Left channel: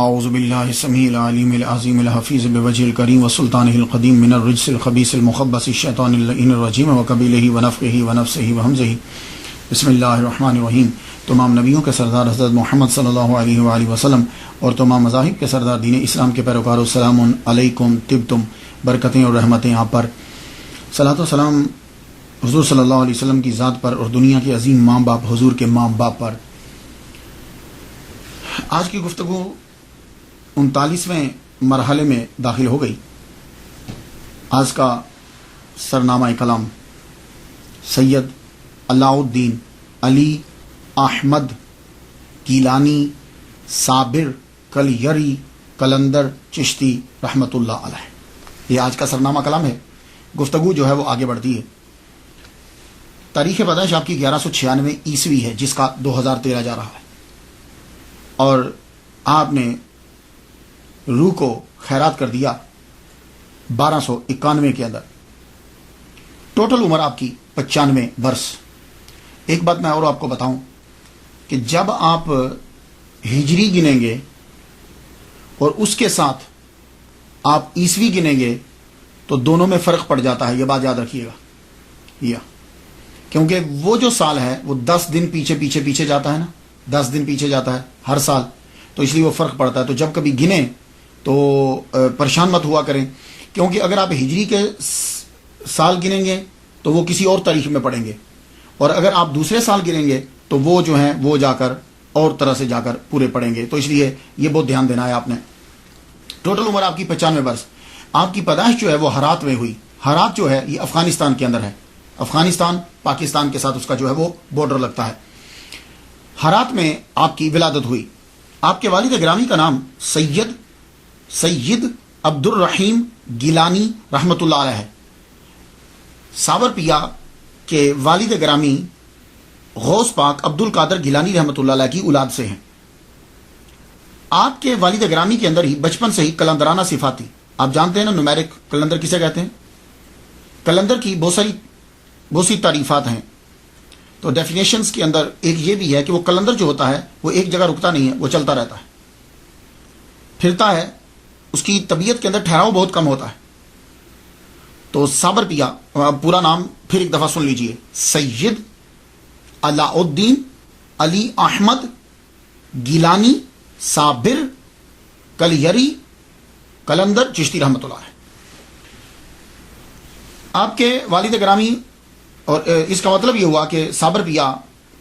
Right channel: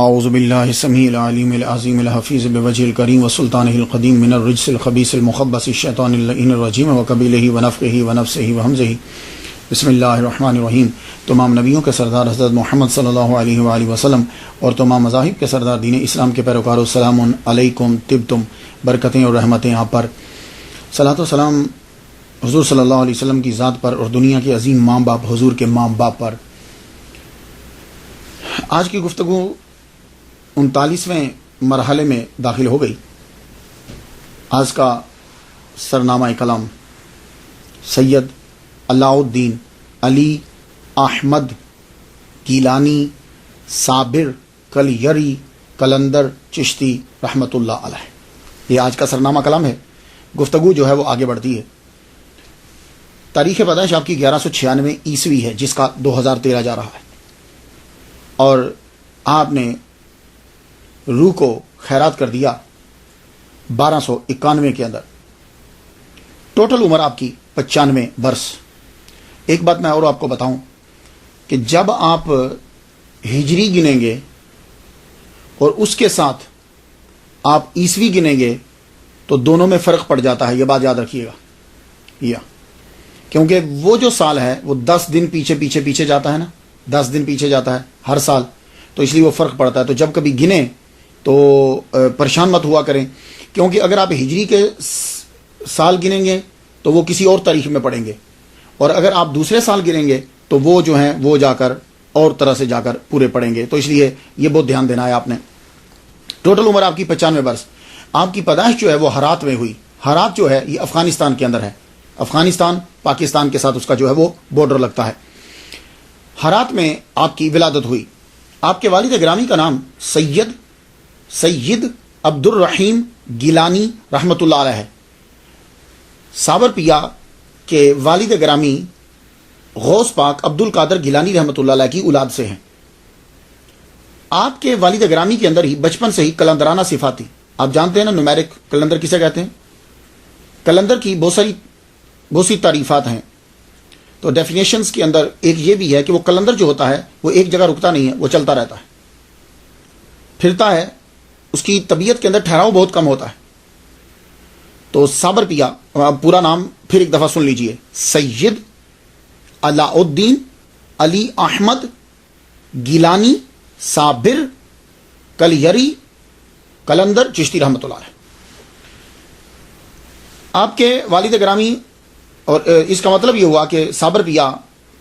اعوذ باللہ السمیع العلیم العظیم الحفیظ بوجہ الکریم وسلطانہ القدیم من الرجس الخبیث المخبث الشیطان اللعین الرجیم وقبیلہ ونفخہ ونفسہ وہمزہ بسم اللہ الرحمن الرحیم۔ تمام نبیوں کے سردار حضرت محمد صلی اللہ علیہ وآلہ وسلم اور تمام مذاہب کے سردار دین اسلام کے پیروکاروں، السلام علیکم، طبتم، برکتیں اور رحمتیں آپ پر۔ صلاۃ و سلام حضور صلی اللہ علیہ وسلم کی ذات پر اور دنیا کے عظیم ماں باپ حضور کے ماں باپ پر۔ آج کی گفتگو 39ویں مرحلے میں داخل ہو گئی۔ آج کا سرنامہ کلام سید علاء الدین علی احمد گیلانی صابر کلیری قلندر چشتی رحمۃ اللہ علیہ، یہ آج کا سرنامہ کلام ہے۔ گفتگو جو ہے وہ آگے بڑھتی ہے۔ تاریخ پیدائش آپ کی 1196 عیسوی ہے، جس کا 2013 جا رہا ہے، اور آپ نے روح کو خیرات کر دیا 1291 کے اندر۔ ٹوٹل عمر آپ کی 95 برس۔ ایک بات میں اور آپ کو بتاؤں کہ جب آپ ہجری گنیں گے اور اس کے ساتھ آپ عیسوی گنیں گے تو دونوں میں فرق پڑ جاتا ہے، یہ بات یاد رکھیے گا، کیونکہ وہ جو سال ہے وہ 10 دن پیچھے جاتا ہے نا، 10 دن پیچھے جاتا ہے ہر سال، تو اس لیے وہ فرق پڑتا ہے۔ تو جب کبھی گنیں تو پریشان مت ہوا کریں، کیونکہ اگر آپ ہجری کے سال گنیں گے تو وہ کسی اور تاریخ میں پڑیں گے، اور اگر آپ دوسرے سال گنیں گے تو وہ جو ہیں وہ جا کر اور طرح سے جا کر پورے پڑیں گے، تو اس لیے یہ بہت دھیان دینا ہے آپ نے۔ ٹوٹل عمر آپ کی 95 برس۔ آپ کی پیدائش جو ہے وہ ہرات میں ہوئی۔ ہرات جو ہے یہ افغانستان کے اندر ہے، افغانستان پاکستان کے ساتھ اس کا جو ہے وہ بارڈر لگتا ہے۔ ہرات میں آپ کی ولادت ہوئی۔ آپ کے والد گرامی کا نام سید عبد الرحیم گیلانی رحمۃ اللہ علیہ ہے۔ ساور پیا کے والد گرامی غوث پاک عبد القادر گیلانی رحمۃ اللہ علیہ کی اولاد سے ہیں۔ آپ کے والد گرامی کے اندر ہی بچپن سے ہی کلندرانہ صفات تھی۔ آپ جانتے ہیں نا نومیرک کلندر کسے کہتے ہیں؟ کلندر کی بہت سی تعریفات ہیں، تو ڈیفینیشنز کے اندر ایک یہ بھی ہے کہ وہ کلندر جو ہوتا ہے وہ ایک جگہ رکتا نہیں ہے، وہ چلتا رہتا ہے، پھرتا ہے، اس کی طبیعت کے اندر ٹھہراؤ بہت کم ہوتا ہے۔ تو صابر پیا، پورا نام پھر ایک دفعہ سن لیجئے، سید علاء الدین علی احمد گیلانی صابر کلیری قلندر چشتی رحمۃ اللہ علیہ۔ آپ کے والد گرامی، اور اس کا مطلب یہ ہوا کہ صابر پیا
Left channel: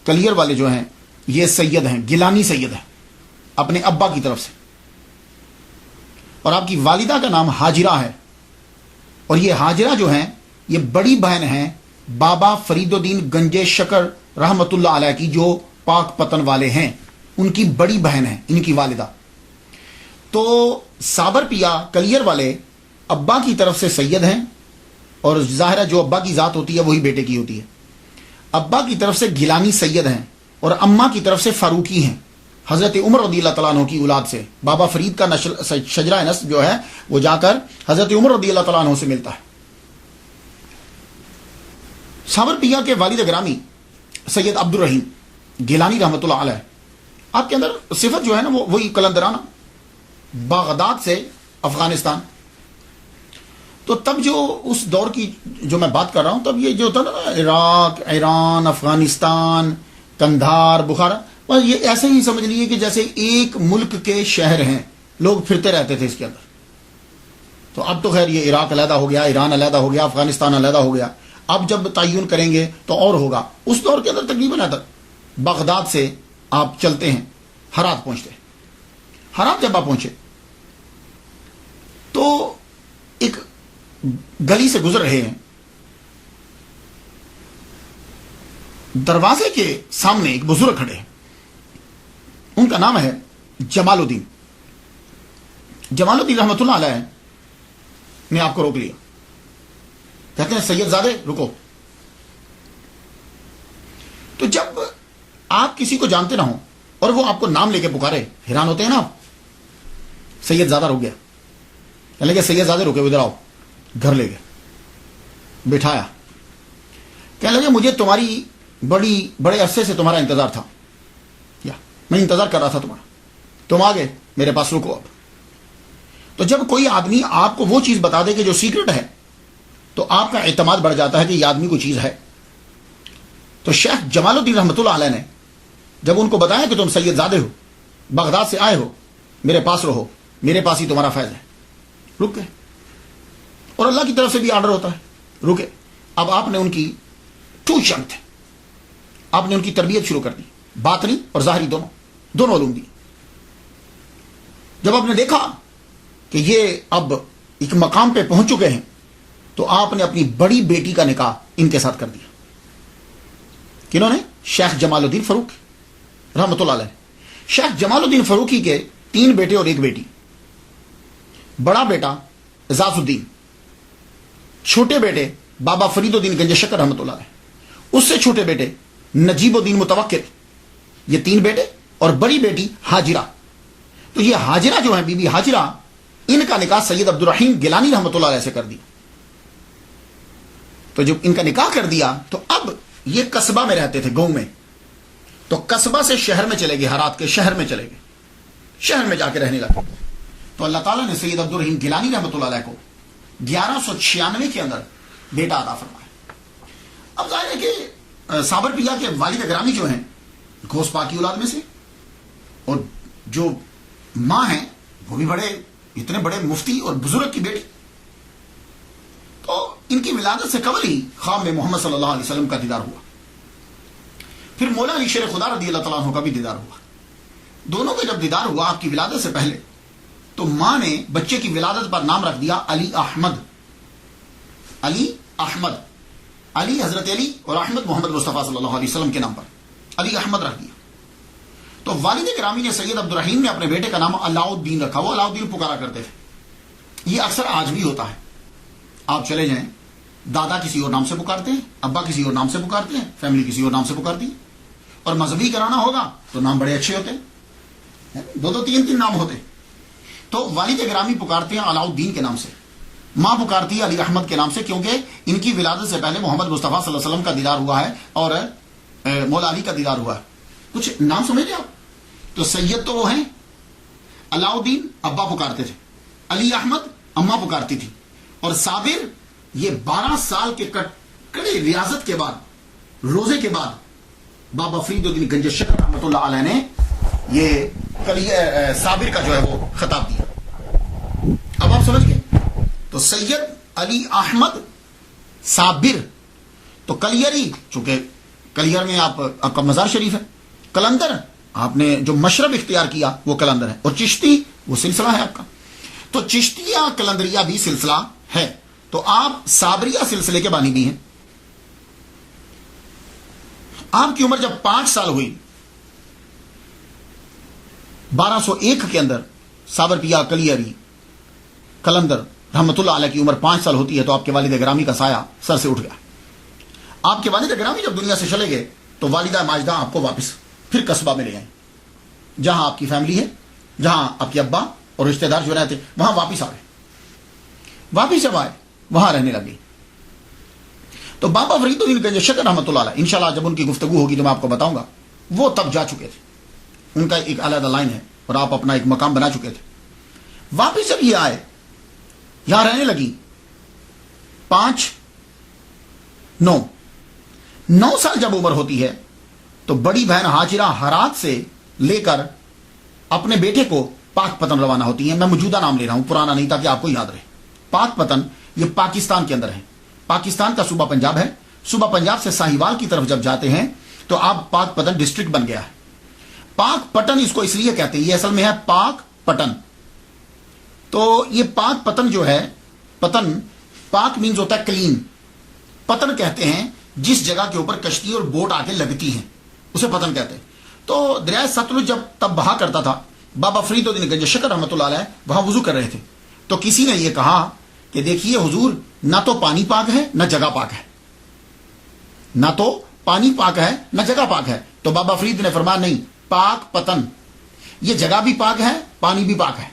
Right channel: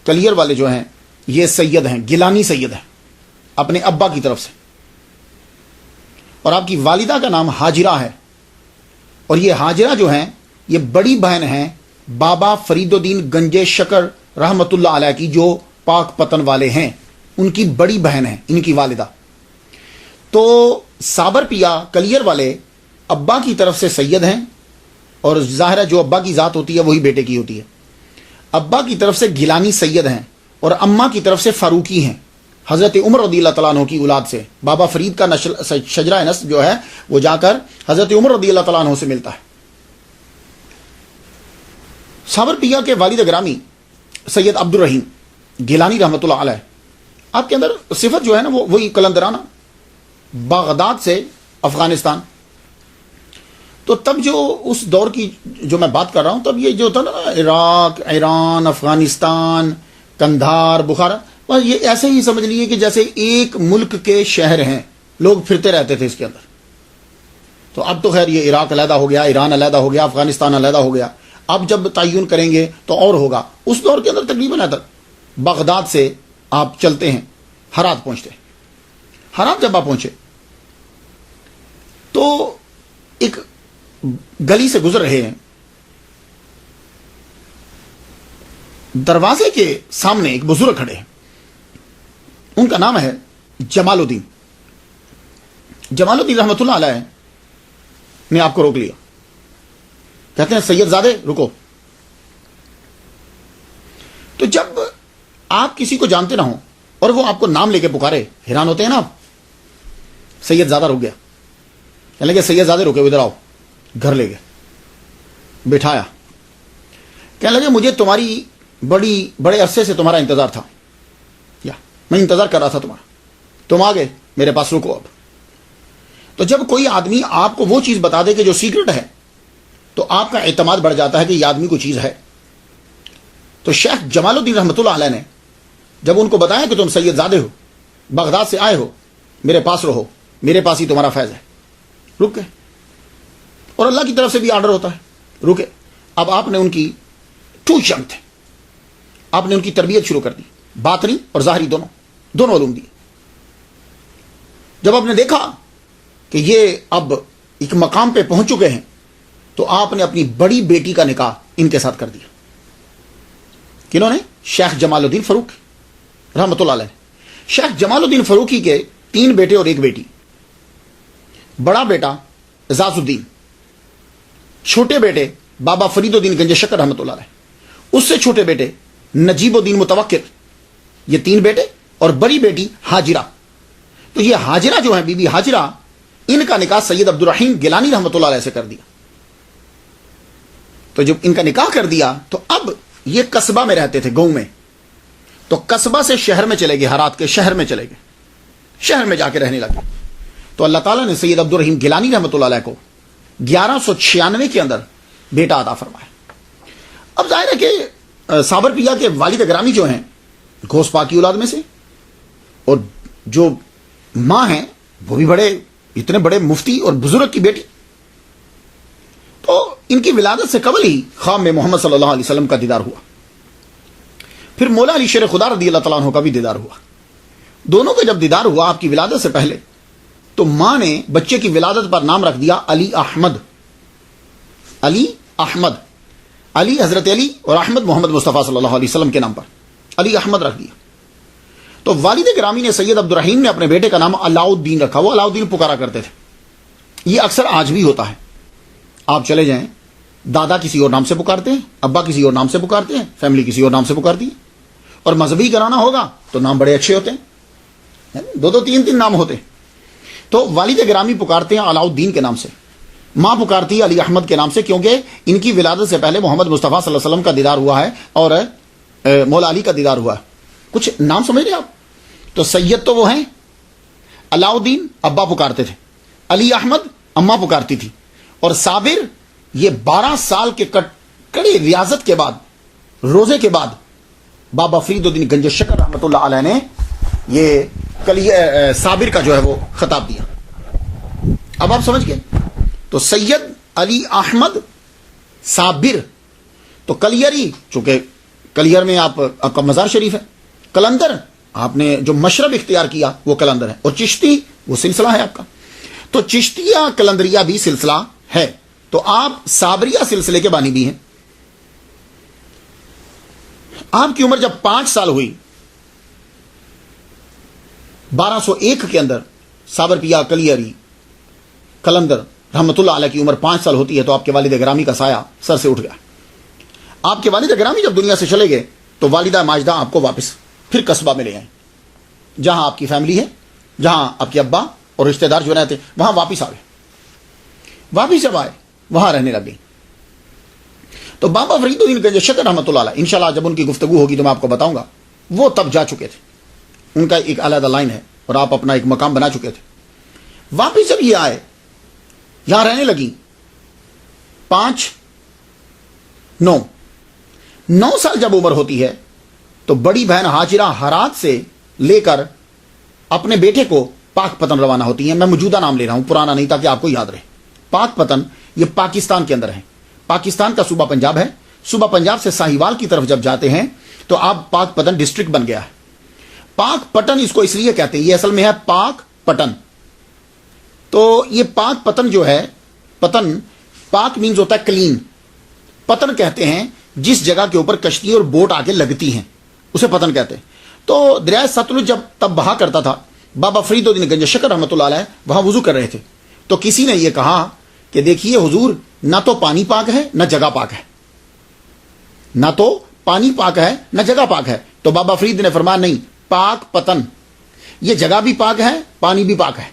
کلیر والے جو ہیں یہ سید ہیں، گیلانی سید ہیں اپنے ابا کی طرف سے، اور آپ کی والدہ کا نام حاجرہ ہے، اور یہ حاجرہ جو ہیں یہ بڑی بہن ہیں بابا فرید الدین گنجے شکر رحمۃ اللہ علیہ کی، جو پاک پتن والے ہیں، ان کی بڑی بہن ہیں ان کی والدہ۔ تو صابر پیا کلیر والے ابا کی طرف سے سید ہیں، اور ظاہر ہے جو ابا کی ذات ہوتی ہے وہی بیٹے کی ہوتی ہے۔ ابا کی طرف سے گیلانی سید ہیں، اور اماں کی طرف سے فاروقی ہیں، حضرت عمر رضی اللہ تعالیٰ عنہ کی اولاد سے۔ بابا فرید کا شجرہ نسب جو ہے وہ جا کر حضرت عمر رضی اللہ تعالیٰ عنہ سے ملتا ہے۔ صابر پیا کے والد گرامی سید عبد الرحیم گیلانی رحمۃ اللہ علیہ، آپ کے اندر صفت جو ہے نا وہ وہی کلندرانہ، بغداد سے افغانستان۔ تو تب جو اس دور کی جو میں بات کر رہا ہوں، تب یہ جو تھا نا عراق، ایران، افغانستان، قندھار، بخارا، بس یہ ایسے ہی سمجھ لیجیے کہ جیسے ایک ملک کے شہر ہیں، لوگ پھرتے رہتے تھے اس کے اندر۔ تو اب تو خیر یہ عراق علیحدہ ہو گیا، ایران علیحدہ ہو گیا، افغانستان علیحدہ ہو گیا، اب جب تعین کریں گے تو اور ہوگا۔ اس دور کے اندر تقریباً بغداد سے آپ چلتے ہیں، ہرات پہنچتے ہیں۔ ہرات جب آپ پہنچے تو ایک گلی سے گزر رہے ہیں، دروازے کے سامنے ایک بزرگ کھڑے ہیں، ان کا نام ہے جمال الدین۔ جمال الدین رحمۃ اللہ علیہ نے آپ کو روک لیا، کہتے ہیں سید زادے رکو۔ تو جب آپ کسی کو جانتے نہ ہوں اور وہ آپ کو نام لے کے پکارے، حیران ہوتے ہیں نا آپ۔ سید زادہ رک گیا، کہنے لگے سید زادے رکے، ادھر آؤ۔ گھر لے گئے، بٹھایا، کہنے لگے مجھے تمہاری بڑے عرصے سے تمہارا انتظار تھا، یا میں انتظار کر رہا تھا تمہارا، تم آ گئے، میرے پاس رکو اب. تو جب کوئی آدمی آپ کو وہ چیز بتا دے کہ جو سیکرٹ ہے تو آپ کا اعتماد بڑھ جاتا ہے کہ یہ آدمی کوئی چیز ہے. تو شیخ جمال الدین رحمۃ اللہ علیہ نے جب ان کو بتایا کہ تم سید زادے ہو، بغداد سے آئے ہو، میرے پاس رہو، میرے پاس ہی تمہارا فیض ہے، رک گئے. اور اللہ کی طرف سے بھی آرڈر ہوتا ہے، رکے. اب آپ نے ان کی ٹو چنگ تھے، آپ نے ان کی تربیت شروع کر دی، باطنی اور ظاہری دونوں علوم دی. جب آپ نے دیکھا کہ یہ اب ایک مقام پہ پہنچ چکے ہیں تو آپ نے اپنی بڑی بیٹی کا نکاح ان کے ساتھ کر دیا. کنہوں نے؟ شیخ جمال الدین فاروق رحمۃ اللہ علیہ. شیخ جمال الدین فاروقی کے 3 بیٹے اور 1 بیٹی. بڑا بیٹا اعزاز الدین، چھوٹے بیٹے بابا فرید الدین گنج شکر رحمۃ اللہ علیہ، اس سے چھوٹے بیٹے نجیب الدین متوکل. یہ 3 بیٹے اور بڑی بیٹی حاجرہ. تو یہ حاجرہ جو ہیں، بی بی حاجرہ، ان کا نکاح سید عبد الرحیم گیلانی رحمۃ اللہ علیہ سے کر دیا. تو جب ان کا نکاح کر دیا تو اب یہ قصبہ میں رہتے تھے، گاؤں میں. تو قصبہ سے شہر میں چلے گئے، ہرات کے شہر میں چلے گئے، شہر میں جا کے رہنے لگے. تو اللہ تعالیٰ نے سید عبد الرحیم گیلانی رحمۃ اللہ علیہ کو 1196 کے اندر بیٹا عطا فرمایا. اب ظاہر ہے کہ صابر پیا کے والد گرامی جو ہیں غوث پاک کی اولاد میں سے، اور جو ماں ہیں وہ بھی بڑے اتنے بڑے مفتی اور بزرگ کی بیٹی. تو ان کی ولادت سے قبل ہی خواب میں محمد صلی اللہ علیہ وسلم کا دیدار ہوا. پھر مولا علی شیر خدا رضی اللہ تعالیٰ عنہ کا بھی دیدار ہوا. دونوں کا جب دیدار ہوا آپ کی ولادت سے پہلے، تو ماں نے بچے کی ولادت پر نام رکھ دیا علی احمد. علی احمد، علی حضرت علی اور احمد محمد مصطفیٰ صلی اللہ علیہ وسلم کے نام پر علی احمد رکھ دیا. تو والد گرامی نے سید عبد الرحیم نے اپنے بیٹے کا نام علاؤ الدین رکھا. وہ علاؤ الدین پکارا کرتے تھے. یہ اکثر آج بھی ہوتا ہے. آپ چلے جائیں، دادا کسی اور نام سے پکارتے ہیں، ابا کسی اور نام سے پکارتے ہیں، فیملی کسی اور نام سے پکارتی ہے. اور مذہبی کرانا ہوگا تو نام بڑے اچھے ہوتے ہیں، 2-3 نام ہوتے ہیں. تو والد گرامی پکارتے ہیں علاؤ الدین کے نام سے، ماں پکارتی ہے علی احمد کے نام سے، کیونکہ ان کی ولادت سے پہلے محمد مصطفیٰ صلی اللہ علیہ وسلم کا دیدار ہوا ہے اور مولا علی کا دیدار ہوا ہے. کچھ نام سمجھ رہے آپ؟ تو سید تو وہ ہیں، علاؤ الدین ابا پکارتے تھے، علی احمد اماں پکارتی تھی، اور صابر یہ 12 سال کے کڑے ریاضت کے بعد، روزے کے بعد، بابا فرید الدین گنج شکر رحمۃ اللہ علیہ نے یہ صابر کا جو ہے وہ خطاب دیا. اب آپ سمجھ گئے. تو سید علی احمد صابر. تو کلیری، چونکہ کلیر میں آپ کا مزار شریف ہے، کلندر آپ نے جو مشرب اختیار کیا وہ کلندر ہے، اور چشتی وہ سلسلہ ہے آپ کا. تو چشتیہ کلندریہ بھی سلسلہ ہے. تو آپ صابریہ سلسلے کے بانی بھی ہیں. آپ کی عمر جب 5 سال ہوئی، 1201 کے اندر صابر پیا کلیری کلندر رحمت اللہ علیہ کی عمر 5 سال ہوتی ہے تو آپ کے والد گرامی کا سایہ سر سے اٹھ گیا. آپ کے والد گرامی جب دنیا سے چلے گئے تو والدہ ماجدہ آپ کو واپس پھر قصبہ میں لے آئیں، جہاں آپ کی فیملی ہے، جہاں آپ کے ابا اور رشتہ دار جو رہتے وہاں واپس آ گئے. واپس جب آئے وہاں رہنے لگے. تو بابا فرید الدین گنج شکر رحمۃ اللہ علیہ، انشاءاللہ جب ان کی گفتگو ہوگی تو میں آپ کو بتاؤں گا، وہ تب جا چکے تھے. ان کا ایک علیحدہ لائن ہے اور آپ اپنا ایک مقام بنا چکے تھے. واپس جب یہ آئے، یہاں رہنے لگی 9 سال جب عمر ہوتی ہے تو بڑی بہن حاجرہ ہرات سے لے کر اپنے بیٹے کو پاک پتن روانہ ہوتی ہیں. میں موجودہ نام لے رہا ہوں، پرانا نہیں، تاکہ آپ کو یاد رہے. پاک پتن یہ پاکستان کے اندر ہے. پاکستان کا صوبہ پنجاب ہے. صوبہ پنجاب سے ساہیوال کی طرف جب جاتے ہیں تو آپ پاک پتن ڈسٹرکٹ بن گیا ہے. پاک پٹن اس کو اس لیے کہتے ہیں، یہ اصل میں ہے پاک پٹن. تو یہ پاک پتن جو ہے، پتن پاک مینز ہوتا ہے کلین، پتن کہتے ہیں جس جگہ کے اوپر کشتی اور بوٹ آ کے لگتی ہیں اسے پتن کہتے ہیں. تو دریائے ستلج جب تب بہا کرتا تھا، بابا فرید الدین گنج شکر رحمۃ اللہ علیہ وہاں وضو کر رہے تھے. تو کسی نے یہ کہا کہ دیکھیے حضور، نہ تو پانی پاک ہے نہ جگہ پاک ہے، نہ تو پانی پاک ہے نہ جگہ پاک ہے. تو بابا فرید نے فرمایا نہیں، پاک پتن، یہ جگہ بھی پاک ہے پانی بھی پاک ہے.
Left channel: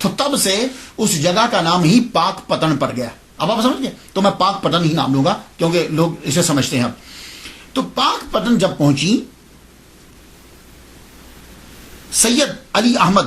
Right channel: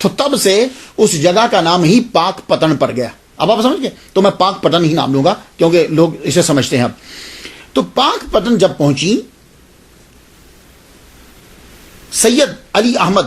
تو تب سے اس جگہ کا نام ہی پاک پتن پڑ گیا. اب آپ سمجھ گئے. تو میں پاک پتن ہی نام لوں گا کیونکہ لوگ اسے سمجھتے ہیں. اب تو پاک پتن جب پہنچی، سید علی احمد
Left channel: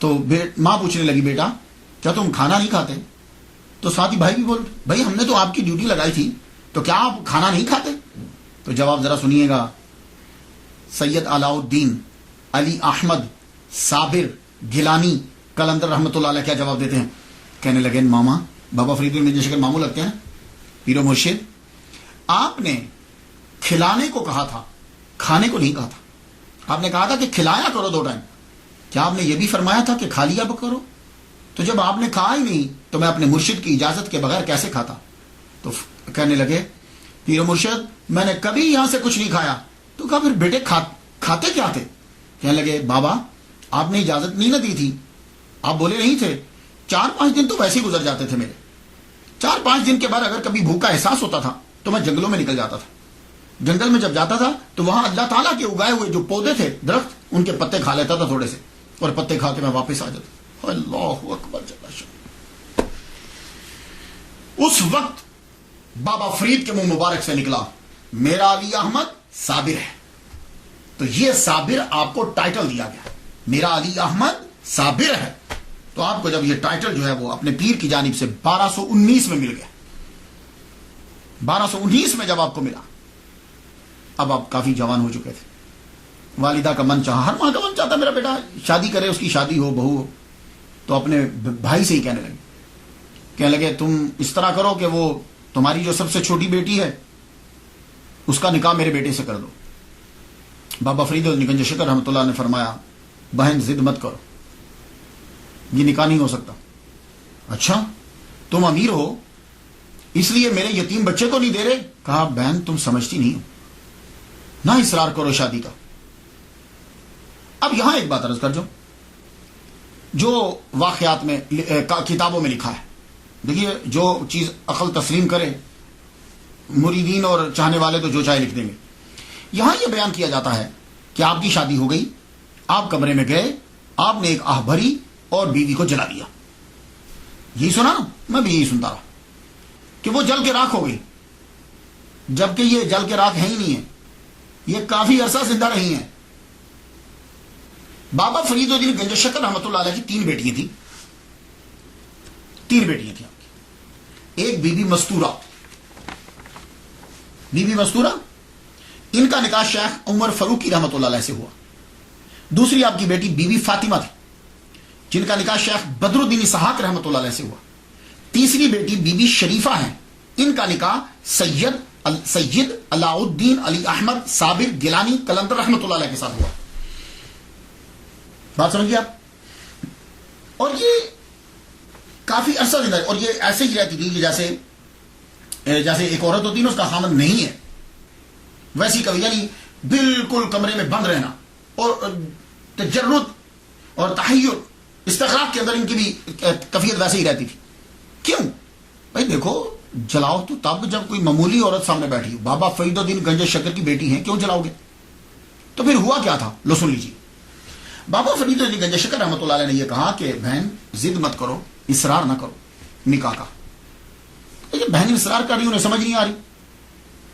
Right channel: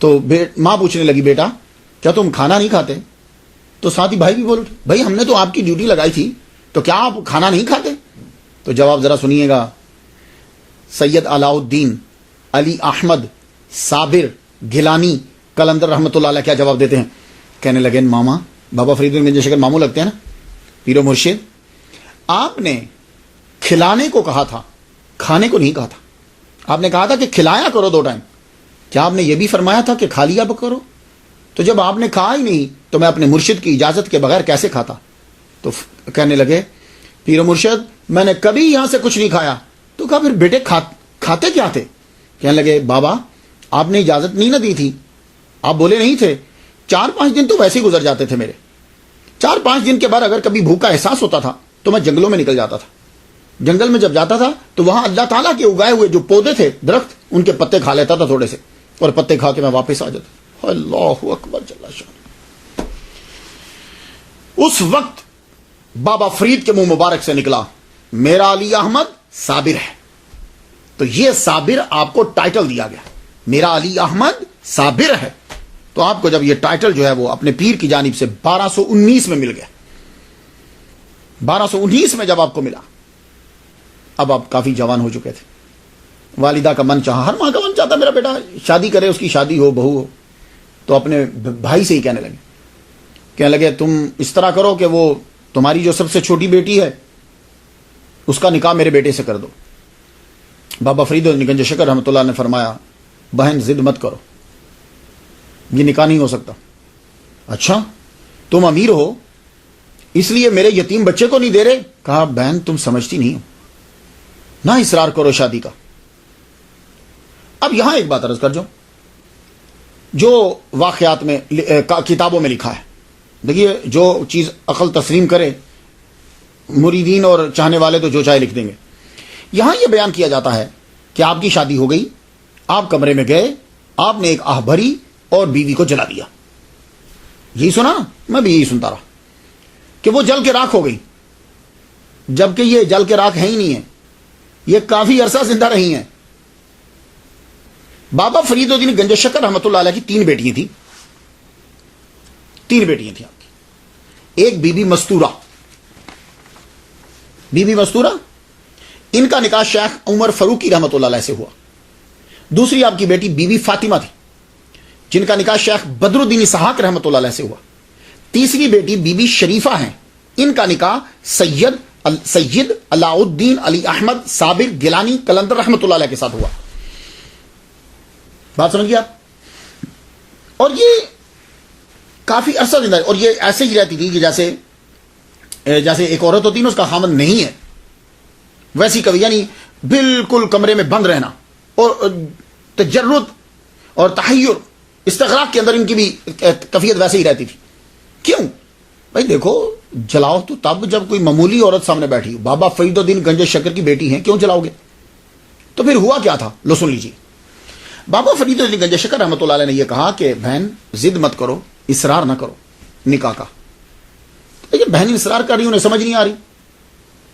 تو ماں پوچھنے لگی بیٹا کیا تم کھانا نہیں کھاتے؟ تو ساتھی بھائی بھی بول اٹھے بھائی ہم نے تو آپ کی ڈیوٹی لگائی تھی تو کیا آپ کھانا نہیں کھاتے؟ تو جواب ذرا سنیے گا. سید علاء الدین علی احمد صابر گیلانی قلندر رحمۃ اللہ علیہ کیا جواب دیتے ہیں؟ کہنے لگے ماما بابا فرید گنج شکر ماموں لگتے ہیں نا پیر و مرشد, آپ نے کھلانے کو کہا تھا کھانے کو نہیں کہا تھا. آپ نے کہا تھا کہ کھلایا کرو 2 ٹائم. کیا آپ نے یہ بھی فرمایا تھا کہ کھا لیا کرو؟ تو جب آپ نے کھا ہی نہیں تو میں اپنے مرشد کی اجازت کے بغیر کیسے کھاتا؟ تو کہنے لگے پیر و مرشد میں نے کبھی یہاں سے کچھ نہیں کھایا. تو کہا پھر بیٹے کھاتے کیا تھے؟ کہنے لگے بابا آپ نے اجازت نہیں نہ دی تھی, آپ بولے نہیں تھے. 4-5 دن تو ویسے ہی گزر جاتے تھے میرے. 4-5 دن کے بعد اگر کبھی بھوک کا احساس ہوتا تھا تو میں جنگلوں میں نکل جاتا تھا. جنگل میں جب جاتا تھا تو وہاں اللہ تعالیٰ کے اگائے ہوئے جو پودے تھے درخت ان کے پتے کھا لیتا تھا تھوڑے سے, اور پتے کھا کے میں واپس آ جاتا. اللہ اکبر جل شان. اس وقت بابا فرید کے منہ مبارک سے نکلا میرا علی احمد صابر ہے. تو یہ صابر آپ کو ٹائٹل دیا گیا, میرا علی احمد صابر ہے. تو آپ کو جب یہ ٹائٹل جو ہے وہ اپنے پیر کی جانب سے 1219 میں مل گیا, 1219 میں جب آپ کو ملا, اب آپ کافی جوان ہو چکے تھے. والدہ کا من چاہا, ہر ماں کا من چاہتا میرا بیٹا شادی کرے, اس کی شادی ہو, بہو ہو. تو اپنے بھائی سے ہی کہنے لگے تم اس طرح کرو کہ وہ تمہاری جو سب سے چھوٹی بیٹی ہے اس کا نکاح میرے بیٹے سے کر دو. بابا فرید گنج شکر رحمۃ اللہ نے فرمایا بہن ضد مت کرو, یہ نکاح نہیں ہو سکتا. اچھا تم امیر ہو اس لیے میرے یتیم بچے کو نہیں دے رہے؟ کہا بہن تم سمجھتی نہیں ہو, نہ اصرار کرو شادی کا. اب یہاں ایک بات عرض کر جو واقعات میں کتابوں میں لکھا ہے, دیکھیے جو چیز عقل تسلیم کرے, مریدین اور چاہنے والے تو جو چاہے لکھ دیں گے. یہاں یہ بیان کیا جاتا ہے کہ آپ کی شادی ہو گئی, آپ کمرے میں گئے, آپ نے ایک آہ بھری اور بیوی کو جلا دیا. یہی سنا نا, میں بھی یہی سنتا رہا کہ وہ جل کے راکھ ہو گئی, جبکہ یہ جل کے راکھ ہے ہی نہیں ہے, یہ کافی عرصہ زندہ رہی ہیں. بابا فرید الدین گنج شکر رحمۃ اللہ علیہ کی 3 بیٹیاں تھیں. 3 بیٹیاں تھیں آپ کی. ایک بی بی مستورہ, ان کا نکاح شیخ عمر فاروقی رحمۃ اللہ علیہ سے ہوا. دوسری آپ کی بیٹی بی بی فاطمہ تھی جن کا نکاح شیخ بدر الدین اسحاق رحمۃ اللہ علیہ سے ہوا. تیسری بیٹی بی بی شریفہ ہیں, ان کا نکاح سید علاء الدین علی احمد صابر گیلانی قلندر رحمۃ اللہ علیہ کے ساتھ ہوا. بات سمجھ گیا آپ؟ اور یہ کافی عرصہ زندہ, اور یہ ایسے ہی رہتی تھی کہ جیسے ایک عورت ہوتی ہے نا, اس کا خامن نہیں ہے, ویسی کبھی, یعنی بالکل کمرے میں بند رہنا اور تجرد اور تحیر استغراق کے اندر ان کی بھی کیفیت ویسے ہی رہتی تھی. کیوں بھائی؟ دیکھو جلاؤ تو تب جب کوئی معمولی عورت سامنے بیٹھی ہو. بابا فرید الدین گنج شکر کی بیٹی ہیں, کیوں جلاؤ گے؟ تو پھر ہوا کیا تھا, لو سن لیجیے. بابا فرید الدین گنج شکر رحمۃ اللہ علیہ نے یہ کہا کہ بہن ضد مت کرو, اصرار نہ کرو نکاح کا. بہن اصرار کر رہی, انہیں سمجھ نہیں آ رہی.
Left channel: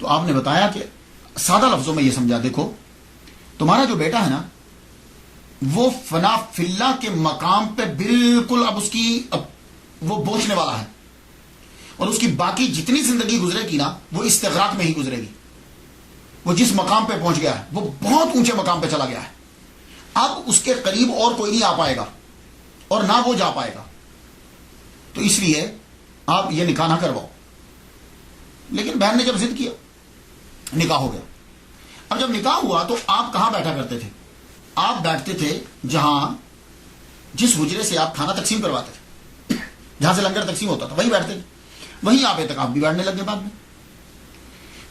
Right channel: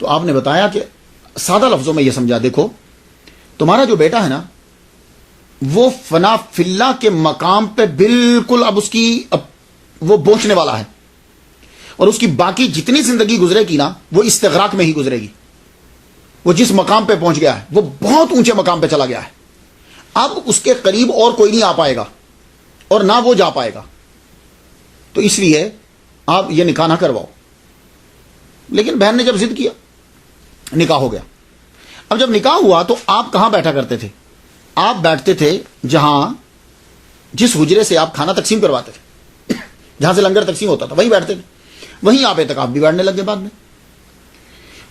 تو آپ نے بتایا کہ سادہ لفظوں میں یہ سمجھا, دیکھو تمہارا جو بیٹا ہے نا وہ فنا فی اللہ کے مقام پہ بالکل اب وہ پہنچنے والا ہے, اور اس کی باقی جتنی زندگی گزرے گی نا وہ استغراق میں ہی گزرے گی. وہ جس مقام پہ پہنچ گیا ہے وہ بہت اونچے مقام پہ چلا گیا ہے. اب اس کے قریب اور کوئی نہیں آ پائے گا اور نہ وہ جا پائے گا. تو اس لیے آپ یہ نکاح نہ کرواؤ. لیکن بہن نے جب ضد کیا, نکاح ہو گیا. اب جب نکاح ہوا تو آپ کہاں بیٹھا کرتے تھے؟ آپ بیٹھتے تھے جس حجرے سے آپ کھانا تقسیم کرواتے تھے, جہاں سے لنگر تقسیم ہوتا تھا, وہیں بیٹھتے تھے. وہیں آپ اعتکاف بھی بیٹھنے لگے بعد میں.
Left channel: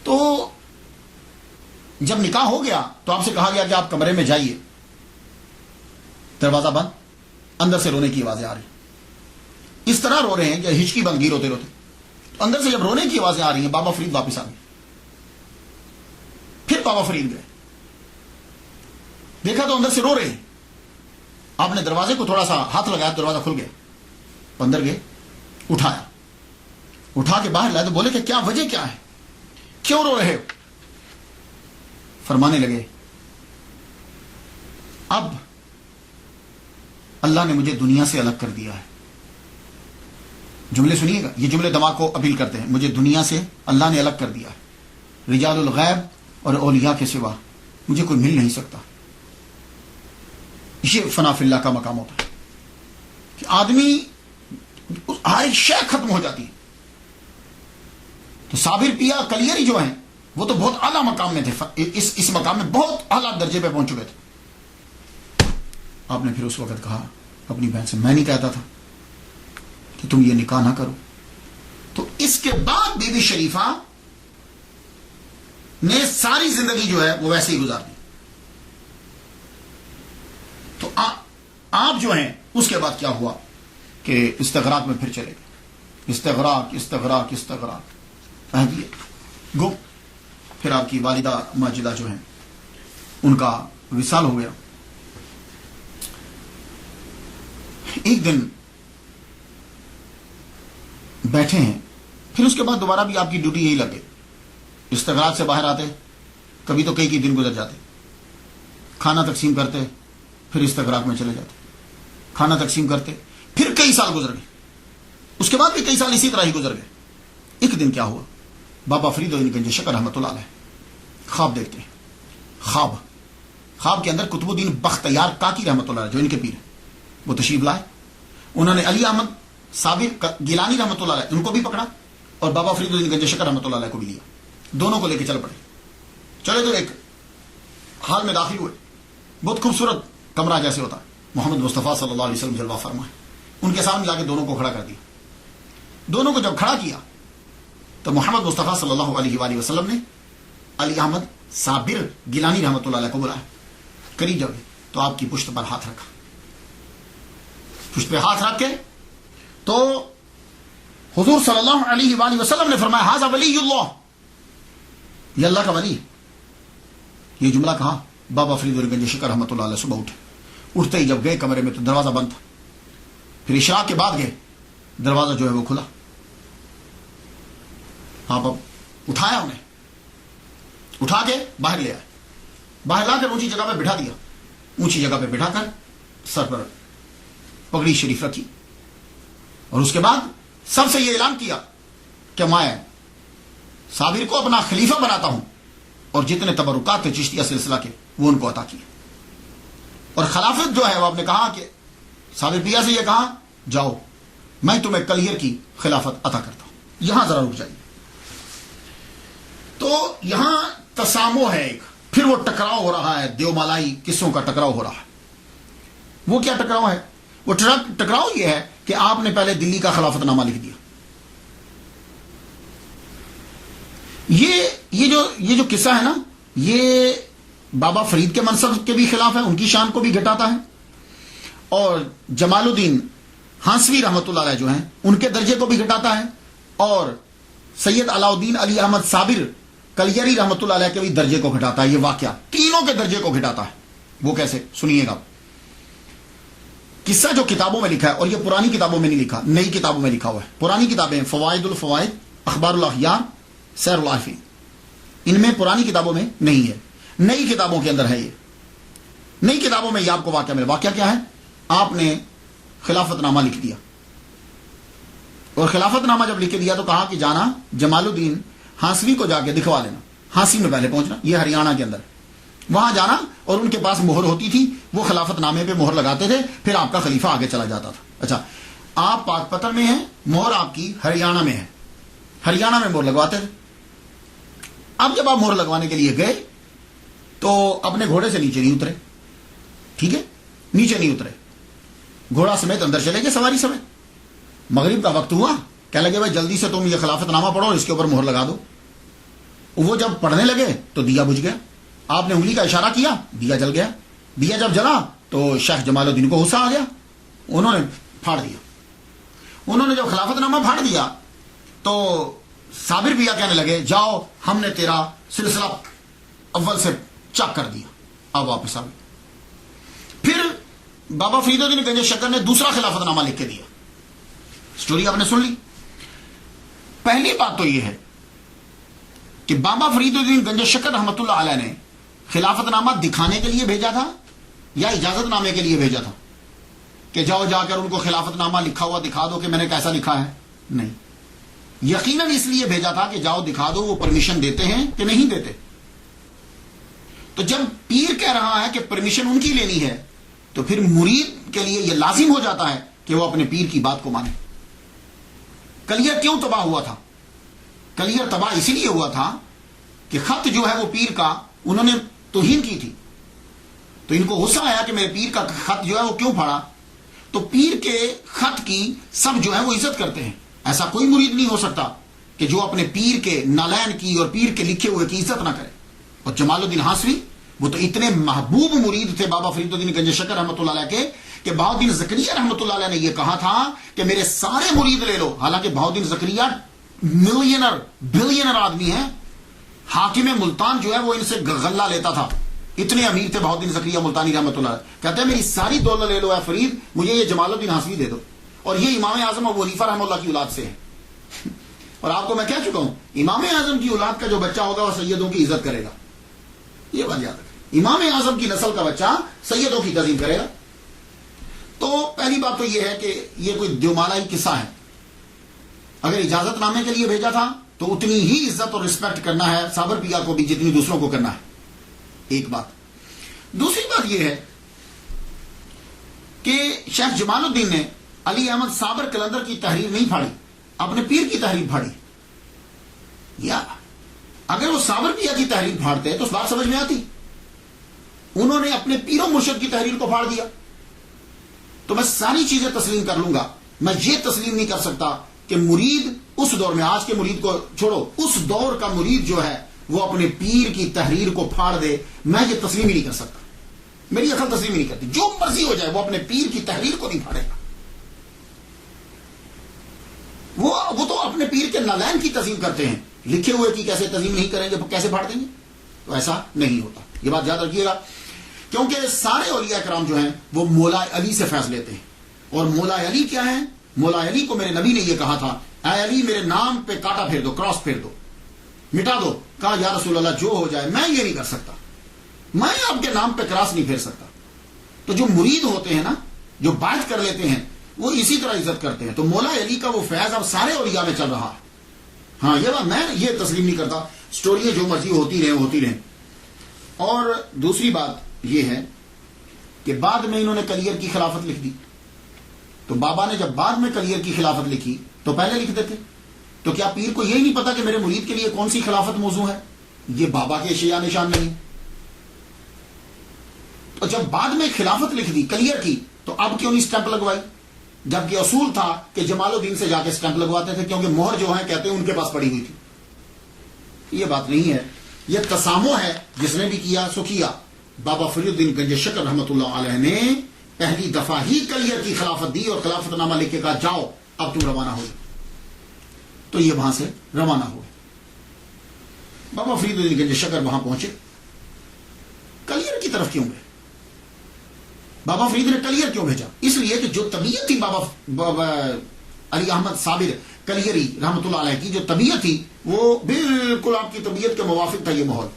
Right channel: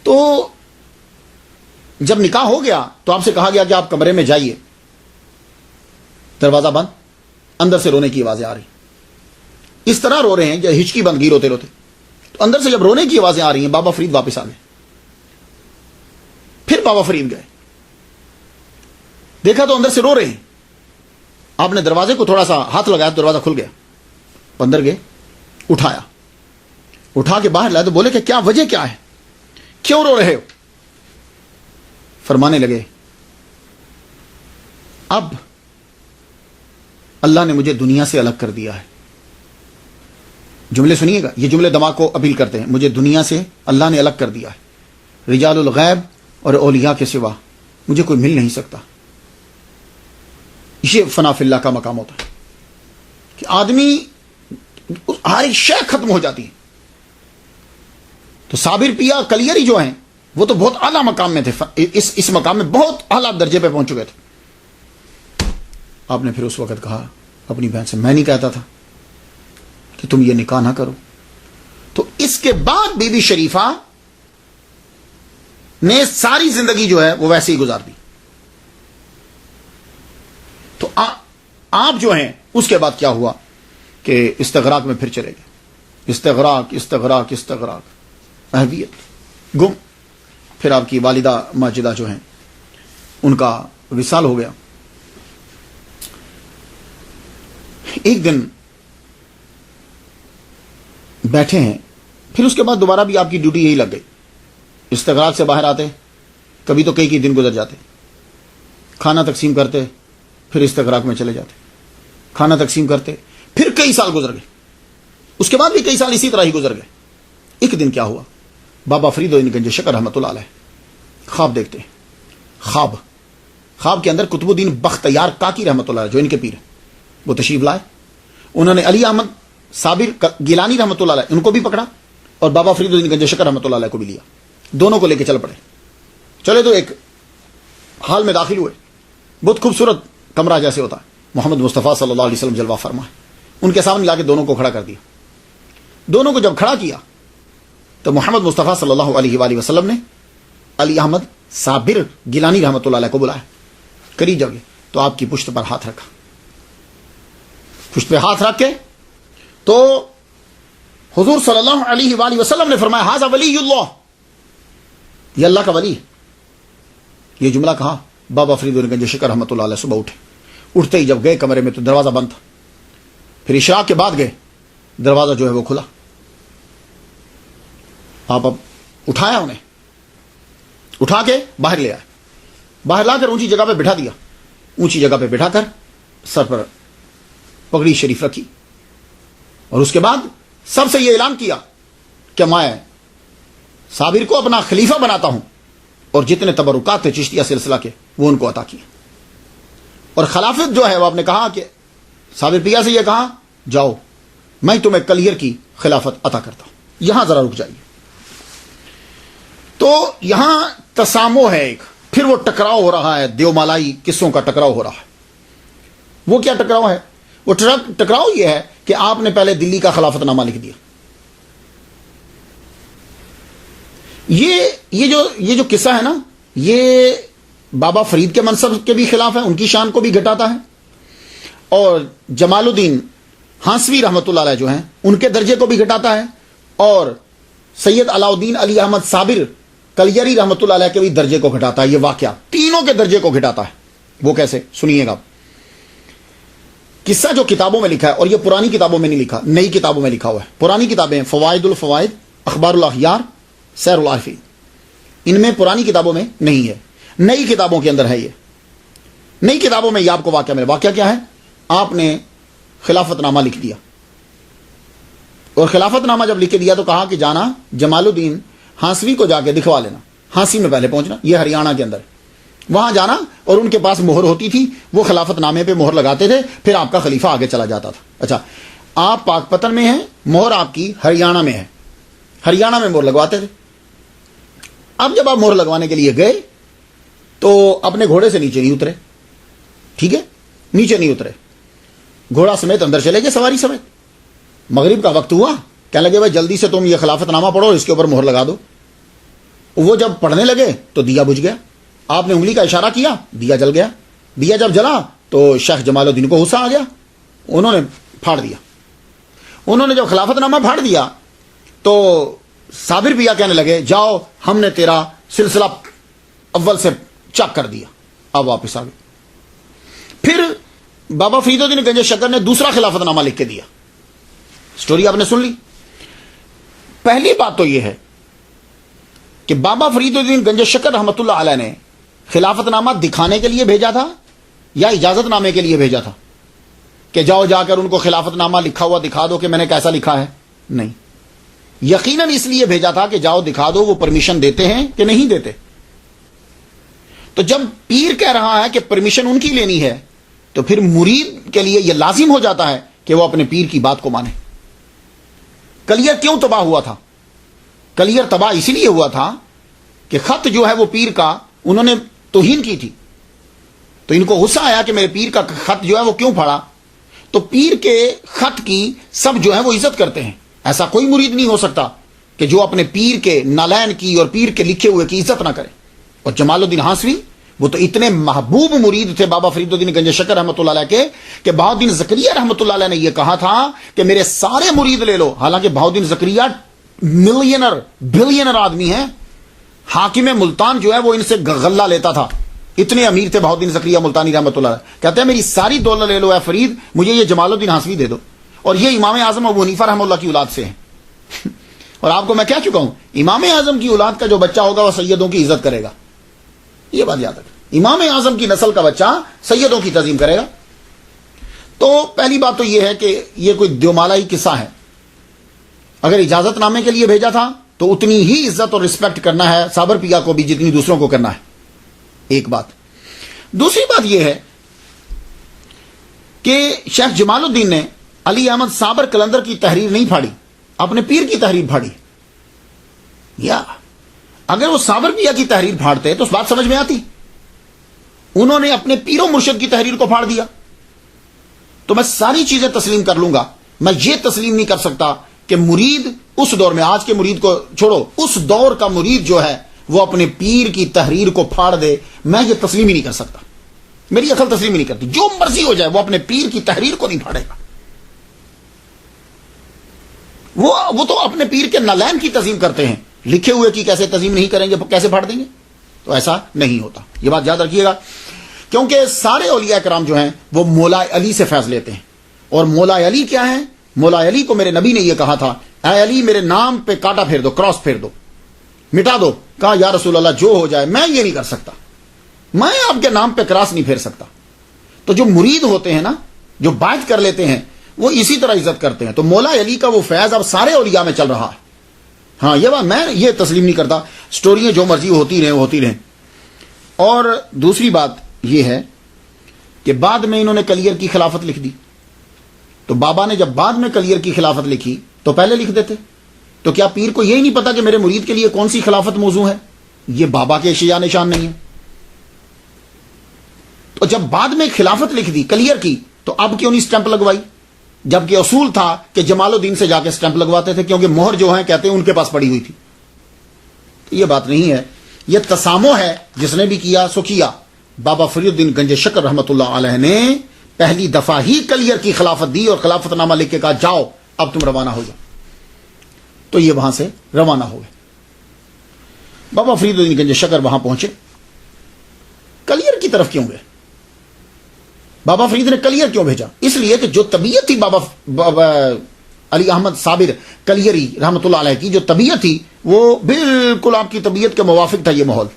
تو جب نکاح ہو گیا تو آپ سے کہا گیا کہ آپ کمرے میں جائیے. دروازہ بند, اندر سے رونے کی آوازیں آ رہی, اس طرح رو رہے ہیں کہ ہچکی بند گی روتے روتے. تو اندر سے جب رونے کی آوازیں آ رہی ہیں, بابا فرید واپس آ گئے. پھر بابا فرید گئے, دیکھا تو اندر سے رو رہے ہیں. آپ نے دروازے کو تھوڑا سا ہاتھ لگایا, دروازہ کھل گیا. اندر گئے, اٹھا کے باہر لائے تو بولے کہ کیا وجہ کیا ہے, کیوں رو رہے ہو؟ فرمانے لگے اب اللہ نے مجھے دنیا سے الگ کر دیا ہے. جملے سنیے گا, یہ جملے دماغ کو اپیل کرتے ہیں. مجھے دنیا سے اللہ نے الگ کر دیا ہے. رجال الغیب اور اولیاء کے سوا مجھے کوئی مل نہیں سکتا. یہ فنا فی اللہ کا مقام ہوتا ہے کہ آدمی ہر ایک شے ختم ہو جاتی ہے. تو صابر پیا کلیری جو ہیں وہ تو بہت اعلیٰ مقام میں تھے, اس مقام میں بہت اعلیٰ درجے پہ پہنچ چکے تھے. آپ نے پھر اس وقت کہا اپنی بہن سے, میں نہیں کہتا تھا کہ تم یہ نکاح نہ کرو. تو اس کے بعد بی بی شریفہ نے ساری زندگی جو ہے وہ ویسے ہی گزار دی. تو آپ جو ہیں اس کے بعد کیا ہوا کہ استغراق میں پھر چلے گئے. استغراق استغراق استغراق, اہلیت گم. پھر آپ کی والدہ ماجدہ جو ہیں ان کا وصال ہو گیا. ایک دن بیٹھے ہیں, پھر اس کے بعد دوبارہ بھی آپ کی ڈیوٹی یہی لگ گئی. استغراق سے باہر آتے, کبھی تو کئی دن گزر جاتے, کھانا تقسیم کرتے, پھر استغراق میں چلے جاتے, کھانا تقسیم کرتے, پھر کئی سال گزر گئے. اس کے بعد بھی کئی سال اسی طرح ہی گزر گئے. ایک دن کیا ہوا, بابا فرید گنج شکر رحمۃ اللہ علیہ خواب دیکھتے ہیں. خواب کے اندر قطب الدین بختیار کاکی رحمۃ اللہ علیہ جو ان کے پیر ہیں وہ تشریف لائے. انہوں نے علی احمد صابر گیلانی رحمۃ اللہ علیہ ان کو بھی پکڑا اور بابا فرید الدین گنج شکر رحمۃ اللہ علیہ کو بھی لیا. دونوں کو لے کے چل پڑے. چلے تو ایک حال میں داخل ہوئے, بہت خوبصورت کمرہ جیسے ہوتا ہے, محمد مصطفیٰ صلی اللہ علیہ وسلم جلوہ فرما ہے. ان کے سامنے لا کے دونوں کو کھڑا کر دیا. دونوں کو جب کھڑا کیا تو محمد مصطفیٰ صلی اللہ علیہ وآلہ وسلم نے علی احمد صابر گیلانی رحمۃ اللہ علیہ کو بلایا. قریب جب گئے تو آپ کی پشت پر ہاتھ رکھا. پشت پہ ہاتھ رکھ کے تو حضور صلی اللہ علیہ وآلہ وسلم نے فرمایا ھذا ولی اللہ, یہ اللہ کا ولی. یہ جملہ کہا, بابا فرید گنج شکر رحمۃ اللہ علیہ صبح اٹھے. اٹھتے ہی جب گئے کمرے میں تو دروازہ بند تھا. پھر اشراق کے بعد گئے, دروازہ جو ہے وہ کھلا. آپ اب اٹھایا, انہیں اٹھا کے باہر لے آئے. باہر لا کر اونچی جگہ پہ بٹھا دیا. اونچی جگہ پہ بٹھا کر سر پر پگڑی شریف رکھی اور اس کے بعد سب سے یہ اعلان کیا کہ میں صابر کو اپنا خلیفہ بناتا ہوں اور جتنے تبرکات تھے چشتیہ سلسلہ کے وہ ان کو عطا کیے. اور خلافت جو ہے وہ آپ نے کہا کہ صابر پیا سے یہ کہا جاؤ میں تمہیں کلیئر کی خلافت عطا کرتا ہوں. یہاں ذرا رک جائیے. تو یہاں تسامو ہے ایک, پھر وہ ٹکراؤ ہو رہا ہے, دیو مالائی قصوں کا ٹکراؤ ہو رہا ہے. وہ کیا ٹکراؤ ہے؟ وہ ٹکراؤ یہ ہے کہ آپ نے پہلے دلی کا خلافت نامہ لکھ دیا. یہ جو قصہ ہے نا, یہ بابا فرید کے منصب کے بھی خلاف ہے, ان کی شان کو بھی گھٹاتا ہے, اور جمال الدین ہانسوی رحمۃ اللہ علیہ جو ہیں ان کے درجے کو بھی گھٹاتا ہے, اور سید علاء الدین علی احمد صابر کلیری رحمۃ اللہ علیہ کے بھی درجے کو گھٹاتا ہے. یہ واقعہ تینوں کے درجے کو گھٹاتا ہے. وہ کیسے سنیے گا. قصہ جو کتابوں میں لکھا ہے, اور یہ پرانی کتابوں میں نہیں لکھا, نئی کتابوں میں لکھا ہوا ہے. پرانی کتابیں فوائد الفوائد, اخبار الاخیار, سیر العارفین, ان میں پرانی کتابوں میں نہیں ہے, نئی کتابوں کے اندر ہے. یہ نئی کتابوں میں یہ آپ کو واقعہ ملے. واقعہ کیا ہے؟ آپ نے خلافت نامہ لکھ دیا, اور خلافت نامہ جب لکھ دیا تو کہا کہ جانا جمال الدین ہانسوی کو جا کے دکھوا لینا. ہانسی میں پہلے پہنچنا, یہ ہریانہ کے اندر, وہاں جانا, اور ان کے پاس مہر ہوتی تھی, وہ خلافت نامے پہ مہر لگاتے تھے, پھر آپ کا خلیفہ آگے چلا جاتا تھا. اچھا, آپ پاک پتن میں ہیں, مہر آپ کی ہریانہ میں ہے, ہریانہ میں مہر لگواتے تھے. اب جب آپ مہر لگوانے کے لیے گئے تو اپنے گھوڑے سے نیچے نہیں اترے. ٹھیک ہے, نیچے نہیں اترے, گھوڑا سمیت اندر چلے گئے, سواری سمیت. مغرب کا وقت ہوا, کہنے لگے بھائی جلدی سے تم یہ خلافت نامہ پڑھو, اس کے اوپر مہر لگا دو. وہ جب پڑھنے لگے تو دیا بجھ گیا. آپ نے انگلی کا اشارہ کیا, دیا جل گیا. دیا جب جلا تو شیخ جمال الدین کو غصہ آ گیا, انہوں نے پھاڑ دیا. انہوں نے جب خلافت نامہ پھاڑ دیا تو صابر پیا کہنے لگے جاؤ ہم نے تیرا سلسلہ اول سے چاک کر دیا, اب واپس آ گئے. پھر بابا فرید الدین گنج شکر نے دوسرا خلافت نامہ لکھ کے دیا. سٹوری آپ نے سن لی. پہلی بات تو یہ ہے کہ بابا فرید الدین گنج شکر رحمۃ اللہ علیہ نے خلافت نامہ دکھانے کے لیے بھیجا تھا یا اجازت نامے کے لیے بھیجا تھا؟ کہ جاؤ جا کر ان کو خلافت نامہ لکھا ہوا دکھا دو کہ میں نے کیسا لکھا ہے؟ نہیں، یقیناً اس لیے بھیجا تھا کہ جاؤ دکھا دو وہ پرمیشن دیتے ہیں کہ نہیں دیتے. تو جب پیر کہہ رہا ہے کہ پرمیشن ان کی لینی ہے تو پھر مرید کے لیے یہ لازم ہو جاتا ہے کہ وہ اپنے پیر کی بات کو مانے. کلیئر کیوں تباہ ہوا تھا؟ کلیئر تباہ اسی لیے ہوا تھا کہ خط جو ہے وہ پیر کا انہوں نے توہین کی تھی. تو ان کو غصہ آیا کہ میرے پیر کا خط جو ہے وہ کیوں پھاڑا. تو پیر کے خط کی سب جو ہے وہ عزت کرتے ہیں. ایسا کوئی مرید نہیں ہو سکتا کہ جو اپنے پیر کے نالین کی اور پیر کے لکھے ہوئے کی عزت نہ کرے. اور جمال الدین ہانسوی وہ تو اتنے محبوب مرید تھے بابا فرید الدین گنج شکر رحمۃ اللہ علیہ کے کہ بہاؤالدین زکریا رحمۃ اللہ علیہ نے یہ کہا تھا کہ میرے سارے مرید لے لو. حالانکہ بہاؤالدین زکریا ملینر بلینر آدمی ہیں. حاکم ملتان جو ہے وہ ان سے غلہ لیتا تھا. اتنے امیر تھے بہاؤالدین زکریا ملتانی رحمۃ اللہ علیہ. کہتے ہیں میری ساری دولت لے لو اے فرید, مجھے یہ جمال الدین ہانسوی دے دو. اور یہ امام اعظم ابو حنیفہ رحمہ اللہ کی اولاد سے ہیں. اور آپ کو میں کہہ چکا ہوں امام اعظم کی اولاد کا جو بچہ ہوگا وہ سیدوں کی عزت کرے گا. یہ بات یاد رکھیں, امام اعظم کی نسل کا بچہ سیدوں کی تعظیم کرے گا. تو پہلی بات تو یہ ہے کہ یہ کوئی دیومالائی قصہ ہے. اگر اجازت نامے کے لیے بھیجا تھا تو اتنی ہی عزت اور رسپیکٹ کرنا ہے صابر پیا کو بھی جتنی دوسروں کو کرنا ہے. ایک بات. دوسری بات یہ ہے کہ شیخ جمال الدین نے علی احمد صابر کلندر کی تحریر نہیں پھاڑی, اپنے پیر کی تحریر پھاڑی. یا اگر وہ صابر پیا کی تحریر پھاڑتے تو اس بات سمجھ میں آتی. انہوں نے اپنے پیر و مرشد کی تحریر کو پھاڑ دیا. تو میں ساری چیزیں تسلیم کر لوں گا, میں یہ تسلیم نہیں کر سکتا کہ مرید اس دور میں, آج کے مرید کو چھوڑو, اس دور کا مرید جو ہے وہ اپنے پیر کی تحریر کو پھاڑ دے. میں یہ تسلیم ہی نہیں کر سکتا, میری عقل تسلیم ہی نہیں کرتی. جو مرضی ہو جائے وہ اپنے پیر کی تحریر کو نہیں پھاڑے گا. وہ تو اپنے پیر کے نالین کی تعظیم کرتے ہیں, لکھے ہوئے کی کیسے تعظیم نہیں کریں گے, کیسے پھاڑ دیں گے؟ تو ایسا نہیں ہوتا. یہ بات یاد رکھیے گا, کیونکہ سارے اولیاء کرام جو ہیں وہ مولا علی سے فیض لیتے ہیں. اور مولا علی کیا ہے؟ مولا علی کو میرے نبی نے یہ کہا تھا, اے علی میرے نام پہ کاٹا پھیر دو, کراس پھیر دو, مٹا دو. کہا یا رسول اللہ جو ہو جائے, میں یہ نہیں کر سکتا, میں آپ کے نام پہ کراس نہیں پھیر سکتا. تو جو مرید ہوتے ہیں نا, جو بیعت کر لیتے ہیں, وہ اسی طرح عزت کرتے ہیں. تو مولا علی کا وہ فیض اب سارے اولیاء میں چل رہا ہے. ہاں یہ بات میں یہ تسلیم نہیں کرتا. سٹوریاں جو مرضی ہوتی رہیں وہ ہوتی رہیں. اور دوسری بات یہ ہے کہ بعد میں انہوں نے کلیئر کی خلافت لکھ دی. تو بابا نے جب بعد میں کلیئر کی خلافت لکھی تو پہلے لکھ دیتے. تو کیا پیر کو یہی نہیں پتا کہ میرے مرید کے لیے کون سی خلافت موضوع ہے؟ یہ بابا کے اشیاء نشان نہیں ہے. تو جب بعد میں خلافت لکھ دی, کلیئر کی, تو اب کیوں نہیں سٹیمپ لگوائی؟ جبکہ اصول تھا کہ جمال الدین سے جا کے سٹیمپ لگواتے تھے, کیونکہ مہر جو ہیں کہتے ہیں ان کے پاس پڑی ہوئی تھی. یہ بات نہیں ہے, یہ تسامح ہے. جس نے بھی کیا سو کیا. بابا فرید الدین گنج شکر رحمۃ اللہ علیہ نے پہلی دفعہ ہی کلیئر کی خلافت دی اور خلافت نامہ لکھ کے کہا جاؤ اب تم روانہ ہو جاؤ. تو یہ وہاں سے روانہ ہوئے. بابا فرید الدین گنج شکر وہاں پہنچے, کلیئر کی طرف کیوں گئے؟ بابا فرید نے کلیئر کیوں بھیجا؟ اس لیے کہ جو طبیعت تھی بابا علی احمد صابر کلیری رحمۃ اللہ علیہ کی, جو طبیعت تھی وہ بالکل آپ کی طبیعت کے موافق تھا. یہ ماحول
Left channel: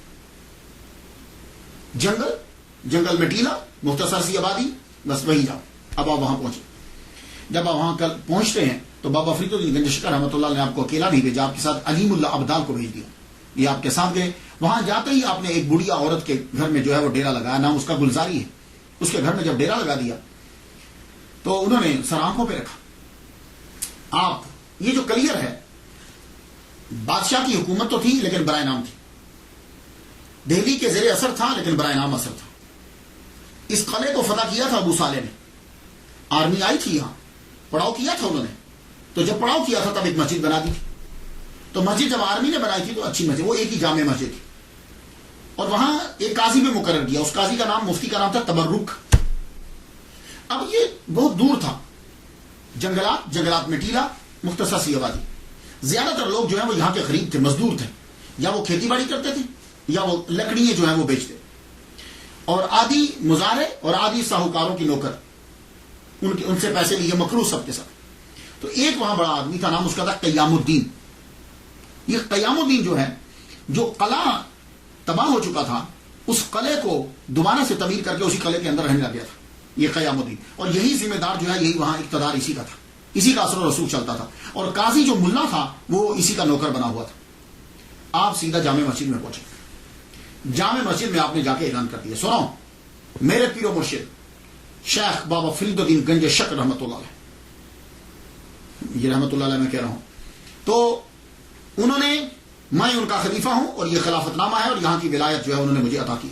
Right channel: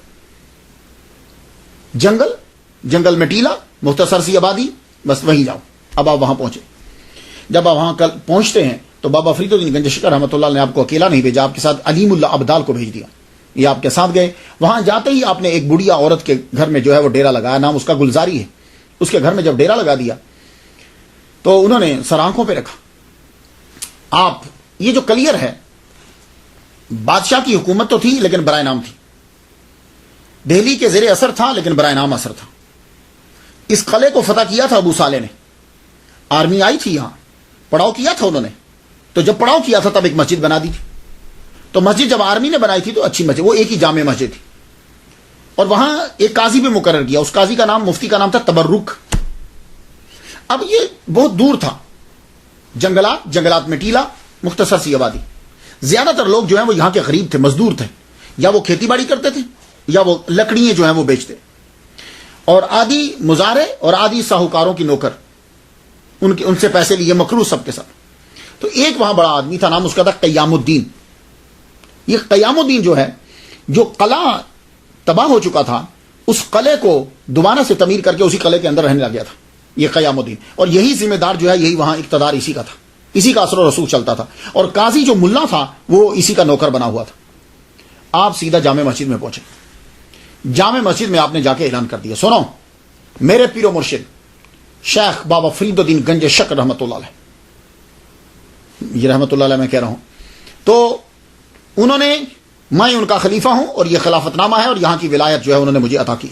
جنگل میں ٹیلا, مختصر سی آبادی, بس وہیں جاؤ. اب آپ وہاں پہنچے. جب آپ وہاں کل پہنچتے ہیں تو بابا فرید الدین گنج شکر رحمۃ اللہ نے آپ کو اکیلا نہیں بھیجا, آپ کے ساتھ علیم اللہ ابدال کو بھیج دیا. یہ آپ کے ساتھ گئے. وہاں جاتے ہی آپ نے ایک بڑھیا عورت کے گھر میں جو ہے وہ ڈیرا لگایا, نام اس کا گلزاری ہے. اس کے گھر میں جب ڈیرا لگا دیا تو انہوں نے سر آنکھوں پہ رکھا. آپ یہ جو کلیئر ہے, بادشاہ کی حکومت تو تھی لیکن برائے نام تھی, دہلی کے زیر اثر تھا لیکن برائے نام اثر تھا. اس قلعے کو فتح کیا تھا ابو صالح نے. آرمی آئی تھی یہاں, پڑاؤ کیا تھا انہوں نے. تو جب پڑاؤ کیا تھا تب ایک مسجد بنا دی تھی. تو مسجد جب آرمی نے بنائی تھی تو اچھی مسجد, وہ ایک ہی جامع مسجد تھی. اور وہاں ایک قاضی بھی مقرر کیا. اس قاضی کا نام, مفتی کا نام تھا تبرک. اب یہ بہت دور تھا, جنگلات میں ٹیلا, مختصر سی آبادی. زیادہ تر لوگ جو ہیں وہ یہاں کے غریب تھے, مزدور تھے, یا وہ کھیتی باڑی کرتے تھے یا وہ لکڑیاں جو ہیں وہ بیچتے, اور آدھی مزارے اور آدھی ساہوکاروں کی نوکر, ان سے پیسے لیے مقروض سب کے ساتھ. تو ایک وہاں بڑا آدمی تھا, نام اس کا تھا قیام الدین. یہ قیام الدین جو ہے, جو قلعہ تباہ ہو چکا تھا, اس قلعے کو دوبارہ سے تعمیر کر کے اسی قلعے کے اندر رہنے لگ گیا تھا. یہ قیام الدین، اور یہی ذمہ دار جو ہے، یہی وہاں اقتدار اسی کا تھا، اسی کا اثر و رسوخ چلتا تھا، اور قاضی جو ملا تھا وہ اسی کا نوکر بنا ہوا تھا۔ آپ سیدھا جامع مسجد میں پہنچے، جامع مسجد میں آپ نے جا کے اعلان کر دیا، سنو میرے پیر و مرشد شیخ بابا فرید الدین گنج شکر رحمۃ اللہ علیہ، یہ رحمۃ اللہ علیہ میں کہہ رہا ہوں، تو انہوں نے، میں ان کا خلیفہ ہوں اور یہ خلافت نامہ ہے اور یہاں کی ولایت جو ہے انہوں نے مجھے عطا کی،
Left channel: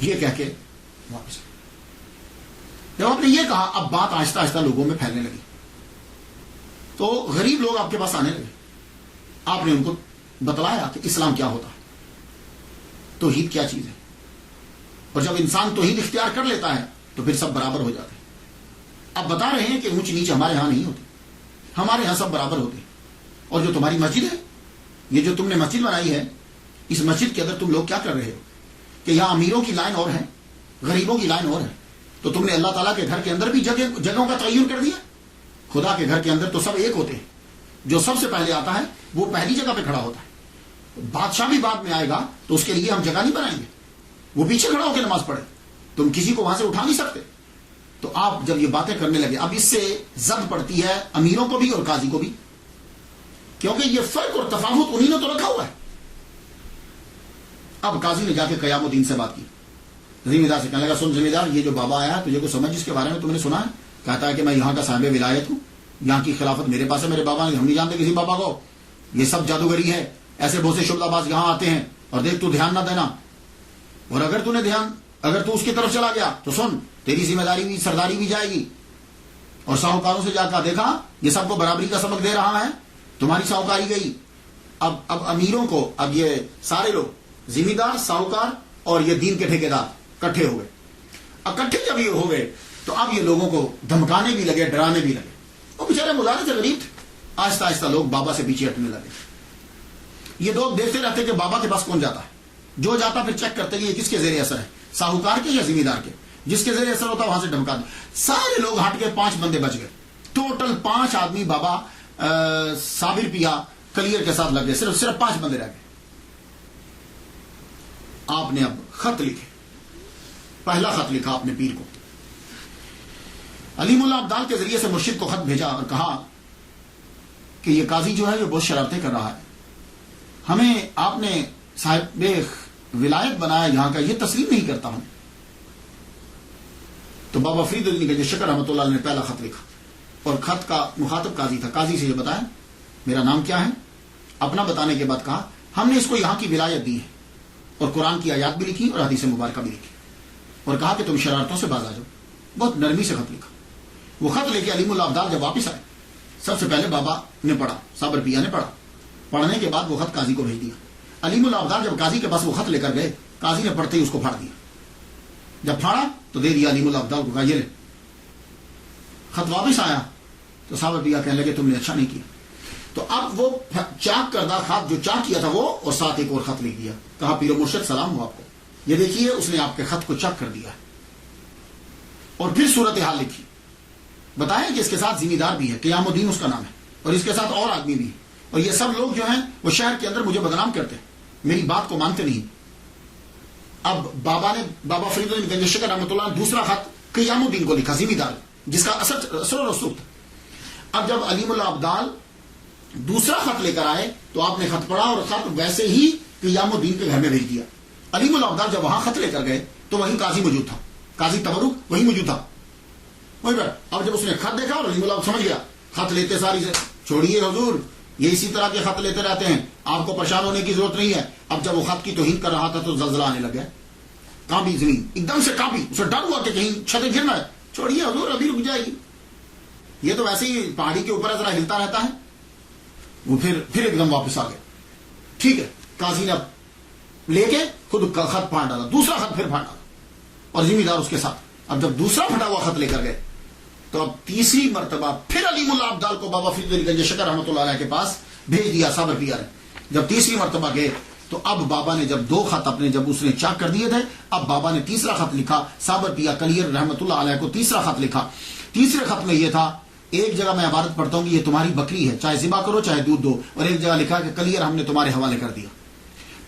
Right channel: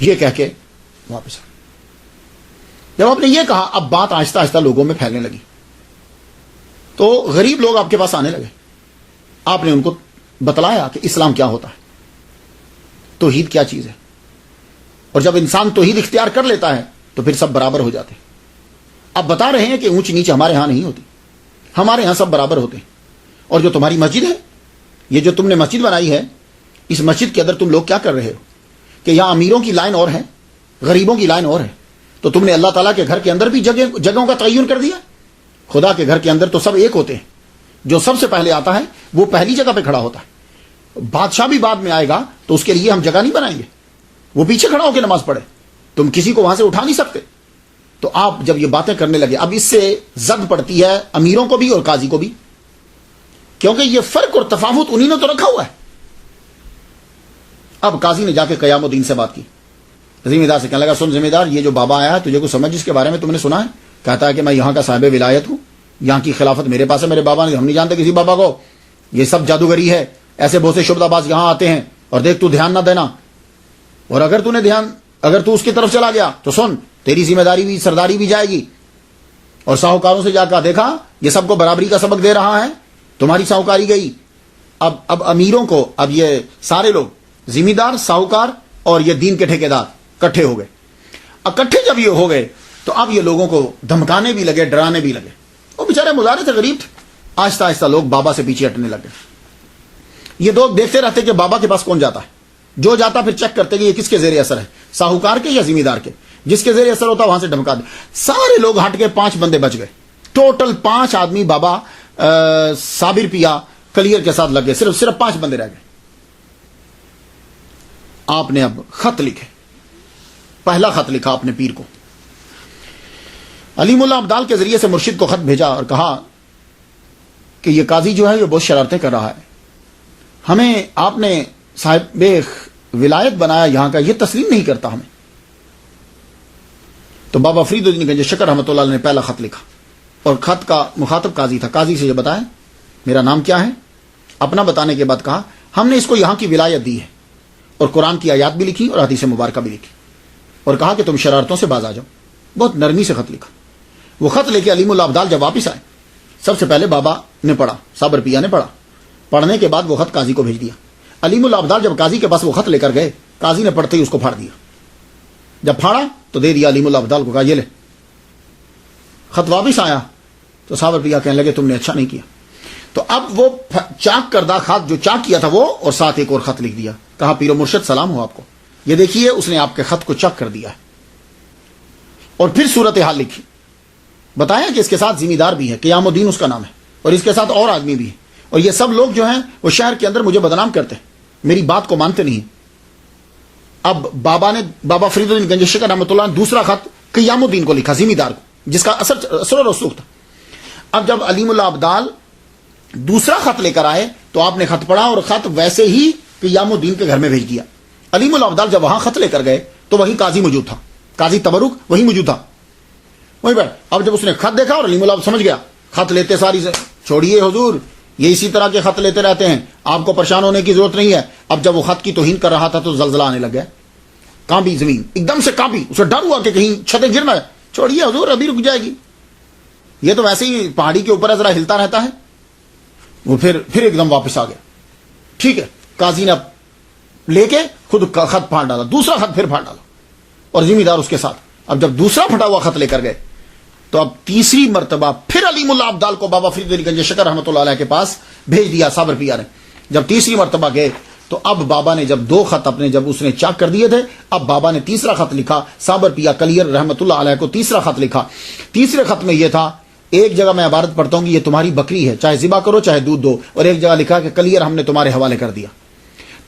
یہ کہہ کے واپس آ۔ جب آپ نے یہ کہا، اب بات آہستہ آہستہ لوگوں میں پھیلنے لگی، تو غریب لوگ آپ کے پاس آنے لگے، آپ نے ان کو بتلایا کہ اسلام کیا ہوتا ہے، توحید کیا چیز ہے، اور جب انسان توحید اختیار کر لیتا ہے تو پھر سب برابر ہو جاتے ہیں۔ اب بتا رہے ہیں کہ اونچ نیچ ہمارے ہاں نہیں ہوتی، ہمارے ہاں سب برابر ہوتے ہیں، اور جو تمہاری مسجد ہے، یہ جو تم نے مسجد بنائی ہے، اس مسجد کے اندر تم لوگ کیا کر رہے ہو کہ یہاں امیروں کی لائن اور ہے، غریبوں کی لائن اور ہے، تو تم نے اللہ تعالیٰ کے گھر کے اندر بھی جگہوں کا تعین کر دیا۔ خدا کے گھر کے اندر تو سب ایک ہوتے ہیں، جو سب سے پہلے آتا ہے وہ پہلی جگہ پہ کھڑا ہوتا ہے، بادشاہ بھی بعد میں آئے گا تو اس کے لیے ہم جگہ نہیں بنائیں گے، وہ پیچھے کھڑا ہو کے نماز پڑھے، تم کسی کو وہاں سے اٹھا نہیں سکتے۔ تو آپ جب یہ باتیں کرنے لگے، اب اس سے زد پڑتی ہے امیروں کو بھی اور قاضی کو بھی، کیونکہ یہ فرق اور تفاوت انہی نے تو رکھا ہوا ہے۔ اب قاضی نے جا کے قیام الدین سے بات کی، ذمہ دار سے کہنے لگا، سن ذمہ دار، یہ جو بابا آیا ہے تجھے کو سمجھ اس کے بارے میں تم نے سنا ہے؟ کہتا ہے کہ میں یہاں کا صاحب ولایت ہوں، یہاں کی خلافت میرے پاس ہے، میرے بابا نے، ہم نہیں جانتے کسی بابا کو، یہ سب جادوگری ہے، ایسے بہت سے شبدہ باز یہاں آتے ہیں، اور دیکھ تو دھیان نہ دینا، اور اگر تو اس کی طرف چلا گیا تو سن، تیری ذمہ داری بھی، سرداری بھی جائے گی۔ اور ساہوکاروں سے جا کر دیکھا، یہ سب کو برابری کا سبق دے رہا ہے، تمہاری ساہوکاری گئی۔ اب امیروں کو، اب یہ سارے لوگ ذمہ دار، ساہوکار اور یہ دین کے ٹھیکیدار اکٹھے ہو گئے۔ اکٹھے جب یہ ہو گئے تو اب یہ لوگوں کو دھمکانے بھی لگے، ڈرانے بھی لگے، وہ بیچارے مظاہرے تھے، غریب تھے، آہستہ آہستہ لوگ بابا سے پیچھے ہٹنے لگے۔ یہ لوگ دیکھتے رہتے کہ بابا کے پاس کون جاتا ہے، جو جاتا پھر چیک کرتے کہ یہ کس کے زیر اثر ہے، ساہوکار کے یا ذمہ دار کے، جس کے زیر اثر ہوتا وہاں سے دھمکا دے۔ سارے لوگ ہٹ کے 5 بندے بچ گئے، ٹوٹل 5 آدمی بابا صابر پیا کلیئر کے ساتھ لگ گئے، صرف 5 بندے رہ گئے۔ آپ نے اب خط لکھے، پہلا خط لکھا اپنے پیر کو، علیم اللہ ابدال کے ذریعے سے مرشد کو خط بھیجا اور کہا کہ یہ قاضی جو ہے یہ بہت شرارتیں کر رہا ہے، ہمیں آپ نے صاحب ولایت بنایا یہاں کا، یہ تسلیم نہیں کرتا ہمیں۔ تو بابا فرید الدین گنج شکر رحمۃ اللہ علیہ نے پہلا خط لکھا، اور خط کا مخاطب قاضی تھا، قاضی سے یہ بتایا میرا نام کیا ہے، اپنا بتانے کے بعد کہا ہم نے اس کو یہاں کی ولایت دی ہے، اور قرآن کی آیات بھی لکھی اور حدیث مبارکہ بھی لکھی، اور کہا کہ تم شرارتوں سے باز آ جاؤ۔ بہت نرمی سے خط لکھا۔ وہ خط لے کے علیم اللہ ابدال جب واپس آئے، سب سے پہلے بابا نے پڑھا، صابر پیا نے پڑھا، پڑھنے کے بعد وہ خط قاضی کو بھیج دیا۔ علیم اللہ ابدال جب قاضی کے پاس وہ خط لے کر گئے، قاضی نے پڑھتے ہی اس کو پھاڑ دیا، جب پھاڑا تو دے دیا علیم اللہ ابدال کو، کہا یہ لے۔ خط واپس آیا تو صابر پیا کہنے لگے تم نے اچھا نہیں کیا، تو اب وہ چاک کردہ خط جو چاک کیا تھا وہ، اور ساتھ ایک اور خط لکھ دیا، کہا پیر و مرشد سلام ہو آپ کو، یہ دیکھیے اس نے آپ کے خط کو چاک کر دیا ہے، اور پھر صورتحال لکھی، بتایا کہ اس کے ساتھ ذمہ دار بھی ہے، قیام الدین اس کا نام ہے، اور اس کے ساتھ اور آدمی بھی ہے، اور یہ سب لوگ جو ہیں وہ شہر کے اندر مجھے بدنام کرتے ہیں، میری بات کو مانتے نہیں۔ اب بابا فرید الدین گنج شکر رحمۃ اللہ نے دوسرا خط قیام الدین کو لکھا، ذمہ دار، جس کا اثر و رسوخ تھا۔ اب جب علیم اللہ ابدال دوسرا خط لے کر آئے تو آپ نے خط پڑھا، اور خط ویسے ہی قیام الدین کے گھر میں بھیج دیا۔ علیم اللہ ابدال جب وہاں خط لے کر گئے تو وہیں قاضی موجود تھا، قاضی تبرک وہیں موجود تھا، وہیں پر۔ اب جب اس نے خط دیکھا اور علیم اللہ سمجھ گیا، خط لیتے ساری سے چھوڑیے حضور، یہ اسی طرح کے خط لیتے رہتے ہیں، آپ کو پریشان ہونے کی ضرورت نہیں ہے۔ اب جب وہ خط کی توہین کر رہا تھا تو زلزلہ آنے لگ گیا، کانپی زمین، ایک دم سے کانپی، اسے ڈر ہوا کہ کہیں چھتیں گرنا ہے، چھوڑیے حضور ابھی رک جائے گی، یہ تو ویسے ہی پہاڑی کے اوپر ذرا ہلتا رہتا ہے۔ وہ پھر ایک دم واپس آ گیا، ٹھیک ہے۔ قاضی نے اب لے کے خود خط پھاڑ ڈالا، دوسرا خط پھر پھاڑ ڈالا، اور ذمہ دار اس کے ساتھ۔ اب جب دوسرا پھٹا ہوا خط لے کر گئے تو اب تیسری مرتبہ پھر علیم اللہ ابدال کو بابا فرید الدین گنج شکر رحمۃ اللہ علیہ کے پاس بھیج دیا صابر پیا نے۔ جب تیسری مرتبہ گئے تو اب بابا نے جب 2 خط اپنے جب اس نے چاک کر دیے تھے، اب بابا نے تیسرا خط لکھا، صابر پیا کلیئر رحمۃ اللہ علیہ کو تیسرا خط لکھا۔ تیسرے خط میں یہ تھا، ایک جگہ میں عبارت پڑھتا ہوں کہ یہ تمہاری بکری ہے، چاہے ذبح کرو چاہے دودھ دو، اور ایک جگہ لکھا کہ کلیئر ہم نے تمہارے حوالے کر دیا۔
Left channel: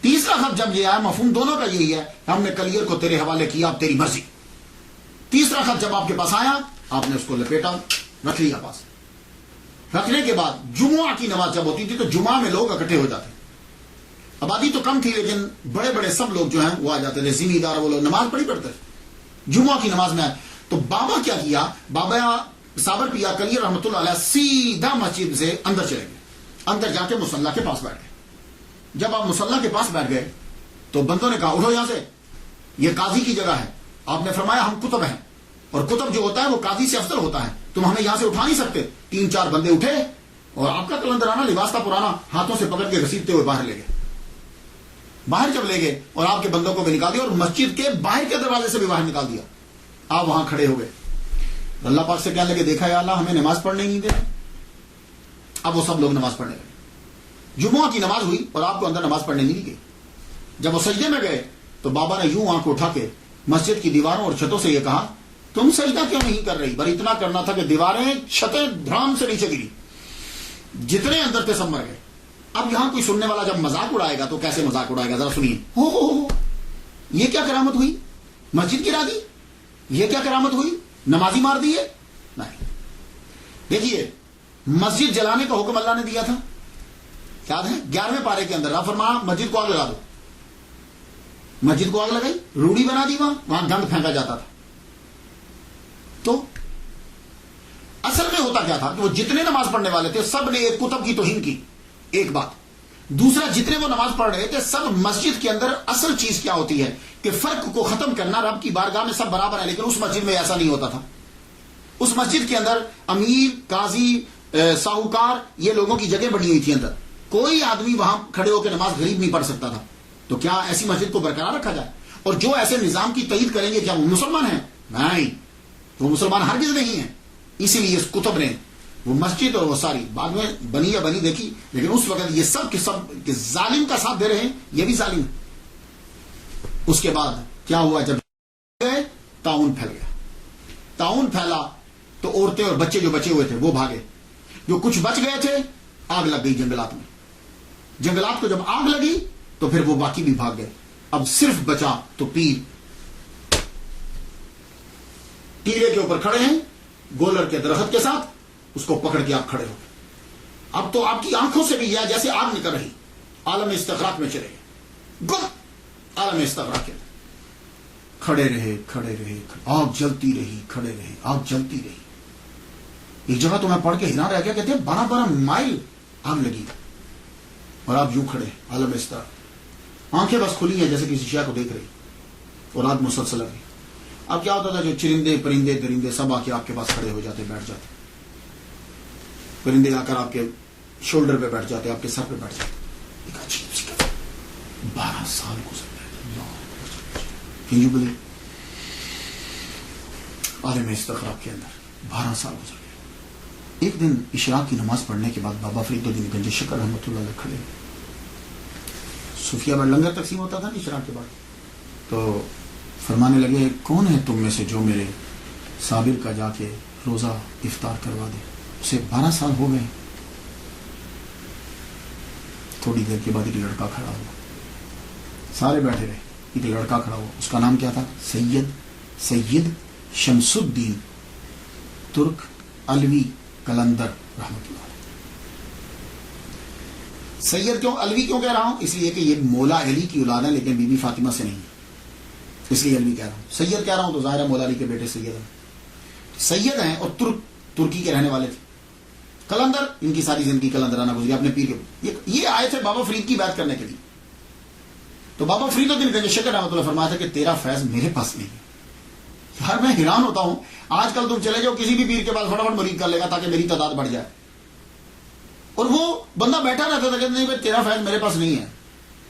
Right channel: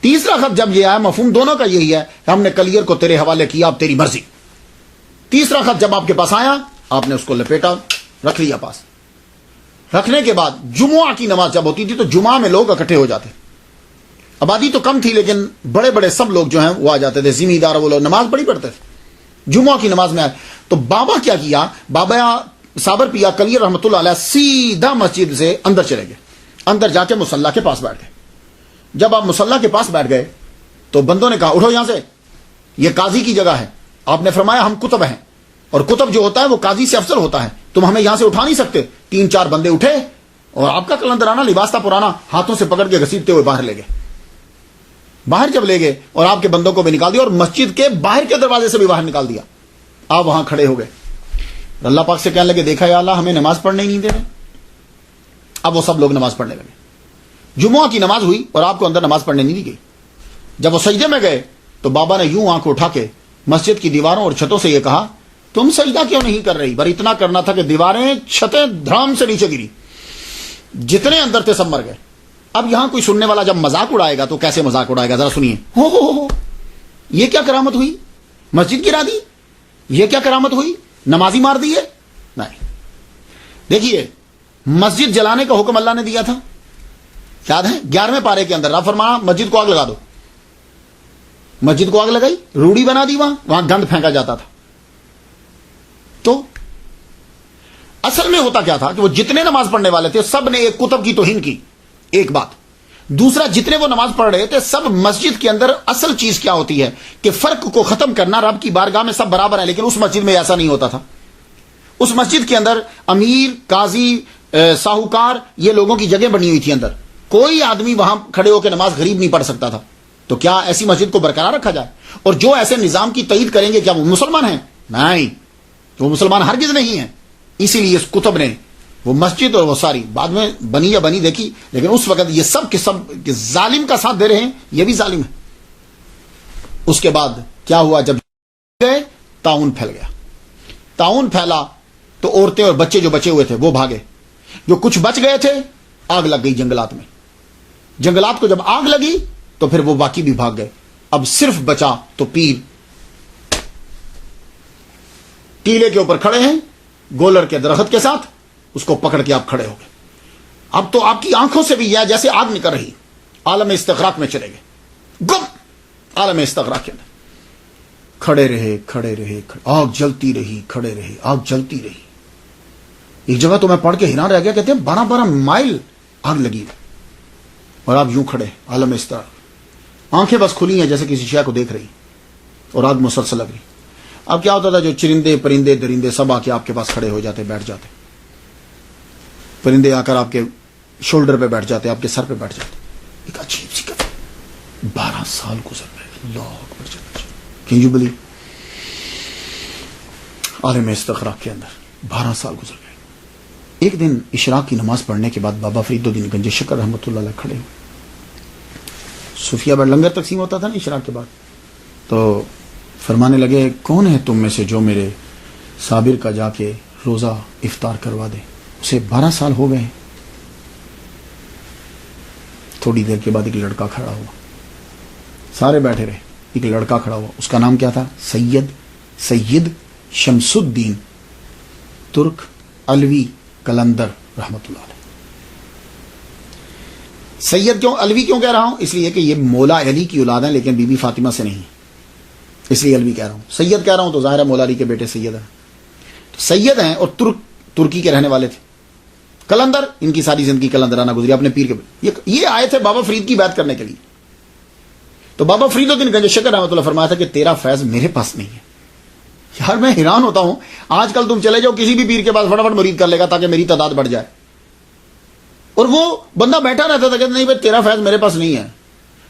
تیسرا خط جب یہ آیا، مفہوم دونوں کا یہی ہے کہ ہم نے کلیئر کو تیرے حوالے کیا، اب تیری مرضی۔ تیسرا خط جب آپ کے پاس آیا، آپ نے اس کو لپیٹا، رکھ لیا پاس۔ رکھنے کے بعد جمعہ کی نماز جب ہوتی تھی تو جمعہ میں لوگ اکٹھے ہو جاتے، آبادی تو کم تھی لیکن بڑے بڑے سب لوگ جو ہیں وہ آ جاتے تھے، ذمہ دار وہ لوگ نماز بڑی پڑھتے تھے۔ جمعہ کی نماز میں آئے تو بابا کیا کیا، بابا صابر پیا کلیئر رحمۃ اللہ علیہ سیدھا مسجد سے اندر چلے گئے، اندر جا کے مصلی کے پاس بیٹھ گئے۔ جب آپ مصلی کے پاس بیٹھ گئے تو بندوں نے کہا اٹھو یہاں سے، یہ قاضی کی جگہ ہے۔ آپ نے فرمایا ہم کتب ہیں، اور کتب جو ہوتا ہے وہ قاضی سے افضل ہوتا ہے، تم ہمیں یہاں سے اٹھا نہیں سکتے۔ 3-4 بندے اٹھے اور آپ کا کلندرانہ لباس تھا پرانا، ہاتھوں سے پکڑ کے گھسیٹتے ہوئے باہر لے گئے۔ باہر جب لے گئے اور آپ کے بندوں کو بھی نکال دیا اور مسجد کے باہر کے دروازے سے بھی باہر نکال دیا، آپ وہاں کھڑے ہو گئے، اللہ پاک سے کہنے لگے دیکھا یا اللہ ہمیں نماز پڑھنے ہی نہیں دے رہے۔ اب وہ سب لوگ نماز پڑھنے لگے، جمعہ کی نماز ہوئی اور آپ کو اندر نماز پڑھنے نہیں دی گئی۔ جب وہ سجدے میں گئے تو بابا نے یوں آنکھ اٹھا کے مسجد کی دیواروں اور چھتوں سے یہ کہا تم سجدہ کیوں نہیں کر رہی؟ پر اتنا کرنا تھا کہ دیواریں چھتیں دھڑام سے نیچے گری، جتنے اندر تھے سب مر گئے۔ اب یہاں کوئی سننے والا جب مذاق اڑائے گا تو کیسے مذاق اڑائے گا، ذرا سنیے۔ ہو یہ کیا کرامت ہوئی؟ مسجد گرا دی؟ یہ کیا کرامت ہوئی؟ نمازی مار دیے؟ نہیں، دیکھیے مسجد جلانے کا حکم اللہ نے دیا تھا، یاد ہے 11ویں پارے کے اندر، رب فرمایا مسجد کو آگ لگا دو۔ مسجد کو آگ لگائی، روڑی بنا دی، وہاں گند پھینکا جاتا تھا۔ تو اصل میں ہوتا کیا تھا کہ وہ جتنے نماز پڑھنے والے تھے سب نے ایک کتب کی توہین کی، ایک بات۔ دوسرا، جتنے وہ نماز پڑھ رہے تھے سب مسجد کے اندر اصل چیز کیا ہوتی ہے کہ فرق کو ختم کرنا، رب کی بارگاہ میں سب برابر ہیں، لیکن اس مسجد میں ایسا نہیں ہوتا تھا۔ اس مسجد کے اندر امیر، قاضی، ساہوکار، یہ لوگوں کی جگہ بنی ہوئی تھی اندر، کوئی آدمی وہاں کھڑے ہو کے نماز غریب نہیں پڑھ سکتا تھا۔ تو کیا ایسی مسجد کو برقرار رکھا جائے؟ اور جو ایسے نظام کی تائید کریں گے کیا وہ مسلمان ہیں؟ نہیں، وہ مسلمان ہرگز نہیں ہیں۔ اسی لیے اس کتب نے وہ مسجد اور وہ ساری بعد میں بنی یا بنی دیکھی، لیکن اس وقت یہ سب کے سب ظالم کا ساتھ دے رہے ہیں، یہ بھی ظالم ہے۔ اس کے بعد کیا ہوا، جب گئے طاعون پھیل گیا۔ طاعون پھیلا تو عورتیں اور بچے جو بچے ہوئے تھے وہ بھاگے، جو کچھ بچ گئے تھے آگ لگ گئی جنگلات میں۔ جنگلات کو جب آگ لگی تو پھر وہ باقی بھی بھاگ گئے۔ اب صرف بچا تو پیر ٹیلے کے اوپر کھڑے ہیں گولر کے درخت کے ساتھ، اس کو پکڑ کے آپ کھڑے ہو گئے۔ اب تو آپ کی آنکھوں سے بھی یہ جیسے آگ نکل رہی، عالم استغراق میں چلے گئے، گم عالم استغراق کے اندر کھڑے رہے، آگ جلتی رہی، کھڑے رہے، آگ جلتی رہی۔ ایک جگہ تو میں پڑھ کے حیران رہ گیا، کہتے ہیں 12 مائل آگ لگی اور آپ یوں کھڑے، عالم استغراق، آنکھیں بس کھلی ہیں جیسے کسی شے کو دیکھ رہی، اور آگ مسلسل لگ رہی۔ اب کیا ہوتا تھا، جو چرندے پرندے درندے سب آ کے آپ کے پاس کھڑے ہو جاتے، بیٹھ جاتے، پرندے آ کر آپ کے شولڈر پہ بیٹھ جاتے، آپ کے سر پہ بیٹھ جاتے۔ ایک عجیب سی کہانی، 12 سال گزر گئے، اللہ اکبر، کین یو بلیو؟ عالم استغراق کے اندر 12 سال گزر گئے۔ ایک دن اشراق کی نماز پڑھنے کے بعد بابا فرید الدین گنج شکر رحمۃ اللہ علیہ کھڑے ہوئے، صوفیہ پر لنگر تقسیم ہوتا تھا نا اشراق کے بعد، تو فرمانے لگے کون ہے تم میں سے جو میرے صابر کا جا کے روزہ افطار کروا دے؟ اسے 12 سال ہو گئے۔ تھوڑی دیر کے بعد ایک لڑکا کھڑا ہوا، سارے بیٹھے رہے، ایک لڑکا کھڑا ہوا، اس کا نام کیا تھا؟ سید شمس الدین ترک علوی کلندر رحمۃ اللہ علیہ۔ سید کیوں علوی کیوں کہہ رہا ہوں؟ اس لیے کہ یہ مولا علی کی اولاد ہیں لیکن بی بی فاطمہ سے نہیں ہے، اس لیے علوی کہہ رہا ہوں۔ سید کہہ رہا ہوں تو ظاہر ہے مولا علی کے بیٹے سید ہیں، سید ہیں، اور ترکی کے رہنے والے تھے۔ کلندر، ان کی ساری زندگی کلندرانہ گزری اپنے پیر کے۔ یہ آئے تھے بابا فرید کی بات کرنے کے لیے، تو بابا فرید الدین گنج شکر رحمۃ اللہ فرمایا تھا کہ تیرا فیض میرے پاس نہیں ہے۔ یار میں حیران ہوتا ہوں، آج کل تم چلے جاؤ کسی بھی پیر کے پاس، فٹافٹ مرید کر لے گا تاکہ میری تعداد بڑھ جائے، اور وہ بندہ بیٹھا رہتا تھا کہ نہیں بھائی تیرا فیض میرے پاس نہیں ہے۔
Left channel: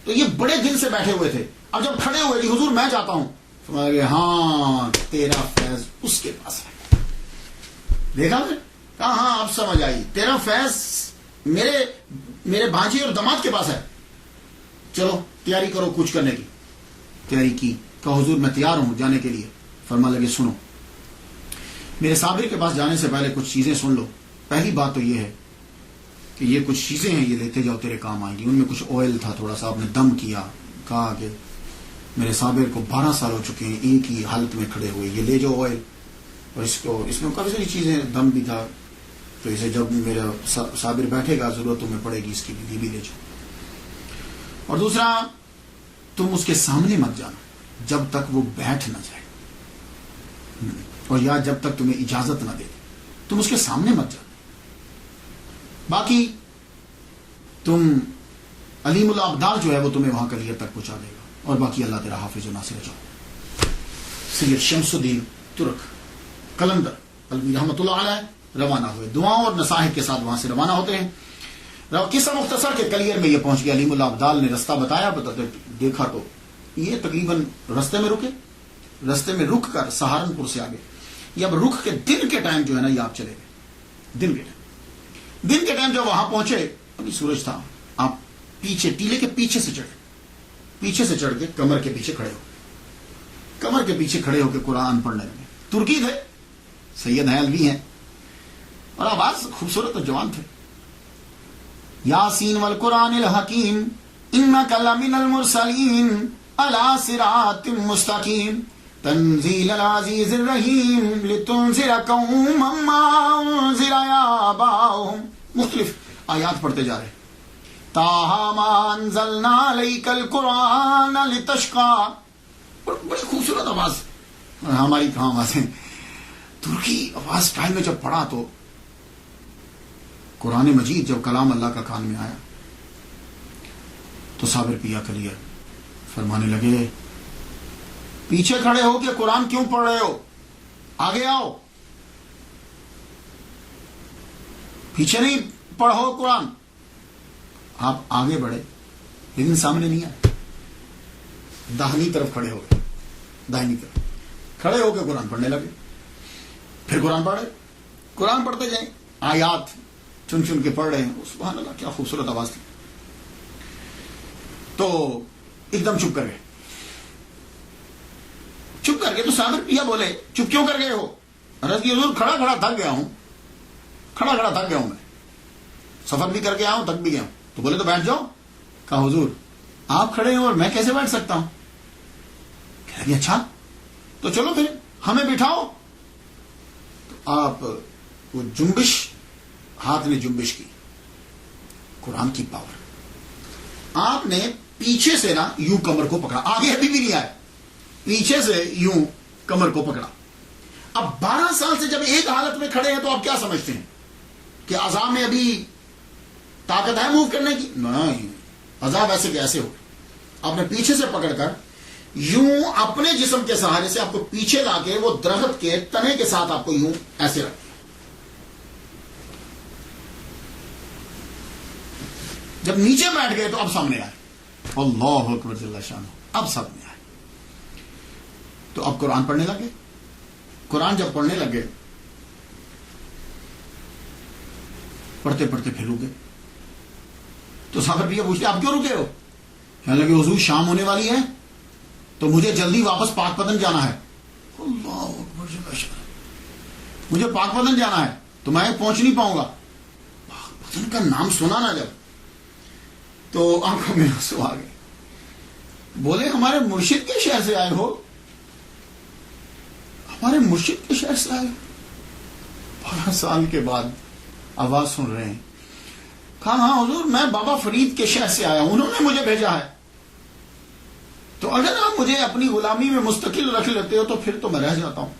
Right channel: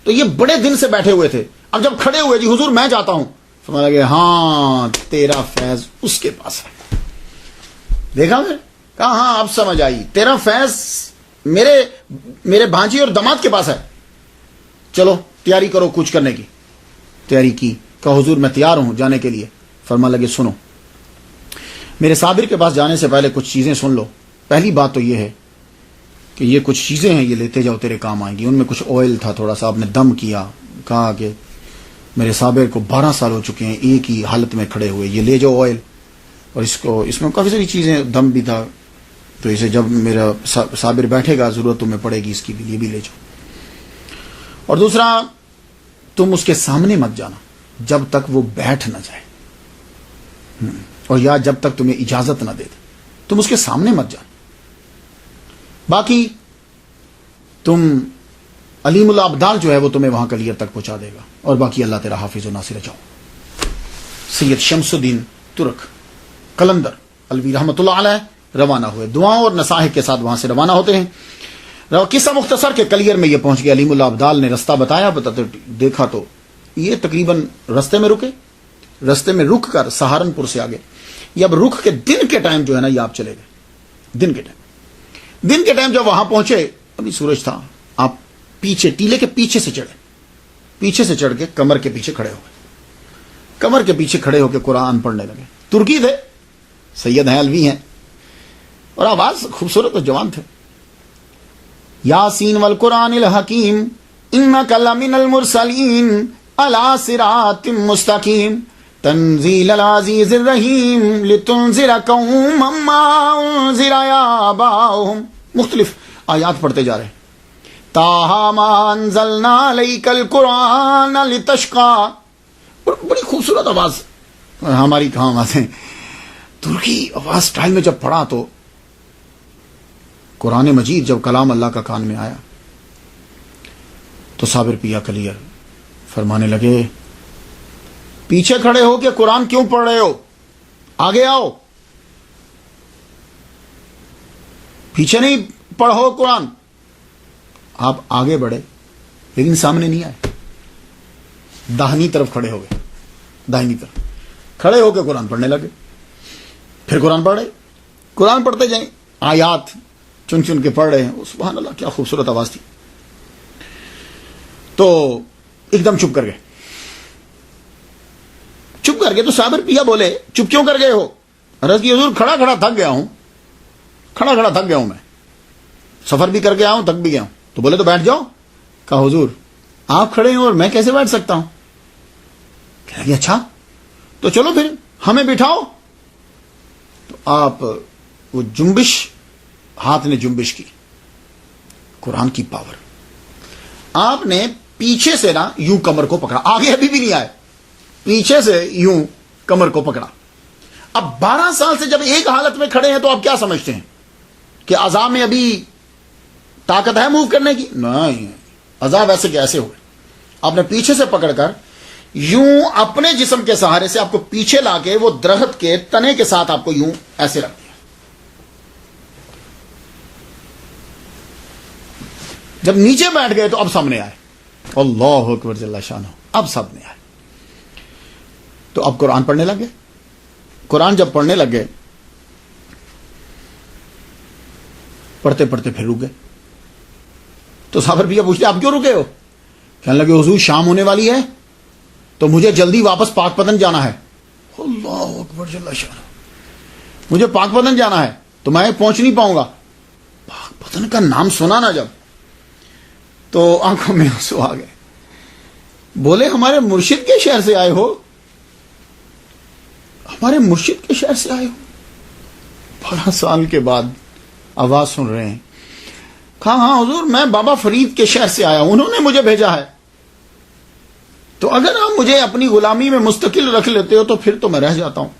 تو یہ بڑے دن سے بیٹھے ہوئے تھے، اب جب کھڑے ہوئے جی حضور میں چاہتا ہوں، فرمایا کہ ہاں تیرا فیض اس کے پاس ہے۔ دیکھا میں کہا ہاں اب سمجھ آئی، تیرا فیض میرے بھانجی اور داماد کے پاس ہے، چلو تیاری کرو کچھ کرنے کی۔ تیاری کی، کہا حضور میں تیار ہوں جانے کے لیے۔ فرما لگے سنو، میرے صابر کے پاس جانے سے پہلے کچھ چیزیں سن لو۔ پہلی بات تو یہ ہے کہ یہ کچھ چیزیں ہیں، یہ لیتے جاؤ تیرے کام آئیں گی۔ ان میں کچھ آئل تھا، تھوڑا سا آپ نے دم کیا، کہا کہ میرے صابر کو 12 سال ہو چکے ہیں ایک ہی حالت میں کھڑے ہوئے، یہ لے جاؤ آئل، اور اس میں کافی ساری چیزیں، دم بھی تھا، تو اسے جب میرا صابر بیٹھے گا ضرورت تمہیں پڑے گی اس کی بھی، یہ بھی لے جاؤ۔ اور دوسرا، تم اس کے سامنے مت جانا جب تک وہ بیٹھ نہ جائے، اور یا جب تک تمہیں اجازت نہ دے دے، تم اس کے سامنے مت جانا۔ باقی تم علیم الابدال جو ہے وہ تمہیں وہاں کلیئر تک پہنچا دے گا، اور باقی اللہ تیرا حافظ و ناصر۔ جاؤ۔ سید شمس الدین ترک قلندر الوی رحمۃ اللہ علیہ روانہ ہوئے، دعاؤں اور نصائح کے ساتھ وہاں سے روانہ ہوتے ہیں۔ قصہ مختصر کے کلیئر میں یہ پہنچ گیا، علیم الابدال نے رستہ بتایا، دیکھا تو یہ تقریباً رستے میں رکے، رستے میں رک کر سہارنپور سے آگے، یہ اب رک کے دن کے ٹائم جو ہے نا یہ آپ چلے گئے، دن کے ٹائم جب وہاں پہنچے ابھی سورج تھا، آپ پیچھے ٹیلے کے پیچھے سے چڑھ کے کمر کے پیچھے کھڑے ہو کے قرآن پڑھنے لگے۔ ترکی تھے، سید ہیں، الوی ہیں، اور آواز خوبصورت اور جوان تھے۔ یاسین والقرآن الحکیم انک لمن المرسلین علی صراط مستقیم تنزیل العزیز الرحیم لتنذر قوما ما انذر آباؤہم۔ مختلف آیات پڑھتے جا رہے، تاہا ما انزلنا علیک القرآن لتشقی۔ بڑی خوبصورت آواز، ہماری کہاں آوازیں، ترکی آواز سٹائل میں جب پڑھا تو قرآن مجید جب کلام اللہ کا کان میں آیا تو صابر پیا کلیئر فرمانے لگے، پیچھے کھڑے ہو کے قرآن کیوں پڑھ رہے ہو، آگے آؤ، پیچھے نہیں پڑھو قرآن۔ آپ آگے بڑھے لیکن سامنے نہیں آئے، داہنی طرف کھڑے ہو گئے، داہنی طرف کھڑے ہو کے قرآن پڑھنے لگے۔ پھر قرآن پڑھ رہے، قرآن پڑھتے جائیں، آیات چن چن کے پڑھ رہے ہیں، سبحان اللہ کیا خوبصورت آواز تھی۔ تو ایک دم چپ کر گئے تو صابر پیا بولے، چپ کیوں کر گئے ہو؟ عرض کی حضور کھڑا تھک گیا ہوں، میں سفر بھی کر کے آیا ہوں، تھک بھی گیا ہوں۔ تو بولے تو بیٹھ جاؤ۔ کہا حضور آپ کھڑے ہیں اور میں کیسے بیٹھ سکتا ہوں؟ کہنے لگے اچھا تو چلو پھر ہمیں بٹھاؤ۔ تو آپ وہ جنبش، ہاتھ نے جنبش کی، قرآن کی پاور، آپ نے پیچھے سے نا یوں کمر کو پکڑا، آگے ابھی بھی نہیں آئے، پیچھے سے یوں کمر کو پکڑا۔ اب 12 سال سے جب ایک حالت میں کھڑے ہیں تو آپ کیا سمجھتے ہیں کہ عذاب میں ابھی طاقت ہے موو کرنے کی؟ نہیں، عذاب ایسے کہ ایسے ہوئے۔ آپ نے پیچھے سے پکڑ کر یوں اپنے جسم کے سہارے سے آپ کو پیچھے لا کے وہ درخت کے تنے کے ساتھ آپ کو یوں ایسے رکھ دیا۔ جب نیچے بیٹھ گئے تو اب سامنے آئے، اللہ اکبر جل شانہ، اب سامنے آئے تو اب قرآن پڑھنے لگے۔ قرآن جب پڑھنے لگے، پڑھتے پھر رک گئے۔ تو صابر بھی پوچھتے آپ کیوں رکے ہو؟ کہنے لگے حضور شام ہونے والی ہے تو مجھے جلدی واپس پاک پتن جانا ہے۔ اللہ اکبر جل شانہ، مجھے پاک پتن جانا ہے تو میں پہنچ نہیں پاؤں گا۔ پاک پتن کا نام سنا نا جب تو آنکھوں میں آنسو آ گئے۔ بولے ہمارے مرشد کے شہر سے آئے ہو؟ ہمارے مرشد کے شہر سے آئے ہو؟ 12 سال کے بعد آواز سن رہے ہیں۔ کہا ہاں حضور میں بابا فرید کے شہر سے آیا ہوں، انہوں نے مجھے بھیجا ہے، تو اگر آپ مجھے اپنی غلامی میں مستقل رکھ لیتے ہو تو پھر تو میں رہ جاتا ہوں،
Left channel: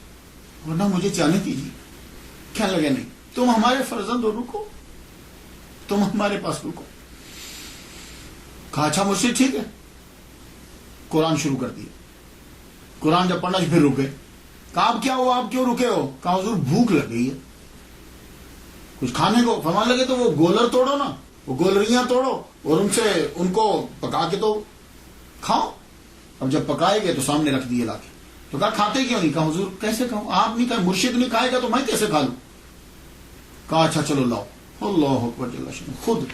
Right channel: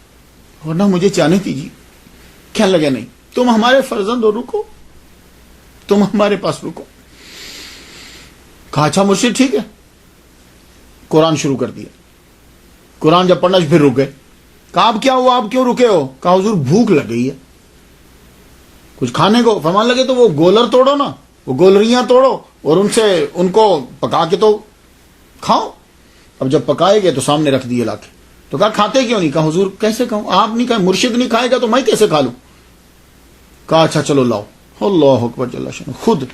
ورنہ مجھے جانے دیجیے۔ کہنے لگے نہیں، تم ہمارے فرزند ہو، رکو، تم ہمارے پاس رکو۔ کہا اچھا مرشد ٹھیک ہے۔ قرآن شروع کر دیا، قرآن جب پڑھنا پھر رک گئے۔ کہا اب کیا ہوا، آپ کیوں رکے ہو؟ کہا حضور بھوک لگ گئی ہے کچھ کھانے کو۔ فرمان لگے تو وہ گولر توڑو نا، وہ گولریاں توڑو اور ان کو پکا کے تو کھاؤ۔ اب جب پکائے گئے تو سامنے رکھ دیے لا کے۔ تو کہا کھاتے کیوں نہیں؟ کہا حضور کیسے کھاؤں، آپ نہیں کھائے، مرشد نہیں کھائے گا تو میں کیسے کھا لوں؟ کہا اچھا چلو لاؤ۔ اللہ اکبر جل شانہ، خود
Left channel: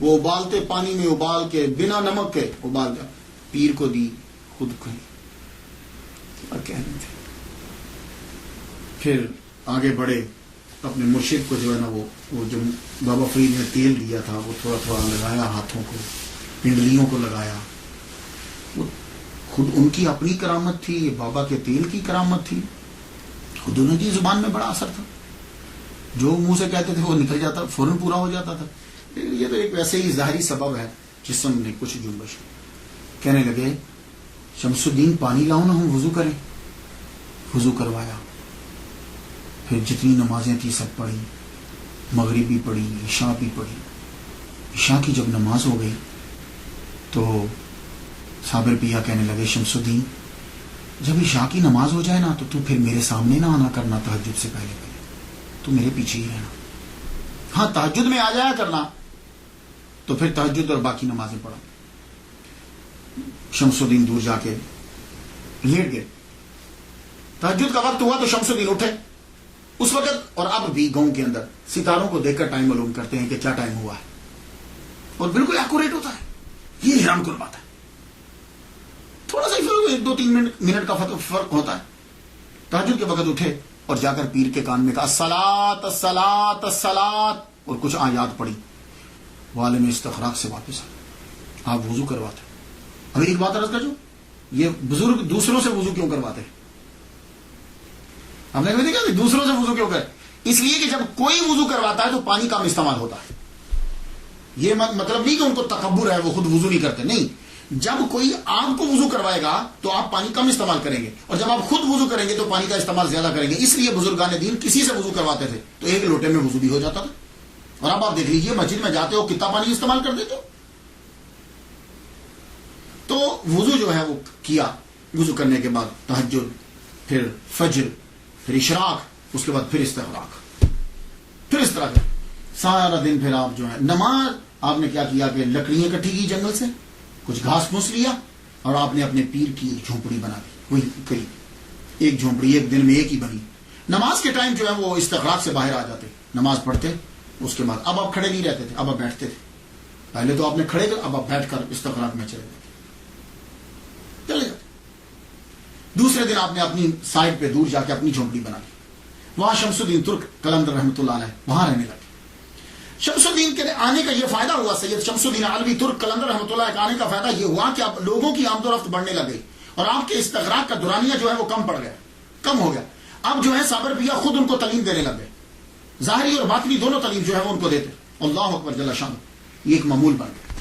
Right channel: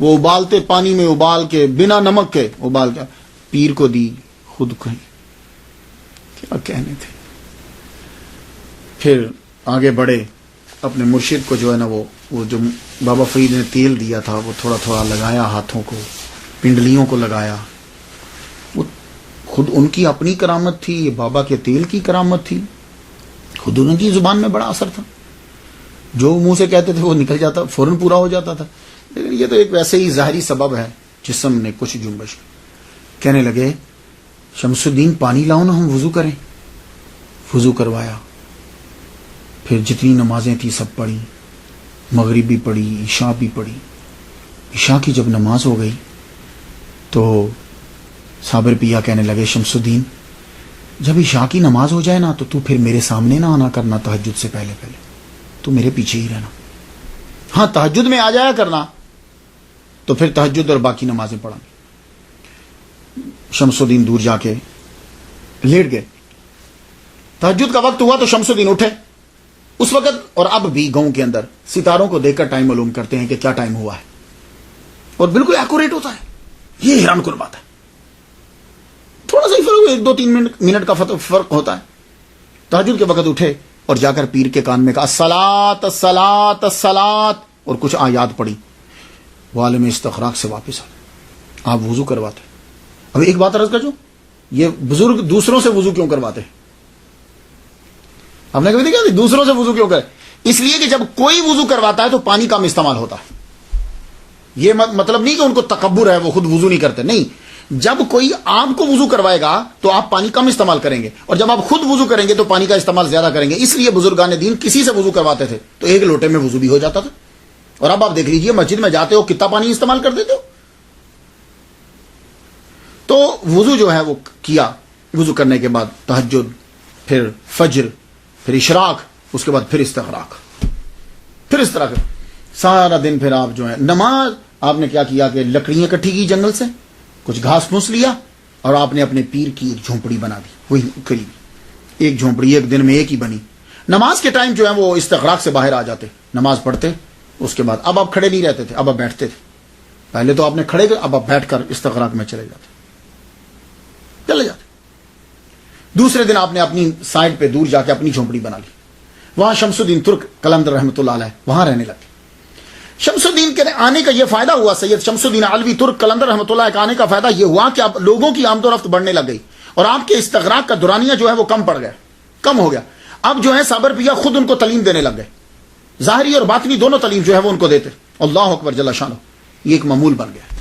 وہ ابالتے پانی میں ابال کے بنا نمک کے ابال کے پیر کو دی، خود کہیں کیا کہنے تھے۔ پھر آگے بڑھے، اپنے مرشد کو جو ہے نا وہ جو بابا فرید نے تیل دیا تھا وہ تھوڑا تھوڑا لگایا، ہاتھوں کو، پنڈلیوں کو لگایا، خود ان کی اپنی کرامت تھی، یہ بابا کے تیل کی کرامت تھی، خود ان کی زبان میں بڑا اثر تھا، جو منہ سے کہتے تھے وہ نکل جاتا، فوراً پورا ہو جاتا تھا. لیکن یہ تو ایک ویسے ہی ظاہری سبب ہے، جسم نے کچھ جنبش. کہنے لگے شمس الدین پانی لاؤ نا، ہم وضو کریں. وضو کروایا، پھر جتنی نمازیں تھیں سب پڑھی، مغرب بھی پڑھی، عشاء بھی پڑھی. عشاء کی جب نماز ہو گئی تو صابر پیا کہنے لگے شمس الدین جب عشاء کی نماز ہو جائے نا تو پھر میرے سامنے نہ آنا کرنا، تہجد سے پہلے تو میرے پیچھے ہی رہنا. ہاں تہجد میں آ جایا کرنا، تو پھر تہجد اور باقی نمازیں پڑھا. شمس الدین دور جا کے لیٹ گئے. تہجد کا وقت ہوا تو شمس الدین اٹھے. اس وقت اور اب بھی گاؤں کے اندر ستاروں کو دیکھ کر ٹائم معلوم کرتے ہیں کہ کیا ٹائم ہوا ہے، اور بالکل ایکوریٹ ہوتا ہے. یہ حیران کن بات ہے. تھوڑا سا ہی فرق، 1-2-3 منٹ کا فرق ہوتا ہے. تہجد کے وقت اٹھے اور جا کر پیر کے کان میں کہا الصلاۃ الصلاۃ الصلاۃ، اور کچھ آیات پڑھی. وہ عالم استخراج سے واپس آئے. آپ وضو کرواتے. اب ایک بات عرض کر، جو یہ بزرگ دوسروں سے وضو کیوں کرواتے ہیں؟ ہم نے کبھی دیکھا دوسروں سے وضو کیوں کرے؟ اس لیے کہ جب کوئی وضو کرواتا ہے تو پانی کم استعمال ہوتا ہے. یہ مطلب نہیں کہ ان کو تکبر ہے، وہ خود وضو نہیں کرتے، نہیں. جب کوئی آپ کو وضو کروائے گا تو آپ پانی کم استعمال کریں گے، اور جب آپ خود وضو کریں گے تو پانی کا استعمال زیادہ کریں گے. اس لیے بزرگان دین کسی سے وضو کرواتے تھے تو ایک لوٹے میں وضو بھی ہو جاتا تھا. اور اب آپ دیکھ لیجئے مسجد میں جاتے ہو کتنا پانی استعمال کر دیتے ہو. تو وضو جو ہے وہ کیا. وضو کرنے کے بعد تہجد، پھر فجر، پھر اشراق، اس کے بعد پھر استغراق. پھر اس طرح سارا دن پھر آپ جو ہے نماز. آپ نے کیا کیا کہ لکڑیاں اکٹھی کی جنگل سے، کچھ گھاس پھوس لیا، اور آپ نے اپنے پیر کی ایک جھونپڑی بنا دی. وہی قریب ایک جھونپڑی ایک دن میں ایک ہی بنی. نماز کے ٹائم جو ہے وہ استغراق سے باہر آ جاتے، نماز پڑھتے. اس کے بعد اب آپ کھڑے نہیں رہتے تھے، اب آپ بیٹھتے تھے. پہلے تو آپ نے کھڑے گئے، اب آپ بیٹھ کر استغراق میں چلے جاتے. دوسرے دن آپ نے اپنی سائڈ پہ دور جا کے اپنی جھونپڑی بنا لی. وہاں شمس الدین ترک قلندر رحمۃ اللہ علیہ وہاں رہنے لگے. شمس الدین کے آنے کا یہ فائدہ ہوا، سید شمس الدین علوی ترک قلندر رحمۃ اللہ کے آنے کا فائدہ یہ ہوا کہ اب لوگوں کی آمد و رفت بڑھنے لگ گئی، اور آپ کے استغراق کا دورانیہ جو ہے وہ کم ہو گیا. اب جو ہے صابر پیا خود ان کو تعلیم دینے لگ گئے، ظاہری اور باطنی دونوں تعلیم جو ہے وہ ان کو دیتے. اللہ اکبر جل شانہ. یہ ایک معمول بن گیا،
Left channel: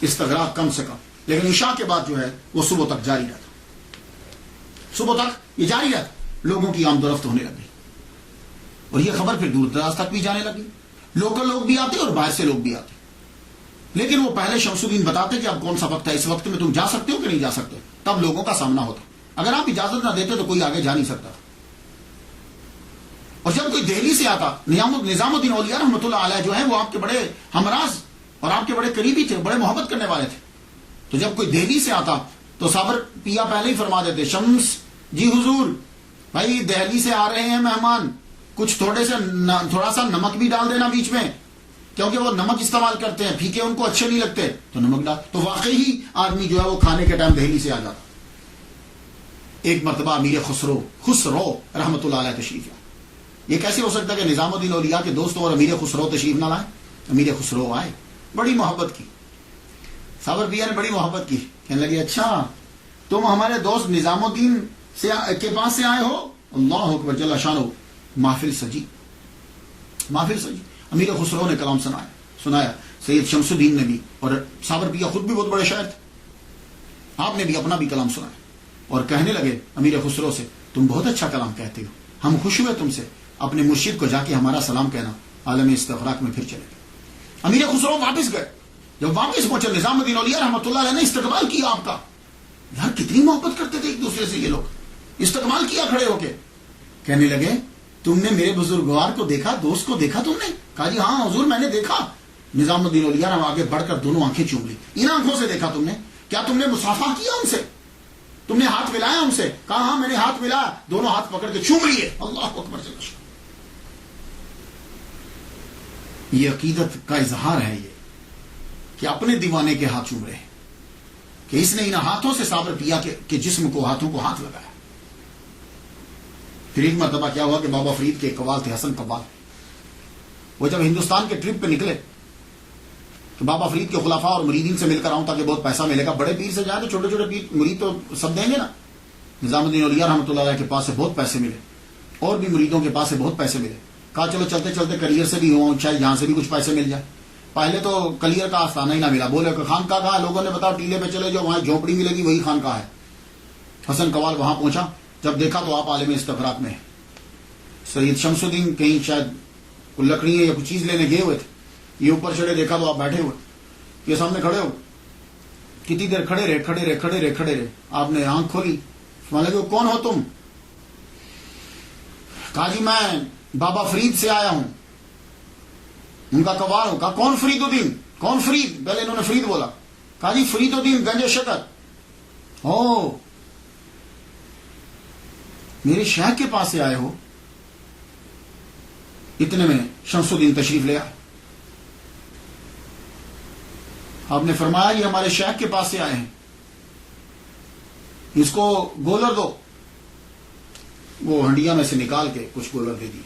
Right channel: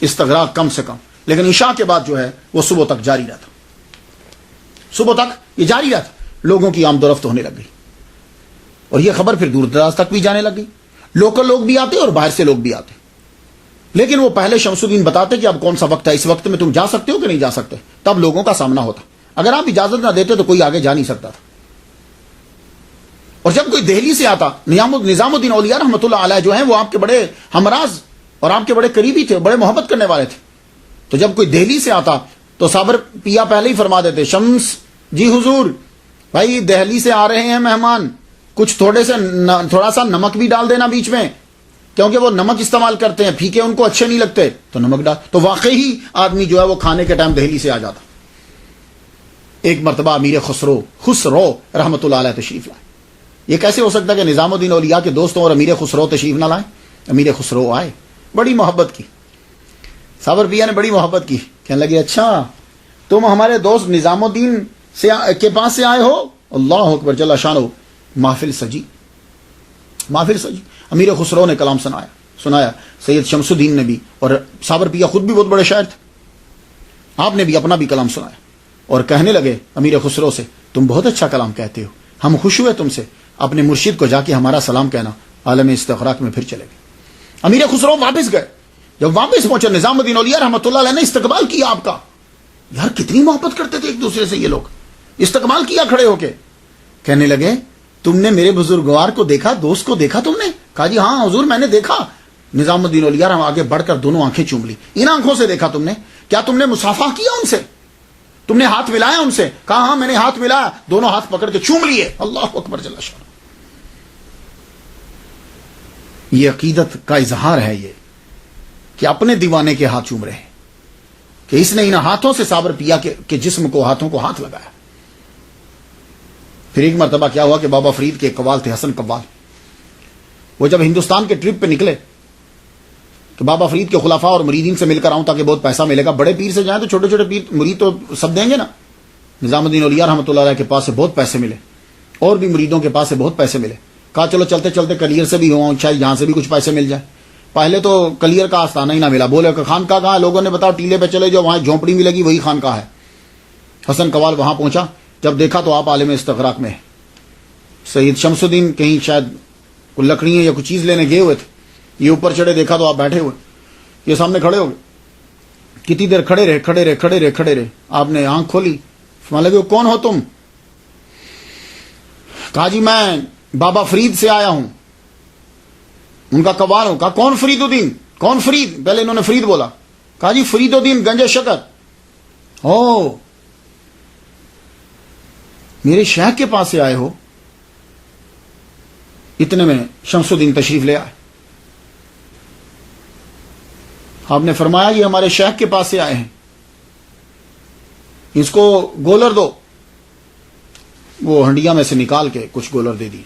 استغراق کم سے کم. لیکن عشاء کے بعد جو ہے وہ صبح تک جاری رہتا. صبح تک یہ جاری رہتا، لوگوں کی آمد و رفت ہونے لگ گئی، اور یہ خبر پھر دور دراز تک بھی جانے لگ گئی. لوکل لوگ بھی آتے اور باہر سے لوگ بھی آتے. لیکن وہ پہلے شمس الدین بتاتے کہ اب کون سا وقت ہے، اس وقت میں تم جا سکتے ہو کہ نہیں جا سکتے. تب لوگوں کا سامنا ہوتا. اگر آپ اجازت نہ دیتے تو کوئی آگے جا نہیں سکتا تھا. اور جب کوئی دہلی سے آتا، نظام الدین اولیاء رحمۃ اللہ علیہ جو ہیں وہ آپ کے بڑے ہمراز اور آپ کے بڑے قریبی تھے، بڑے محبت کرنے والے تھے. تو جب کوئی دہلی سے آتا تو صابر پیا پہلے ہی فرما دیتے شمس جی حضور بھائی دہلی سے آ رہے ہیں مہمان، کچھ تھوڑا سا نمک بھی ڈال دینا بیچ میں، کیونکہ وہ نمک استعمال کرتے ہیں، پھیکے ان کو اچھے نہیں لگتے، تو نمک ڈال. تو واقعی آدمی جو ہے وہ کھانے کے ٹائم دہلی سے آ جاتا. ایک مرتبہ امیر خسرو رحمۃ اللہ علیہ تشریف لائے. یہ کیسے ہو سکتا ہے کہ نظام الدین اولیاء کے دوستوں اور امیر خسرو تشریف نہ لائیں؟ امیر خسرو آئے، بڑی محبت کی. صابر پیا نے بڑی محبت کی. کہنے لگے اچھا تم ہمارے دوست نظام الدین کے پاس سے آئے ہو؟ اللہ اکبر جل شانہ. محفل سجی. امیر خسرو نے کلام سنایا. سید شمس الدین نے بھی، اور صابر پیا خود بھی بہت بڑے شاعر تھے، آپ نے بھی اپنا بھی کلام سنایا. اور کہنے لگے امیر خسرو سے تم بہت اچھا کلام کہتے ہو، ہم خوش ہوئے تم سے، اپنے مرشد کو جا کے ہمارا سلام کہنا. عالم استغراق میں پھر چلے گئے. امیر خسرو واپس گئے. جب واپس پہنچے نظام الدین اولیاء رحمۃ اللہ علیہ نے استقبال کیا آپ کا. یار کتنی محبت کرتے تھے ایک دوسرے سے یہ لوگ. استقبال کیا کھڑے ہو کے. کہنے لگے تم نے میرے بزرگوار کو دیکھا، دوست کو دیکھا تم نے؟ کہا جی ہاں حضور میں نے دیکھا. نظام الدین اولیاء آگے بڑھ کر دونوں آنکھیں چوم لی. ان آنکھوں سے دیکھا تم نے؟ کیا تم نے مصافحہ کیا ان سے؟ تم نے ہاتھ ملایا ان سے؟ کہا ہاں میں نے ہاتھ ملایا. دونوں ہاتھ پکڑ کے چوم لیے. اللہ اکبر جل شانہ. یہ عقیدت کا اظہار ہے یہ کہ اپنے دیوانے کے ہاتھ چوم رہے ہیں، کہ اس نے ان ہاتھوں سے صابر پیا کے جسم کو، ہاتھوں کو ہاتھ لگایا. پھر ایک مرتبہ کیا ہوا کہ بابا فرید کے قوال تھے، حسن قوال. وہ جب ہندوستان کے ٹرپ پہ نکلے کہ بابا فرید کے خلفاء اور مریدین سے مل کر آؤں تاکہ بہت پیسہ ملے گا. بڑے پیر سے جائیں تو چھوٹے چھوٹے پیر مرید تو سب دیں گے نا. نظام الدین اولیاء رحمۃ اللہ علیہ کے پاس سے بہت پیسے ملے, اور بھی مریدوں کے پاس سے بہت پیسے ملے. کہا چلو چلتے چلتے کلیئر سے بھی ہوں, چاہے یہاں سے بھی کچھ پیسے مل جائے. پہلے تو کلیئر کا آستانہ ہی نہ ملا. بولے کہ خانقاہ کہاں؟ لوگوں نے بتاؤ ٹیلے پہ چلے جو وہاں جھونپڑی ملے گی وہی خانقاہ ہے. حسن قوال وہاں پہنچا, جب دیکھا تو آپ عالم استغراق میں ہے. سید شمس الدین کہیں شاید کوئی لکڑیاں یا کچھ چیز لینے گئے ہوئے تھے, یہ اوپر چڑھے, دیکھا تو آپ بیٹھے ہوئے, یہ سامنے کھڑے ہو گئے. کتنی دیر کھڑے رہے. آپ نے آنکھ کھولی, لگے کون ہو تم؟ کہا جی میں بابا فرید سے آیا ہوں. ان کا قوال ہوں. کہا کون فرید الدین؟ کون فرید؟ پہلے انہوں نے فرید بولا. کہا جی فرید الدین گنج شکر. او میرے شیخ کے پاس سے آئے ہو؟ اتنے میں شمس الدین تشریف لے آئے. آپ نے فرمایا یہ ہمارے شیخ کے پاس سے آئے ہیں, اس کو گولر دو. وہ ہنڈیا میں سے نکال کے کچھ گولر دے دی.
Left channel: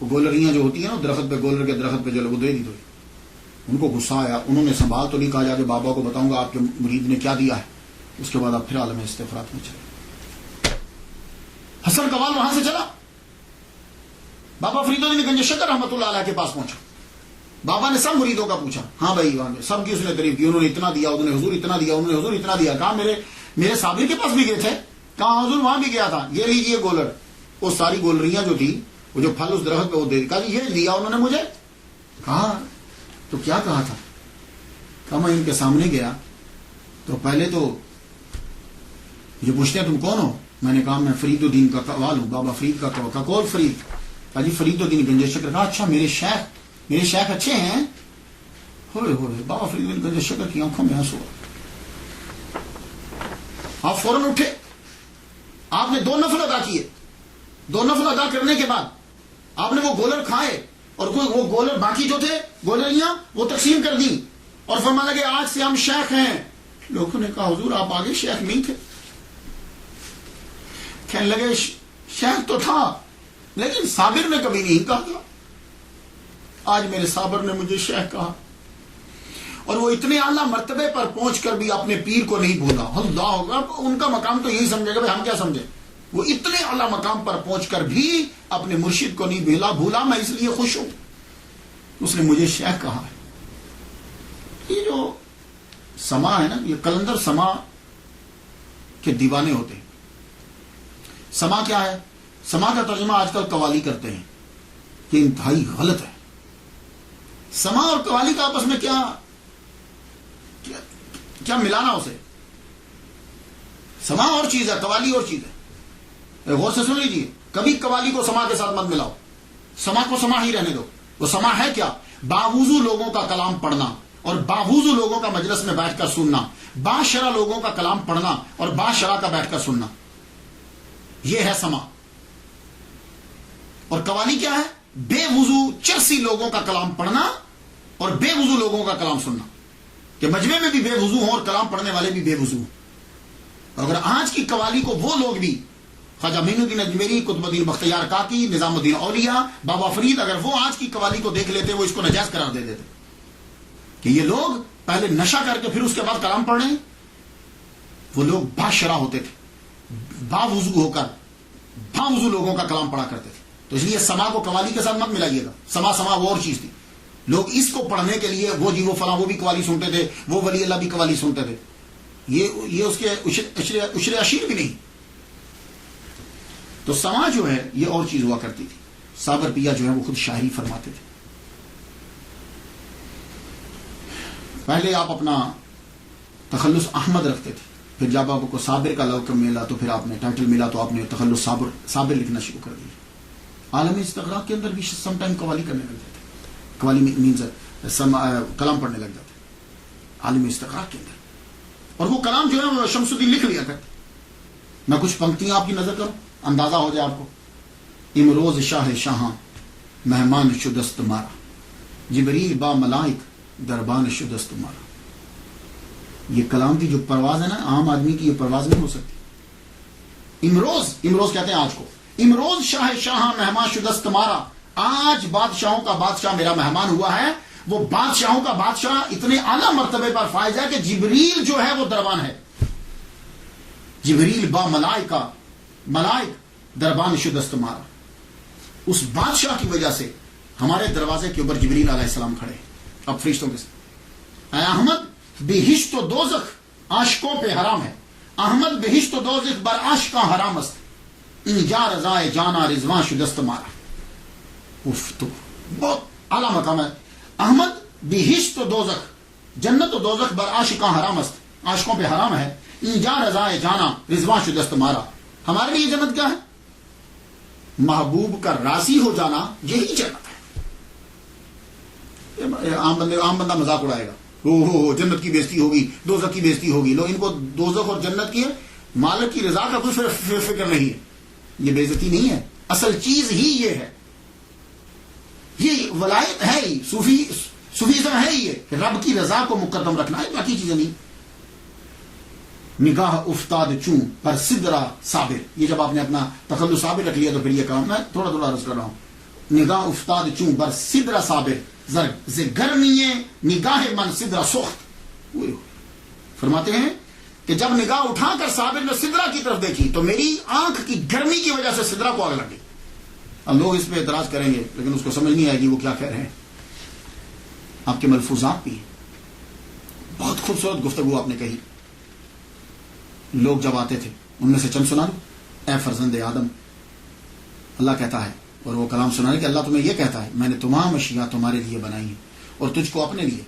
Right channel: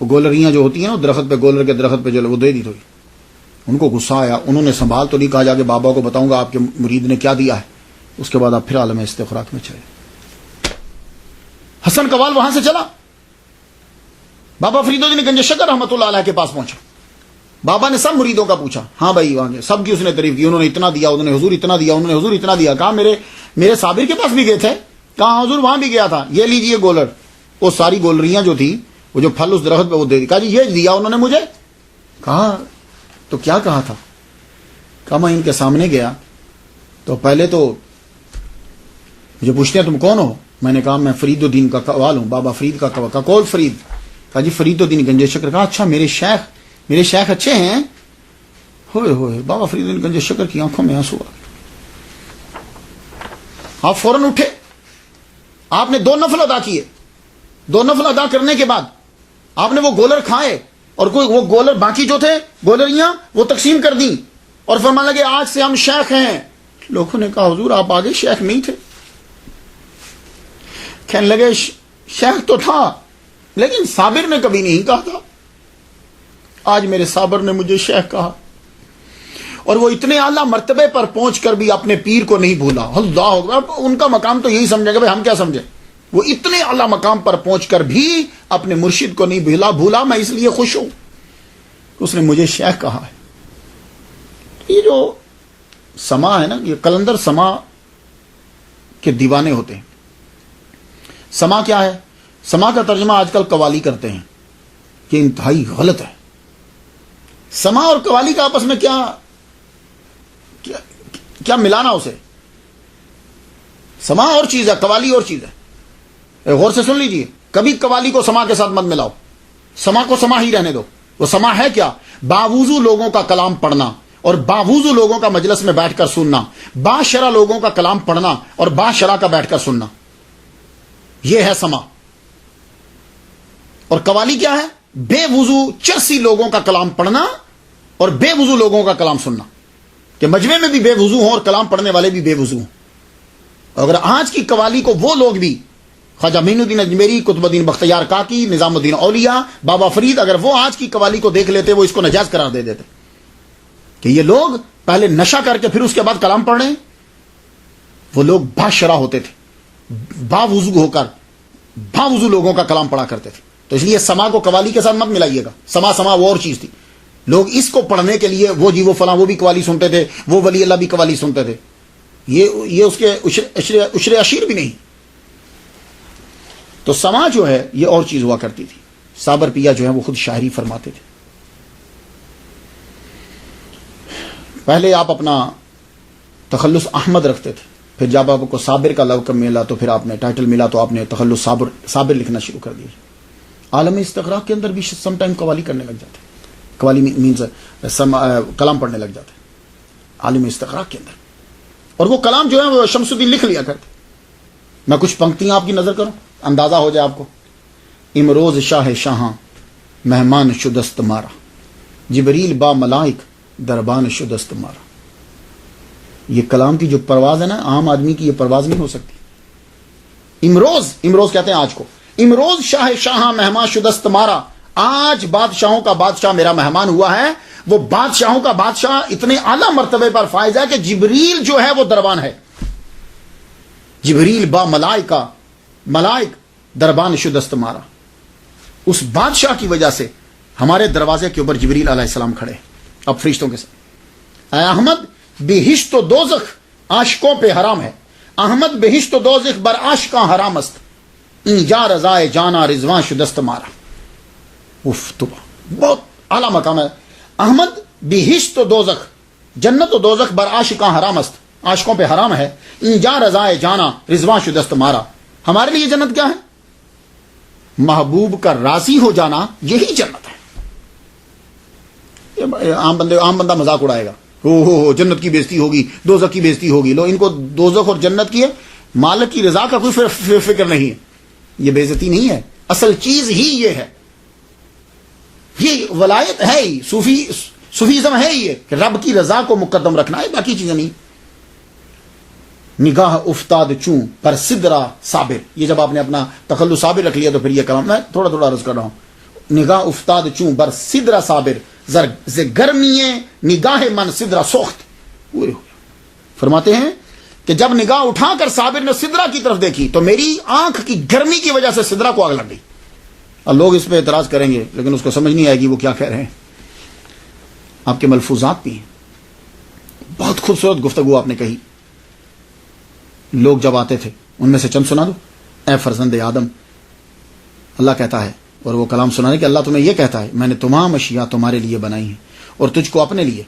وہ گولریاں جو ہوتی ہیں نا درخت پہ, گولر کے درخت پہ جو وہ دے دی تھوڑی. ان کو غصہ آیا, انہوں نے سنبھال تو نہیں, کہا جا کے بابا کو بتاؤں گا آپ کے مرید نے کیا دیا ہے. اس کے بعد آپ پھر عالم استغراق میں چلے. حسن قوال وہاں سے چلا, بابا فرید الدین گنج شکر رحمۃ اللہ علیہ کے پاس پہنچا. بابا نے سب مریدوں کا پوچھا, ہاں بھائی وہاں سب کی اس نے تعریف کی. انہوں نے اتنا دیا, انہوں نے حضور اتنا دیا, انہوں نے حضور اتنا دیا. کہا میرے صابر کے پاس بھی گئے تھے. کہا حضور وہاں بھی گیا تھا. یہ لیجئے گولر. وہ ساری گولریاں جو تھی وہ جو پھل اس درخت پہ وہ دے دی. کہا جی یہ دیا انہوں نے مجھے. کہا تو کیا کہا تھا؟ کہا میں ان کے سامنے گیا تو پہلے تو مجھے پوچھتے ہیں تم کون ہو. میں نے کہا میں فرید الدین کا قوال ہوں, بابا فرید کا قوال. کہا کون فرید؟ کہا جی فرید الدین گنج شکر. کہا اچھا میرے شیخ اچھے ہیں. ہوئے ہوئے بابا فرید الدین گنج شکر کی آنکھوں میں آنسو آ گئے. آپ فوراً اٹھے, آپ نے 2 نفل ادا کیے. 2 نفل ادا کرنے کے بعد آپ نے وہ گولر کھائے, اور کوئی وہ گولر باقی جو تھے گولریاں وہ تقسیم کر دیں, اور فرمانے لگے آج سے ہم شیخ ہیں. لوگوں نے کہا حضور آپ آگے شیخ نہیں تھے. کہنے لگے شیخ تو تھا لیکن صابر نے کبھی نہیں کہا تھا. آج میرے صابر نے مجھے شیخ کہا, اور وہ اتنے اعلیٰ مرتبے پر پہنچ کر بھی اپنے پیر کو نہیں بھولا. اللہ اکبر. ان کا مقام تو یہی سمجھے گا, بھائی ہم کیا سمجھے. وہ اتنے اعلیٰ مقام پر پہنچ کر بھی اپنے مرشد کو نہیں بھولا. میں اس لیے خوش ہوں اس نے مجھے شیخ کہا ہے. یہ جو سما ہے نا, یہ قلندر سما کے دیوانے ہوتے ہیں. سما کیا ہے؟ سما کا ترجمہ آج کل قوالی کرتے ہیں, یہ انتہائی غلط ہے. سما اور قوالی کا آپس میں کیا ملانا اسے. سما اور چیز ہے, قوالی اور چیز ہے. غور سے سن لیجئے, کبھی قوالی کو سما کے ساتھ مت ملاؤ. سما کو سما ہی رہنے دو. وہ سما ہے کیا؟ باوضو لوگوں کا کلام پڑھنا اور باوضو لوگوں کا مجلس میں بیٹھ کر سننا, باشرع لوگوں کا کلام پڑھنا اور باشرع کا بیٹھ کر سننا, یہ ہے سما. اور قوالی کیا ہے؟ بے وضو چرسی لوگوں کا کلام پڑھنا اور بے وضو لوگوں کا کلام سننا, کہ مجمع میں بھی بے وضو ہوں اور کلام پڑھنے والے بھی بے وضو ہوں. اگر آج کی قوالی کو وہ لوگ بھی, خواجہ معین الدین اجمیری, قطب الدین بختیار کاکی, نظام الدین اولیاء, بابا فرید, اگر وہ آج کی قوالی کو دیکھ لیتے وہ اس کو ناجائز قرار دے دیتے کہ یہ لوگ پہلے نشہ کر کے پھر اس کے بعد کلام پڑھ رہے ہیں. وہ لوگ باشرع ہوتے تھے, باوضو ہو کر باوضو لوگوں کا کلام پڑھا کرتے تھے. تو اس لیے سما کو قوالی کے ساتھ مت ملائیے گا. سما وہ اور چیز تھی. لوگ اس کو پڑھنے کے لیے وہ جی وہ فلاں وہ بھی قوالی سنتے تھے, وہ ولی اللہ بھی قوالی سنتے تھے. یہ اس کے عشر عشیر بھی نہیں. تو سما جو ہے یہ اور چیز ہوا کرتی تھی. صابر پیا جو ہے وہ خود شاعری فرماتے تھے. پہلے آپ اپنا تخلص احمد رکھتے تھے, پھر جب آپ کو صابر کا لقب ملا تو پھر آپ نے ٹائٹل ملا تو آپ نے تخلص صابر لکھنا شروع کر دیا. عالم استغراق کے اندر بھی سم ٹائم قوالی کرنے لگ جاتے, قوالی مینز کلام پڑھنے لگ جاتے عالم استغراق کے اندر. اور وہ کلام جو ہے وہ شمس الدین لکھ لیا کرتے. میں کچھ پنکتیاں آپ کی نظر کروں, اندازہ ہو جائے آپ کو. امروز شاہ شاہاں مہمان شدست مارا, جبریل با ملائک دربان شدست مارا. یہ کلام کی جو پرواز ہے نا, عام آدمی کی یہ پرواز نہیں ہو سکتی. امروز کہتے ہیں آج کو. امروز شاہ شاہاں مہمان شدست مارا, آج بادشاہوں کا بادشاہ میرا مہمان ہوا ہے. وہ بادشاہوں کا بادشاہ اتنے اعلیٰ مرتبے پر فائز ہے کہ جبریل جو ہے وہ دربان ہے. جبریل با ملائک دربان شدست مارا. اس بادشاہ کی وجہ سے ہمارے دروازے کے اوپر جبریل علیہ السلام کھڑے. اب فرشتوں کے ساتھ اے احمد بہشت و دوزخ عاشقوں پہ حرام ہے. احمد بہشت و دوزخ بر عاشقاں حرام است. اینجا رضائے جانا رضوان شدست مارا. تو بہت اعلیٰ مقام ہے. احمد بہشت و دوزخ جنت و دوزخ بر عاشقاں حرام است. عاشقوں پہ حرام ہے. اینجا رضائے جانا رضوان شدست مارا. ہمارے لیے جنت کیا ہے؟ محبوب کا راضی ہو جانا یہی جنت ہے. عام بندہ مذاق اڑائے گا. ہو جنت کی بےزتی ہوگی, دوزخ کی بےزتی ہوگی. لو ان کو دوزخ اور جنت کی ہے, مالک کی رضا کا کوئی فکر نہیں ہے. یہ بےزتی نہیں ہے, اصل چیز ہی یہ ہے. یہ ولایت ہے ہی, صوفیزم ہے ہی, یہ کہ رب کی رضا کو مقدم رکھنا ہے, باقی چیزیں نہیں. نگاہ افتاد چوں پر سدرا صابر. یہ جب آپ نے اپنا تخلص صابر رکھ لیا تو پھر یہ کلام میں تھوڑا عرض کر رہا ہوں. نگاہ افتاد چوں بر سدرا صابر ز گرمی نگاہ من سدرا سخت. فرماتے ہیں کہ جب نگاہ اٹھا کر صابر نے سدرا کی طرف دیکھی تو میری آنکھ کی گرمی کی وجہ سے سدرا کو آگ لگ گئی. اب لوگ اس پہ اعتراض کریں گے لیکن اس کو سمجھ نہیں آئے گی وہ کیا کہہ رہے ہیں. آپ کے ملفوظات بھی ہیں, بہت خوبصورت گفتگو آپ نے کہی. لوگ جب آتے تھے ان میں سے چند سنا دو. اے فرزند آدم, اللہ کہتا ہے, اور وہ کلام سنانے کہ اللہ تمہیں یہ کہتا ہے میں نے تمام اشیاء تمہارے لیے بنائی ہیں اور تجھ کو اپنے لیے,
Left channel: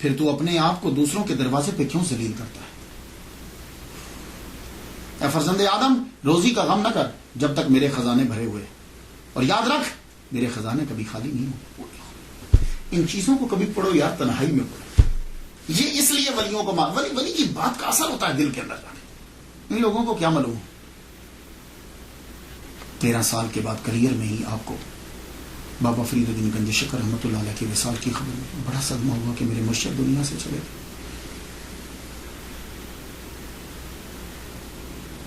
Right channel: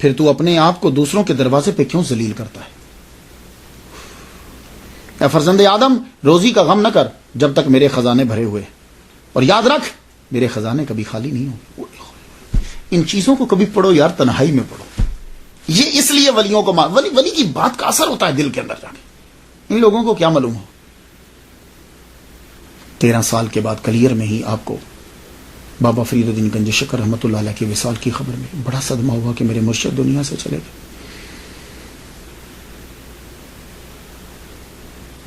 پھر تو اپنے آپ کو دوسروں کے دروازے پہ کیوں ذلیل کرتا ہے. اے فرزند آدم, روزی کا غم نہ کر جب تک میرے خزانے بھرے ہوئے, اور یاد رکھ میرے خزانے کبھی خالی نہیں ہوں. ان چیزوں کو کبھی پڑھو یار, تنہائی میں پڑھو. یہ اس لیے ولیوں کو ولی کی بات کا اثر ہوتا ہے دل کے اندر جا کے. ان لوگوں کو کیا معلوم ہو. 13 سال کے بعد کلیئر میں ہی آپ کو بابا فرید الدین گنج شکر رحمۃ اللہ علیہ کے وصال کی خبر میں بڑا صدمہ ہوا کہ میرے مرشد دنیا سے چلے گئے.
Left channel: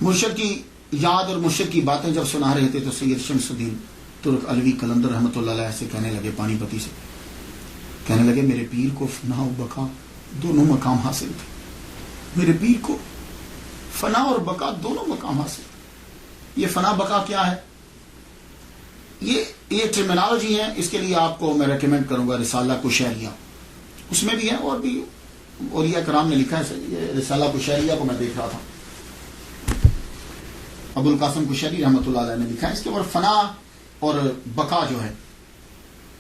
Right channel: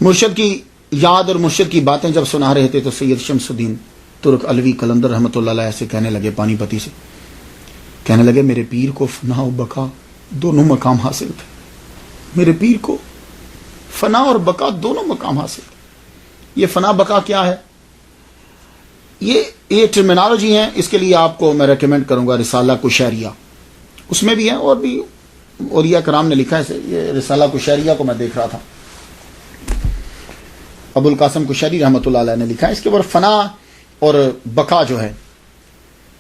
مرشد کی یاد اور مرشد کی باتیں جب سنا رہے تھے تو سید شمس الدین ترک علوی قلندر رحمۃ اللہ علیہ سے کہنے لگے, پانی پتی سے کہنے لگے, میرے پیر کو فنا و بقا دونوں مقام حاصل تھے. میرے پیر کو فنا اور بقا دونوں مقام حاصل تھے. یہ فنا بقا کیا ہے, یہ ٹرمینالوجی ہیں. اس کے لیے آپ کو میں ریکمینڈ کروں گا رسالہ کشیریہ, اس میں بھی ہے اور بھی اولیاء کرام نے لکھا ہے. یہ رسالہ کشیریہ کو میں دیکھ رہا تھا, ابو القاسم کشیری رحمۃ اللہ علیہ نے لکھا ہے. اس کے اوپر فنا اور بقا جو ہے,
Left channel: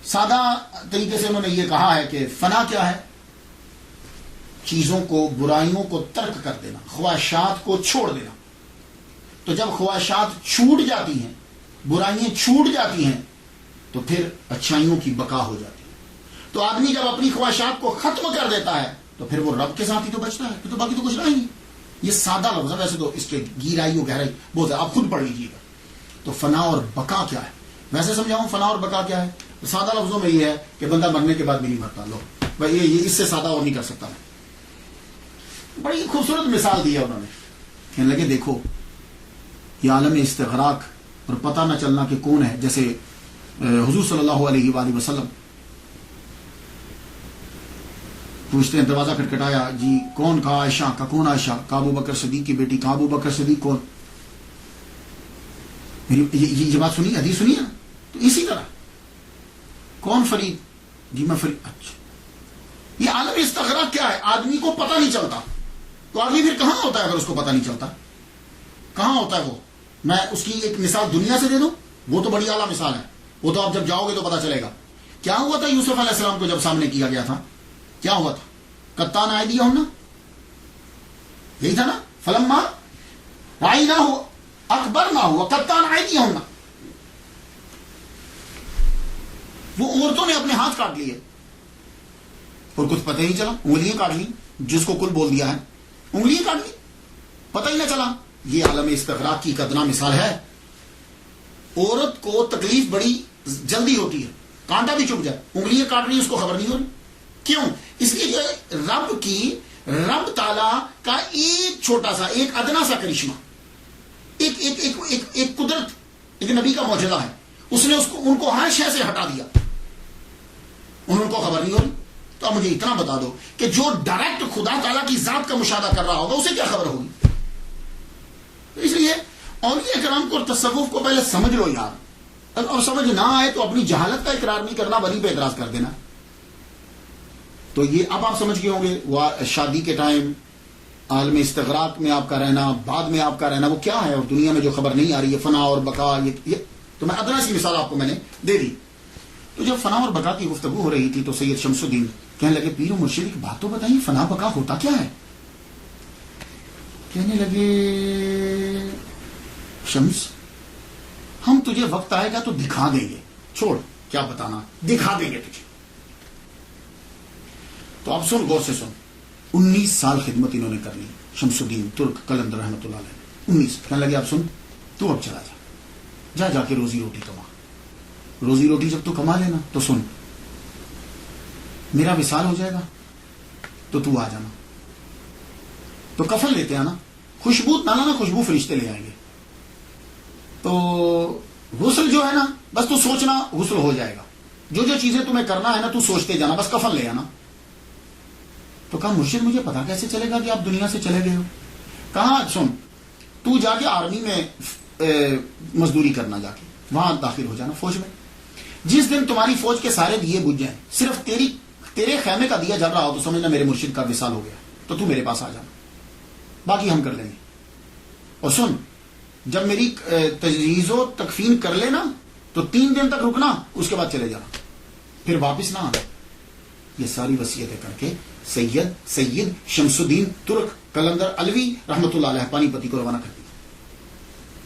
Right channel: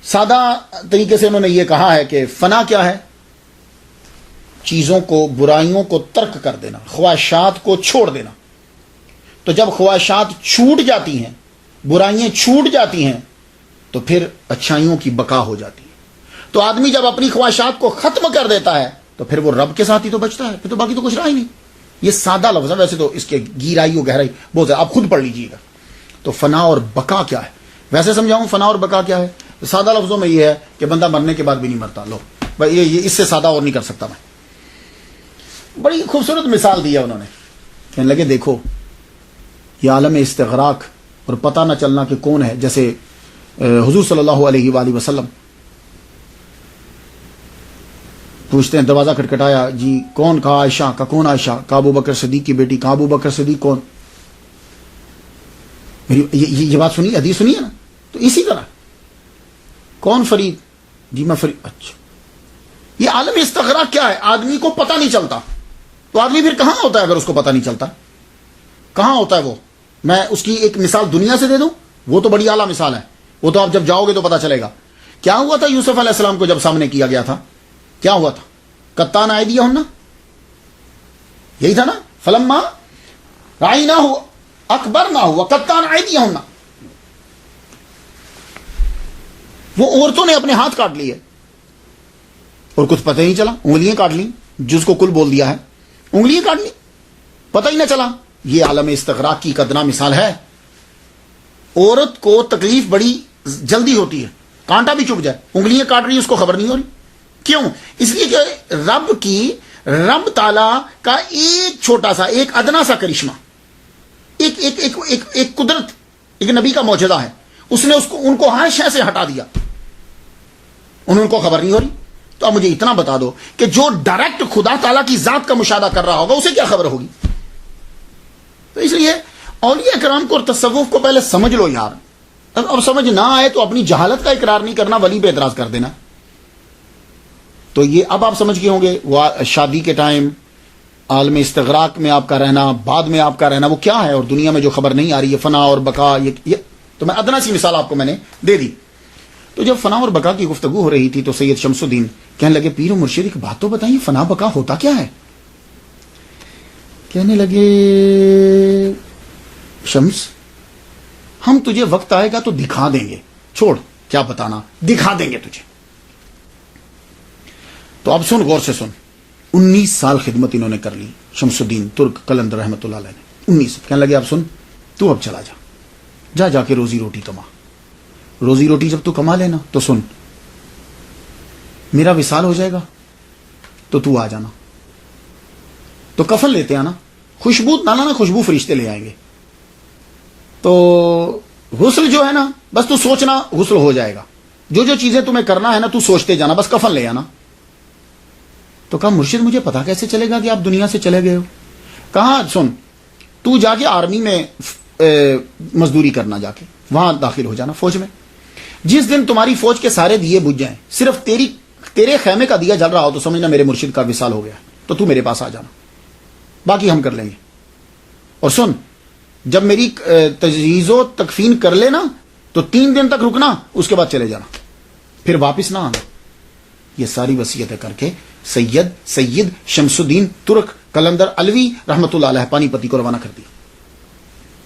سادہ طریقے سے انہوں نے یہ کہا ہے کہ فنا کیا ہے, چیزوں کو, برائیوں کو ترک کر دینا, خواہشات کو چھوڑ دینا. تو جب خواہشات چھوٹ جاتی ہیں, برائیاں چھوٹ جاتی ہیں, تو پھر اچھائیوں کی بقا ہو جاتی ہے. تو آدمی جب اپنی خواہشات کو ختم کر دیتا ہے تو پھر وہ رب کے ساتھ ہی تو بچتا ہے, پھر تو باقی تو کچھ رہا ہی نہیں. یہ سادہ لفظ ہے, ویسے تو اس کے گہرائی و گہرائی بہت ہے, آپ خود پڑھ لیجیے گا. تو فنا اور بقا کیا ہے, ویسے سمجھاؤں فنا اور بقا کیا ہے. سادہ لفظوں میں یہ ہے کہ بندہ مرنے کے بعد بھی نہیں مرتا. لو بھائی یہ اس سے سادہ اور نہیں کر سکتا میں. بڑی خوبصورت مثال دی ہے انہوں نے. کہنے لگے دیکھو یہ عالم استغراق اور پتہ نہ چلنا کہ کون ہے. جیسے حضور صلی اللہ علیہ وآلہ وسلم پوچھتے ہیں, دروازہ کھٹکھٹایا, جی کون؟ کہا عائشہ. کا کون عائشہ؟ کہا ابو بکر صدیق کی بیٹی. کہا ابو بکر صدیق کون؟ میری یہ بات سنی, حدیث سنی ہے نا. تو اسی طرح کون فرید؟ جی میں فرید. اچھا, یہ عالم استغراق کیا ہے, آدمی کو پتہ نہیں چلتا. تو آدمی پھر کہاں ہوتا ہے اگر اس کو پتہ نہیں چلتا؟ کہاں ہوتا ہے وہ؟ میں اس کی ایک مثال دنیا سے دے دوں, وہ تو بڑی اعلیٰ مثال ہے, وہ تو آپ جب جاؤ گے تو پتہ چلے گا. کیا ہوا تھا یوسف علیہ السلام کو جب سامنے کیا گیا تھا, کیا ہوا تھا؟ قطان ایدیہن, یہی تھا نا. فلما رأیناہ اکبرناہ وقطان ایدیہن, وہ عورتوں نے اپنے ہاتھ کاٹ لیے اور کچھ پتہ ہی نہیں چلا. انگلیاں کاٹ لی, جس کو کل بول دیا ہے, انگلیاں کاٹ لی, پتہ ہی نہ چلا. یہ عالم استغراق کی قدرہ مثال ہے. عورت کو تکلیف بڑی جلدی ہوتی ہے, کانٹا بھی چپ جائے, انگلیاں کاٹ رہی, اس کو خبر نہیں ہو رہی. کیوں؟ اس لیے کہ رب تعالی کا ایک چھوٹا سا, ایک ادنا سا کرشمہ, ایک قدرت, ایک نبی کا معجزہ ہے. اس نے ان کو ہر شے سے ہٹا دیا, ان کو خبر نہیں ہو رہی. تو اب مجھے اتنا بتا دو کہ جو ڈائریکٹ خدا تعالیٰ کی ذات کا مشاہدہ کر رہا ہوگا اسے کیا خبر ہوگی؟ تو اس لیے اولیاء کرام کو اور تصوف کو پہلے سمجھ لو یار. اب سمجھ نہ آئے تو اپنی جہالت کا اقرار نہیں کرنا, ولی پہ اعتراض کر دینا. تو یہ اب آپ سمجھ گئے ہوں گے وہ شادی کے ٹائم عالم استغراق میں آپ کا رہنا, بعد میں آپ کا رہنا, وہ کیا ہے, اور دنیا میں جو خبر نہیں آ رہی ہے فنا اور بقا. یہ تو میں ادنا سی مثال آپ کو میں نے دے دی. تو جب فنا اور بقا کی گفتگو ہو رہی تھی تو سید شمس الدین کہنے لگے پیر و مرشد ایک بات تو بتائیے, فنا بقا ہوتا کیا ہے؟ کہنے لگے شمس ہم تجھے وقت آئے گا تو دکھا دیں گے, چھوڑ کیا بتانا, دکھا دیں گے تجھے. تو اب سن, غور سے سن. 19 سال خدمت انہوں نے کر لی شمس الدین ترک قلندر رحمۃ اللہ علیہ نے. 19. کہنے لگے اب سن, تو اب چلا جا کے روزی روٹی کما. روزی روٹی جب تو کما لینا تو سن, میرا وصال ہو جائے گا تو آ جانا. تو کفن لیتے آنا, خوشبو نہ لانا, خوشبو فرشتے لے آئیں گے. تو غسل جو ہے نا, بس تو سوچنا غسل ہو جائے گا. جو چیزیں تمہیں کرنا ہے نا تو سوچتے جانا, بس کفن لے آنا. تو کہا مرشد مجھے پتا کیسے چلے گا کہ آپ دنیا سے چلے گئے ہو؟ کہا سن, تو جا کے آرمی میں مزدوری کرنا, جا کے وہاں داخل ہو جانا فوج میں. جس دن تمہاری فوج کے سارے دیے بجھ جائیں, صرف تیرے خیمے کا دیا جل رہا ہو تو سمجھنا میرے مرشد کا وصال ہو گیا, تو میرے پاس آ جانا, باقی ہم کر لیں گے. اور سن, جب میری تجہیز و تکفین کر لینا تو 3 دن تک رکنا, اس کے بعد چلے جانا, پھر واپس نہ آنا. یہ ساری وصیتیں کر کے سید شمس الدین ترک قلندر علوی رحمۃ اللہ علیہ پانی پتی کو روانہ کر دی,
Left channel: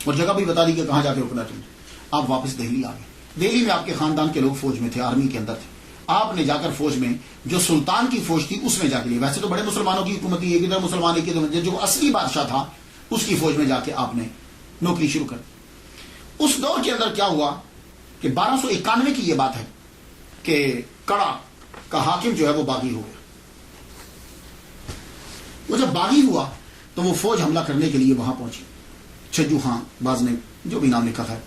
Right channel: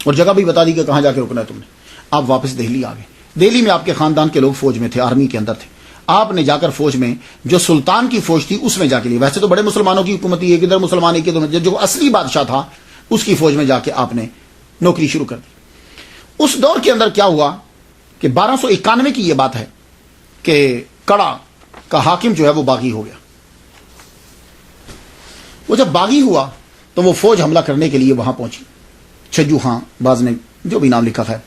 اور جگہ بھی بتا دی کہ کہاں جا کے رکنا ہے تم نے. آپ واپس دہلی آ گئے. دہلی میں آپ کے خاندان کے لوگ فوج میں تھے, آرمی کے اندر تھے. آپ نے جا کر فوج میں جو سلطان کی فوج تھی اس میں جا کے لی. ویسے تو بڑے مسلمانوں کی حکومت تھی, ایک ادھر مسلمان ایک ادھر, جو اصلی بادشاہ تھا اس کی فوج میں جا کے آپ نے نوکری شروع کر دی. اس دور کے اندر کیا ہوا کہ 1291 کی یہ بات ہے کہ کڑا کا حاکم جو ہے وہ باغی ہو گیا. وہ جب باغی ہوا تو وہ فوج حملہ کرنے کے لیے وہاں پہنچی. چھجو ہاں باز نے جو بھی نام لکھا ہے,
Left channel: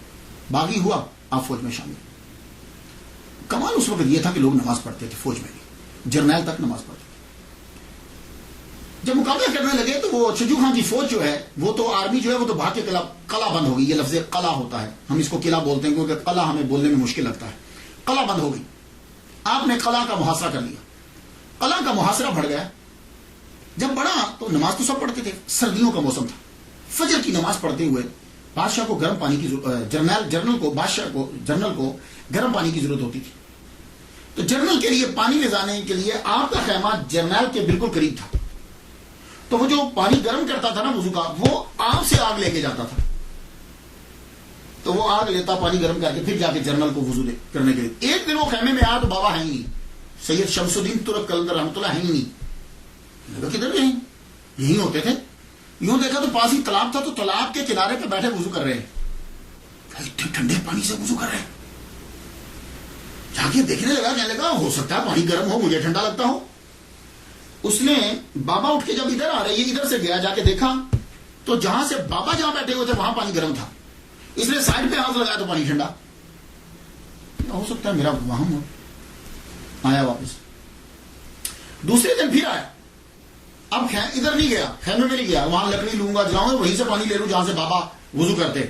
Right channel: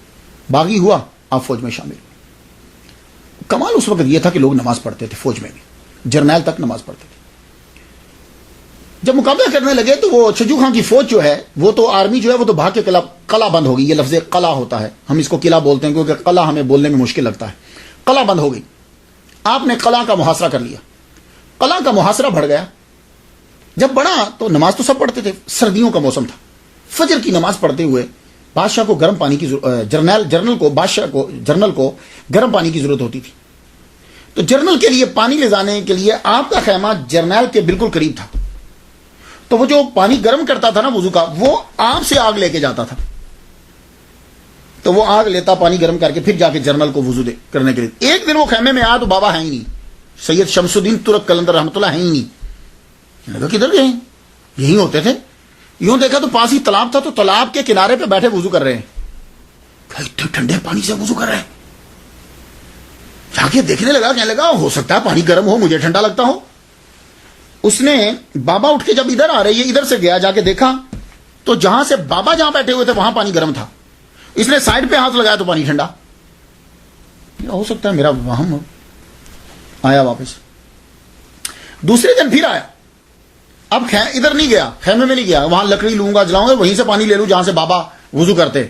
باغی ہوا, آپ فوج میں شامل. کمال اس وقت یہ تھا کہ لوگ نماز پڑھتے تھے فوج میں بھی, جرنیل تک نماز پڑھتے تھے. جب مقابلہ کرنے لگے تو وہ چھجو خان کی فوج جو ہے وہ تو آرمی جو ہے وہ تو بھاگ کے قلعہ بند ہو گئی. یہ لفظ قلعہ ہوتا ہے, ہم اس کو قلعہ بولتے ہیں کیونکہ قلعہ ہمیں بولنے میں مشکل لگتا ہے. قلعہ بند ہو گئی. آپ نے قلعہ کا محاصرہ کر لیا. قلعہ کا محاصرہ بڑھ گیا. جب بڑھا تو نماز تو سب پڑھتے تھے, سردیوں کا موسم تھا. فجر کی نماز پڑھتے ہوئے بادشاہ کو گرم پانی کی جنرل کو گرم پانی کی ضرورت ہوتی تھی. تو جنرل کے لیے پانی لے جانے کے لیے آپ کا خیمہ جرنیل کے بالکل قریب تھا. تو وہ جو پانی گرم کرتا تھا نا وضو کا, وہ آپ سے آگ لے کے جاتا تھا. تو وہ آگ لیتا, پانی گرم کر کے پھر جا کے جرنل کو وضو کرنے کے لیے. ایک دن وہ خیمے میں آیا تو بابا ہے ہی نہیں, سید شمس الدین ترک قلندر رحمۃ اللہ ہے ہی نہیں. کدھر گئے؟ یہی ہوتے تھے. یوں دیکھا تو پاس ہی تالاب تھا, تو تالاب کے کنارے پہ بیٹھے وضو کر رہے ہیں. اتنے ٹھنڈے پانی سے وضو کر رہے ہیں. جا کے دیکھنے لگا, کہنے لگا ہو سکتا ہے پانی گرم ہو, مجھے ٹھنڈا لگتا ہو. اس نے بابا اٹھ کے جب ادھر آ رہے, یہ ادھر سے گیا, جا کے دیکھا تو جہاں سے بابا جہاں بیٹھے ہوئے تھے وہاں پانی گرم تھا. اس نے سائڈ پہ ہاتھ لگایا تو پانی ٹھنڈا. ہو سکتا ہے میرا وہم. آیا واپس. دوسرے دن پھر آیا. اب ادھر نہیں گیا, خیمے میں نہیں گیا, وہاں لکڑی لوں گا جلاؤں گا, وہیں سے پانی لے لوں جہاں سے بابا وضو کرتے.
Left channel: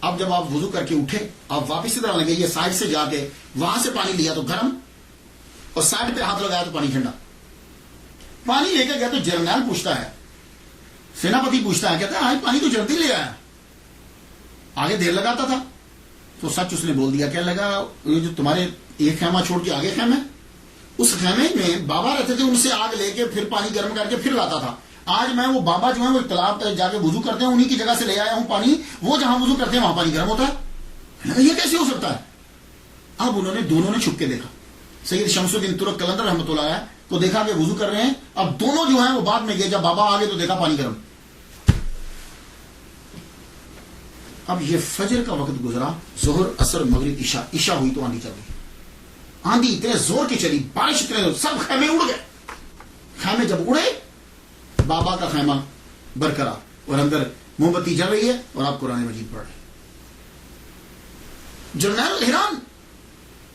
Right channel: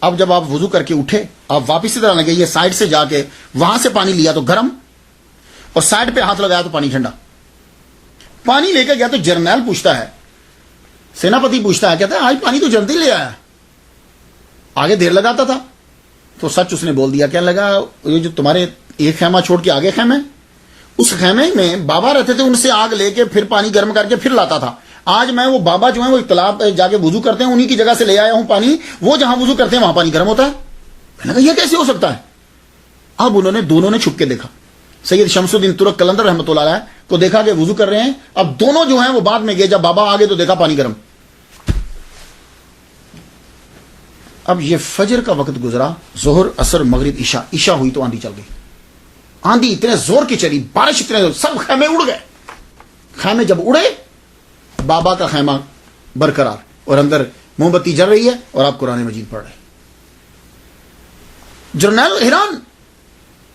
اب جب آپ وضو کر کے اٹھے, آپ واپس ادھر آنے گئے, یہ سائڈ سے جا کے وہاں سے پانی لیا تو گرم, اور سائڈ پہ ہاتھ لگایا تو پانی ٹھنڈا. پانی لے کے گیا تو جرنیل پوچھتا ہے, سیناپتی پوچھتا ہے, کہتا ہے آج پانی تو جلدی لے آیا, آگے دیر لگاتا تھا. تو سچ اس نے بول دیا. کہنے لگا یہ جو تمہارے ایک خیمہ چھوڑ کے آگے خیمہ, اس خیمے میں بابا رہتے تھے, ان سے آگ لے کے پھر پانی گرم کر کے پھر لاتا تھا. آج میں وہ بابا جو ہیں وہ تالاب جا کے وضو کرتے ہیں, انہی کی جگہ سے لے آیا ہوں پانی. وہ جہاں وضو کرتے ہیں وہاں پانی گرم ہوتا ہے. میں نے کہا یہ کیسے ہو سکتا ہے؟ اب دونوں نے چھپ کے دیکھا. سید شمس الدین ترک قلندر رحمۃ اللہ علیہ کو دیکھا کہ وضو کر رہے ہیں. اب دونوں جو ہیں وہ بعد میں گئے, جب بابا آگے تو دیکھا پانی گرم. اب یہ فجر کا وقت گزرا, ظہر اثر مغرب عشاء ہوئی تو آندھی چل گئی. آندھی اتنے زور کی چلی, بارش اتنے زور, سب خیمے اڑ گئے. خیمے جب اڑے, بابا کا خیمہ برقرار, اور اندر موم بتی جل رہی ہے, اور آپ قرآن مجید پڑھ رہے ہیں. جرنیل حیران,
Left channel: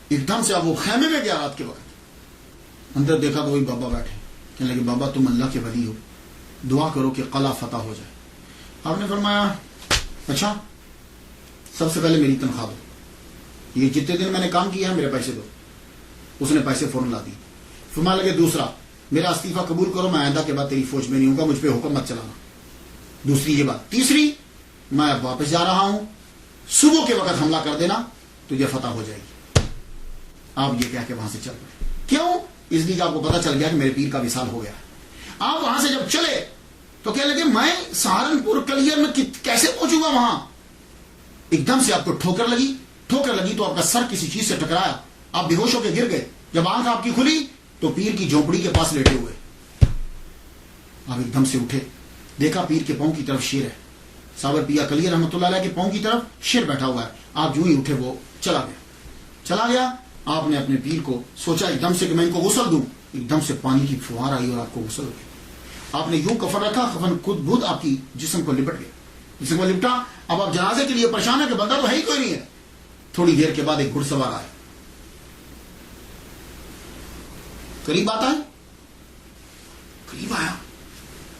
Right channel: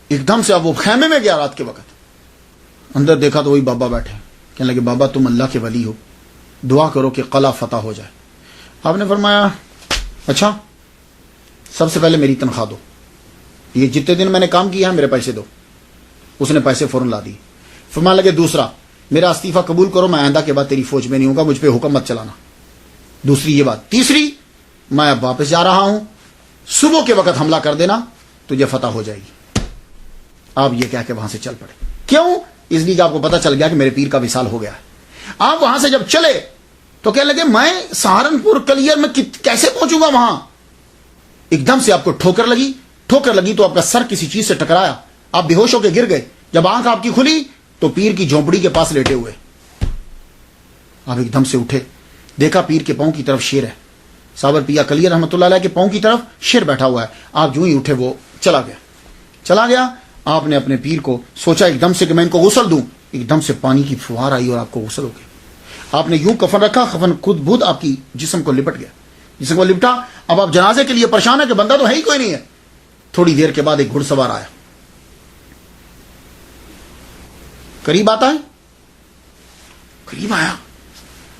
ایک دم سے اب وہ خیمے میں گیا رات کے وقت. اندر دیکھا تو وہی بابا بیٹھے، کہنے لگے بابا تم اللہ کے ولی ہو، دعا کرو کہ قلعہ فتح ہو جائے۔ آپ نے فرمایا اچھا سب سے پہلے میری تنخواہ دو، یہ جتنے دن میں نے کام کیا ہے میرے پیسے دو۔ اس نے پیسے فوراً لا دی۔ فرمانے لگے دوسرا میرا استعفیٰ قبول کرو، میں آئندہ کے بعد تیری فوج میں نہیں ہوں گا، مجھ پہ حکم مت چلانا۔ دوسری یہ بات۔ تیسری میں اب واپس جا رہا ہوں، صبح کے وقت حملہ کر دینا، تجھے فتح ہو جائے گی۔ آپ یہ کہہ کے وہاں سے چل پڑے۔ کیوں؟ اس لیے کہ آپ کو پتا چل گیا کہ میرے پیر کا وصال ہو گیا ہے۔ آپ وہاں سے جب چلے تو کہنے لگے میں سہارنپور کلیئر میں کیسے پہنچوں گا وہاں؟ ایک دم سے آپ کو ٹھوکر لگی تو آپ کا سر کسی چیز سے ٹکرایا، آپ بے ہوش ہو کے گر گئے۔ جب آنکھ آپ کی کھلی تو پیر کی جھونپڑی کے پاس لیٹے ہوئے۔ آپ ایک دم سے اٹھے، دیکھا پیر کے پاؤں کی طرف شیر ہے، صابر پیا کلیئر رحمۃ اللہ علیہ کے پاؤں کی طرف شیر بیٹھا ہوا ہے۔ آپ جو ہی اٹھے وہ چلا گیا۔ آپ نے اپنے پیر کو سوچا ایک دم سے کہ میں ان کو غسل دوں، ایک دم سے پانی کی فوار آئی اور آپ کو غسل ہو گئی۔ آپ نے یوں کفن رکھا، کفن خود بدھ آپ کی جسم کو لپٹ گیا، جسم کو لپٹا۔ اب آپ جنازے کے لیے پریشان ہے کہ بندہ تو ہے ہی کوئی نہیں ہے۔ تھوڑی دیر کے بعد ایک گھڑ سوار آیا، قریب آتا ہے، قریب آیا،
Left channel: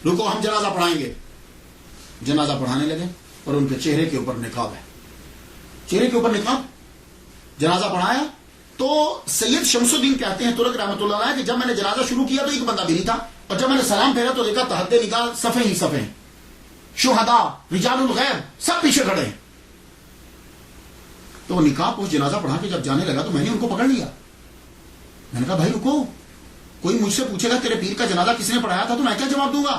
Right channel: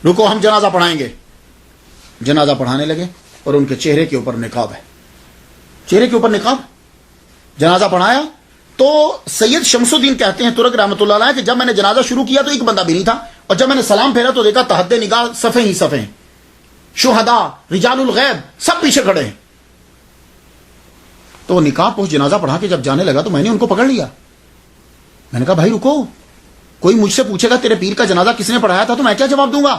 رکو ہم جنازہ پڑھائیں گے۔ جنازہ پڑھانے لگے اور ان کے چہرے کے اوپر نقاب ہے، چہرے کے اوپر نقاب۔ جنازہ پڑھایا تو سید شمس الدین کہتے ہیں ترک رحمۃ اللہ علیہ کہ جب میں نے جنازہ شروع کیا تو ایک بندہ بھی نہیں تھا، اور جب میں نے سلام پھیرا تو دیکھا تحت نگاہ صفیں ہی صفیں، شہداء رجال الغیب سب پیچھے کھڑے ہیں۔ تو نکاح پوچھ جنازہ پڑھا کے جب جانے لگا تو میں نے ان کو پکڑ لیا۔ میں نے کہا بھائی رکو، کوئی مجھ سے پوچھے گا تیرے پیر کا جنازہ کس نے پڑھایا تھا تو میں کیا جواب دوں گا؟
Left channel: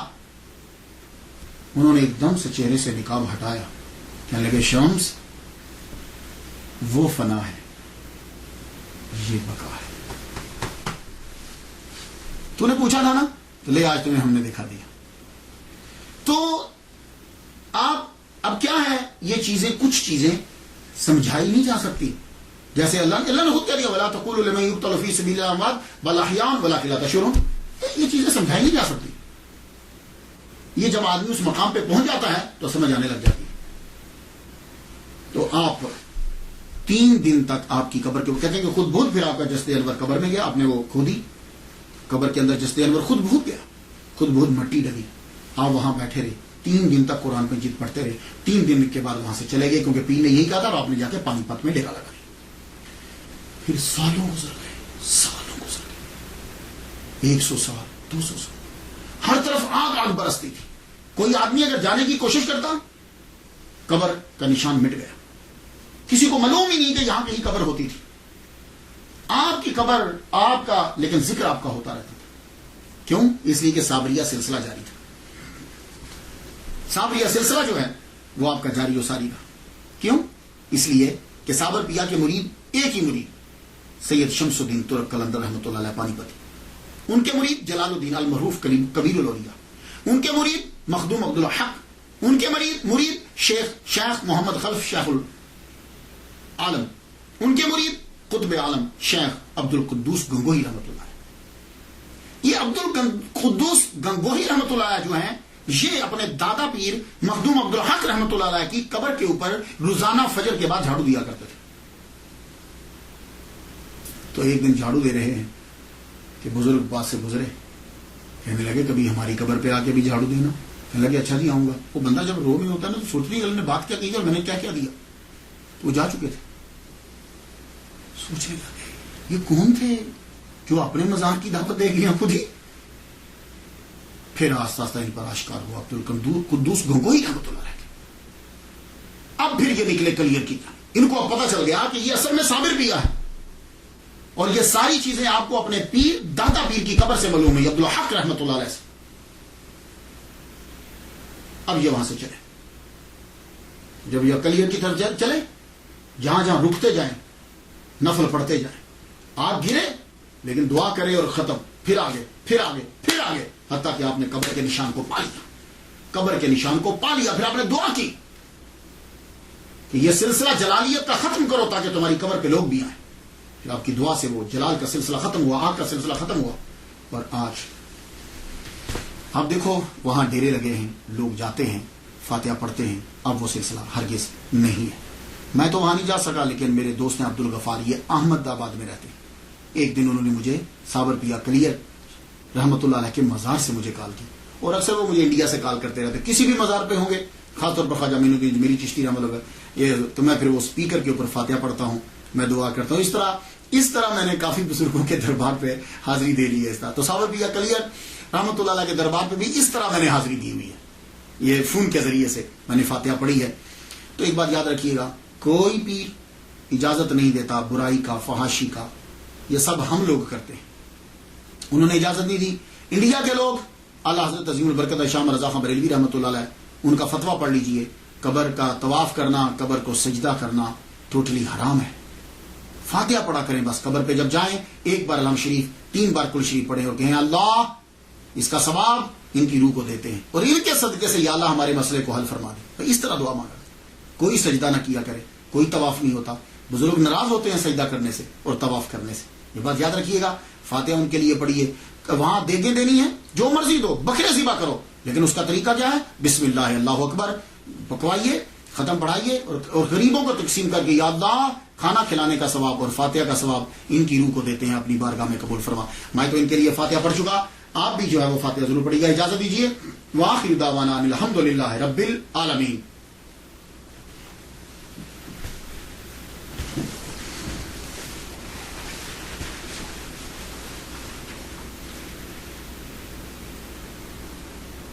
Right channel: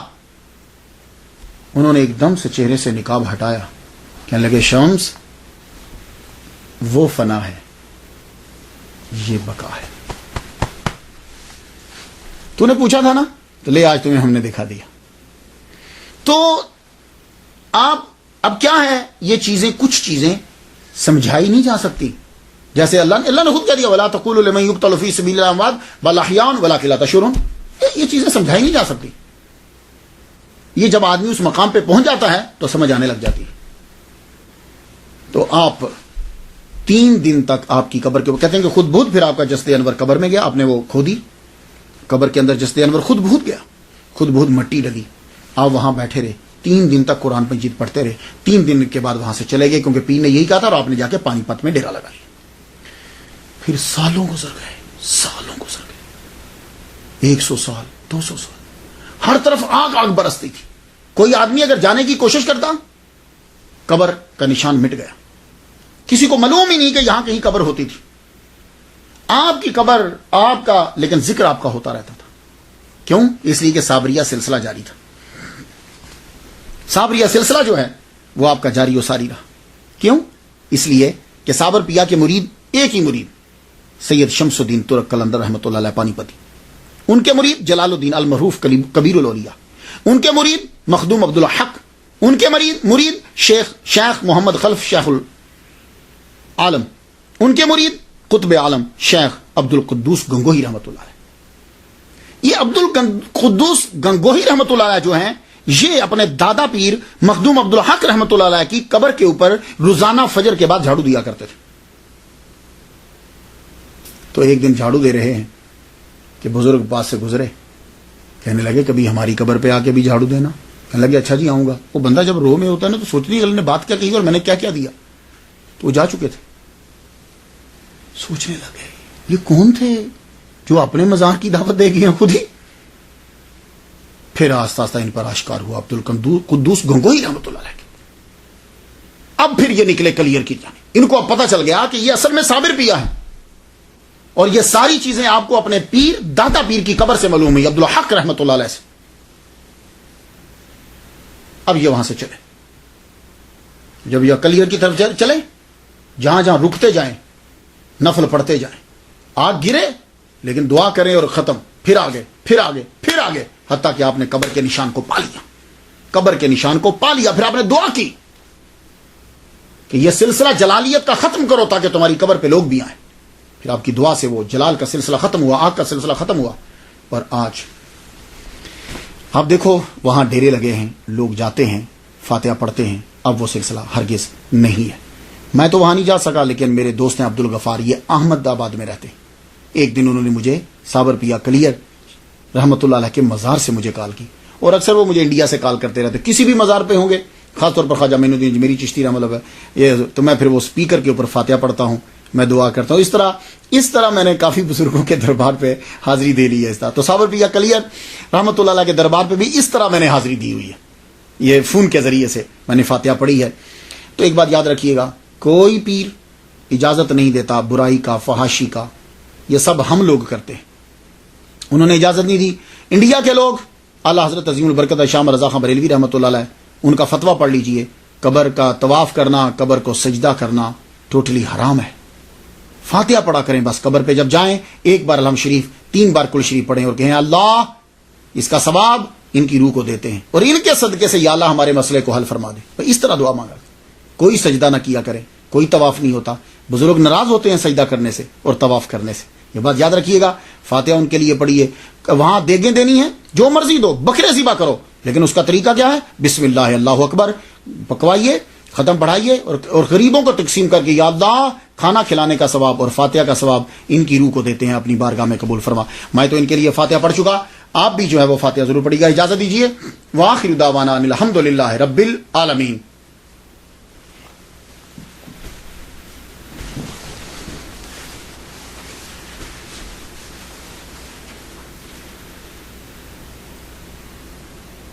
انہوں نے ایک دم سے چہرے سے نقاب ہٹایا، کہنے لگے شمس وہ فنا ہے، یہ بقا ہے۔ تو نے پوچھا تھا نا، تو لے آج تمہیں ہم نے دکھا دیا۔ تو آپ اب کیا ہے، یہ چیزیں کچھ چیزیں سمجھائی نہیں جا سکتی، جیسے اللہ نے خود کہہ دیا وَلَا تَقُولُوا لِمَن يُقْتَلُ فِي سَبِيلِ اللَّهِ أَمْوَاتٌ بَلْ أَحْيَاءٌ وَلَٰكِن لَا تَشْعُرُونَ۔ یہ چیزیں سمجھائی نہیں جا سکتی۔ یہ جب آدمی اس مقام پہ پہنچ جاتا ہے تو سمجھ آنے لگ جاتی ہے۔ تو آپ 3 دن تک آپ کی قبر کے، وہ کہتے ہیں کہ خود بہت، پھر آپ کا جسد انور قبر میں گیا، آپ نے وہ کھودی، قبر کے اندر جسد انور خود بہت گیا، خود بہت مٹی ڈلی۔ آپ وہاں بیٹھے رہے 3 دن تک، قرآن مجید پڑھتے رہے۔ 3 دن کے بعد وہاں سے چلے گئے کیونکہ پیر نے یہی کہا تھا، اور آپ نے جا کے پانی پت میں ڈیرا لگا لیا۔ پھر سالوں گزر گئے، 100 سال 200 سال، ہر طرف آگ برستی تھی۔ کوئی آدمی اگر جانے کی کوشش کرتا، قبر کا نشان مٹ گیا، کسی کو معلوم ہی نہیں کہ یہاں کہیں قبر ہوتی تھی۔ آپ کی قبر آپ کا، لیکن ذکر آپ کا ہوتا رہتا تھا۔ کیوں؟ اس لیے کہ صابریہ سلسلہ جاری تھا۔ صابریہ سلسلہ جو ہے وہ آپ کا جاری و ساری رہا۔ کیوں؟ اس لیے کہ صابر پیا کے مرید، ایک ہی مرید سید شمس الدین ترک قلندر رحمۃ اللہ علیہ پانی پتی، ان کے مرید جلال الدین المعروف کبیر الاولیاء، ان کے مرید مخدوم عبد الحق، ان کے مرید شیخ محمد خلف شیخ العالم، ان کے مرید قطب عالم شیخ عبد القدوس گنگوہی رحمۃ اللہ علیہ۔ یہ عبد القدوس گنگوہی رحمۃ اللہ علیہ جو ہیں، یہ اپنے دادا پیر مخدوم عبد الحق رحمۃ اللہ علیہ کی قبر کے اوپر روزانہ فجر کے بعد جھاڑو دیا کرتے تھے۔ تو ایک دن جھاڑو دے رہے ہیں کہ بزرگ پاس سے گزرے، کہنے لگے کبھی ہماری قبر پہ آ کے بھی جھاڑو دینا۔ کہنے لگے اچھا جی آؤں گا۔ وہ بندہ جب رو میں ہوتا ہے نا تو سوچتی ہے نے بات کیا کہی اور میں نے کیا کیا دیا۔ تو وہ جا چکے تھے، سوچنے لگے یہ کون تھے جو اپنے مزاح کی دعوت دے گئے ہیں خود ہی۔ پھر آہستہ آہستہ ان پر آشکار ہوا عبد القدوس گنگوہی رحمۃ اللہ علیہ۔ اب پھر یہ نکلے کلیئر کی جانب، ان کو اب پتہ چل گیا کہ یہ اصل میں صابر پیا ہے، اور یہ ساری چیزیں آپ کو اپنے پیر دادا پیر کی قبر سے معلوم ہے، عبد الحق رحمۃ اللہ علیہ سے۔ اب یہ وہاں سے چلے، جب یہ کلیئر کی طرف چلے، جہاں جہاں رکتے جائیں نفل پڑھتے جائیں، آگ گرے لیکن دعا کریں اور ختم، پھر آگے پھر آگے پھر آگے، حتیٰ کہ آپ نے قبر کے نشان کو پا لیا، قبر کے نشان کو پا لیا۔ پھر آپ نے دعا کی کہ یہ سلسلہ جلالیت کا ختم کرو تاکہ تمہاری قبر پہ لوگ بھی آئیں۔ پھر آپ کی دعا سے وہ جلال کا سلسلہ ختم ہوا، آگ کا سلسلہ ختم ہوا۔ اور آج آپ دیکھو وہاں ڈیرے لگے ہیں، لوگ جاتے ہیں، فاتحہ پڑھتے ہیں۔ اب وہ سلسلہ ہرگز نہیں ہے۔ میں تو وہاں نہیں جا سکا، لیکن میرے دوست ہیں عبد الغفار، یہ احمد آباد میں رہتے ہیں۔ ایک دن انہوں نے مجھے صابر پیا کلیئر رحمۃ اللہ علیہ کے مزار سے مجھے کال کی، اور اکثر وہ مجھے انڈیا سے کال کرتے رہتے، کسی بھی مزار پہ ہوں گے، خاص طور پر خواجہ معین الدین اجمیری چشتی رحمۃ اللہ علیہ، یہ تو میں پھر وہ اسپیکر کے اوپر فاتحہ پڑھتا ہوں، میں دعا کرتا ہوں. اس طرح میں نے کافی بزرگوں کے دربار پہ حاضری دے لی ہے. اس طرح تو صابر پیا کلیئر رحمۃ اللہ علیہ کے دربار پہ بھی اس طرح میں نے حاضری دی ہوئی ہے، یہ فون کے ذریعے سے میں نے فاتحہ پڑھی ہے. تو ایک بات یاد رکھیے گا، کوئی پیر اجازت نہیں دیتا برائی کا، فحاشی کا، یہ سب ہم لوگ کرتے ہیں، انہوں نے اجازت نہیں دی. انڈیا کے لوگ اعلیٰ حضرت عظیم البرکت شاہ رضا خان بریلوی رحمۃ اللہ علیہ، ان کا فتویٰ پڑھ لیجئے، قبر کا طواف کرنا، قبر کو سجدہ کرنا ٹوٹلی حرام ہے. فاتحہ پڑھا کریں بس، قبر پہ جب جائیں ایک بار الحمد شریف، 3 بار کل شریف پڑھیں اور کہیں اللہ اس کا ثواب ان کی روح کو دیتے ہیں، اور ان کے صدقے سے یا اللہ ہمارے مسئلے کو حل فرما دے. اس طرح دعا مانگا، کوئی سجدہ نہ کیا کرے، کوئی طواف نہیں ہوتا. بزرگ ناراض ہوتے ہیں سجدہ کرنے سے اور طواف کرنے سے، یہ بات یاد رکھیے گا. فاتحہ ان کے لیے پڑھیے. وہاں دیگیں دینی ہے، جو مرضی دو، بکرے ذبح کرو، لیکن اس کا طریقہ کیا ہے؟ بسم اللہ اللہ اکبر پکوائیے، ختم پڑھائیے، اور غریبوں کو تقسیم کر کے یا اللہ کھانا کھلانے کا ثواب اور فاتحہ کا ثواب ان کی روح کو دیتے ہیں، اپنی بارگاہ میں قبول فرما. میں تو ان کے لیے فاتحہ پڑھ چکا، آپ بھی جو ہے وہ فاتحہ ضرور پڑھیے گا. اجازت دیجیے. وآخر دعوانا ان الحمد للہ رب العالمین.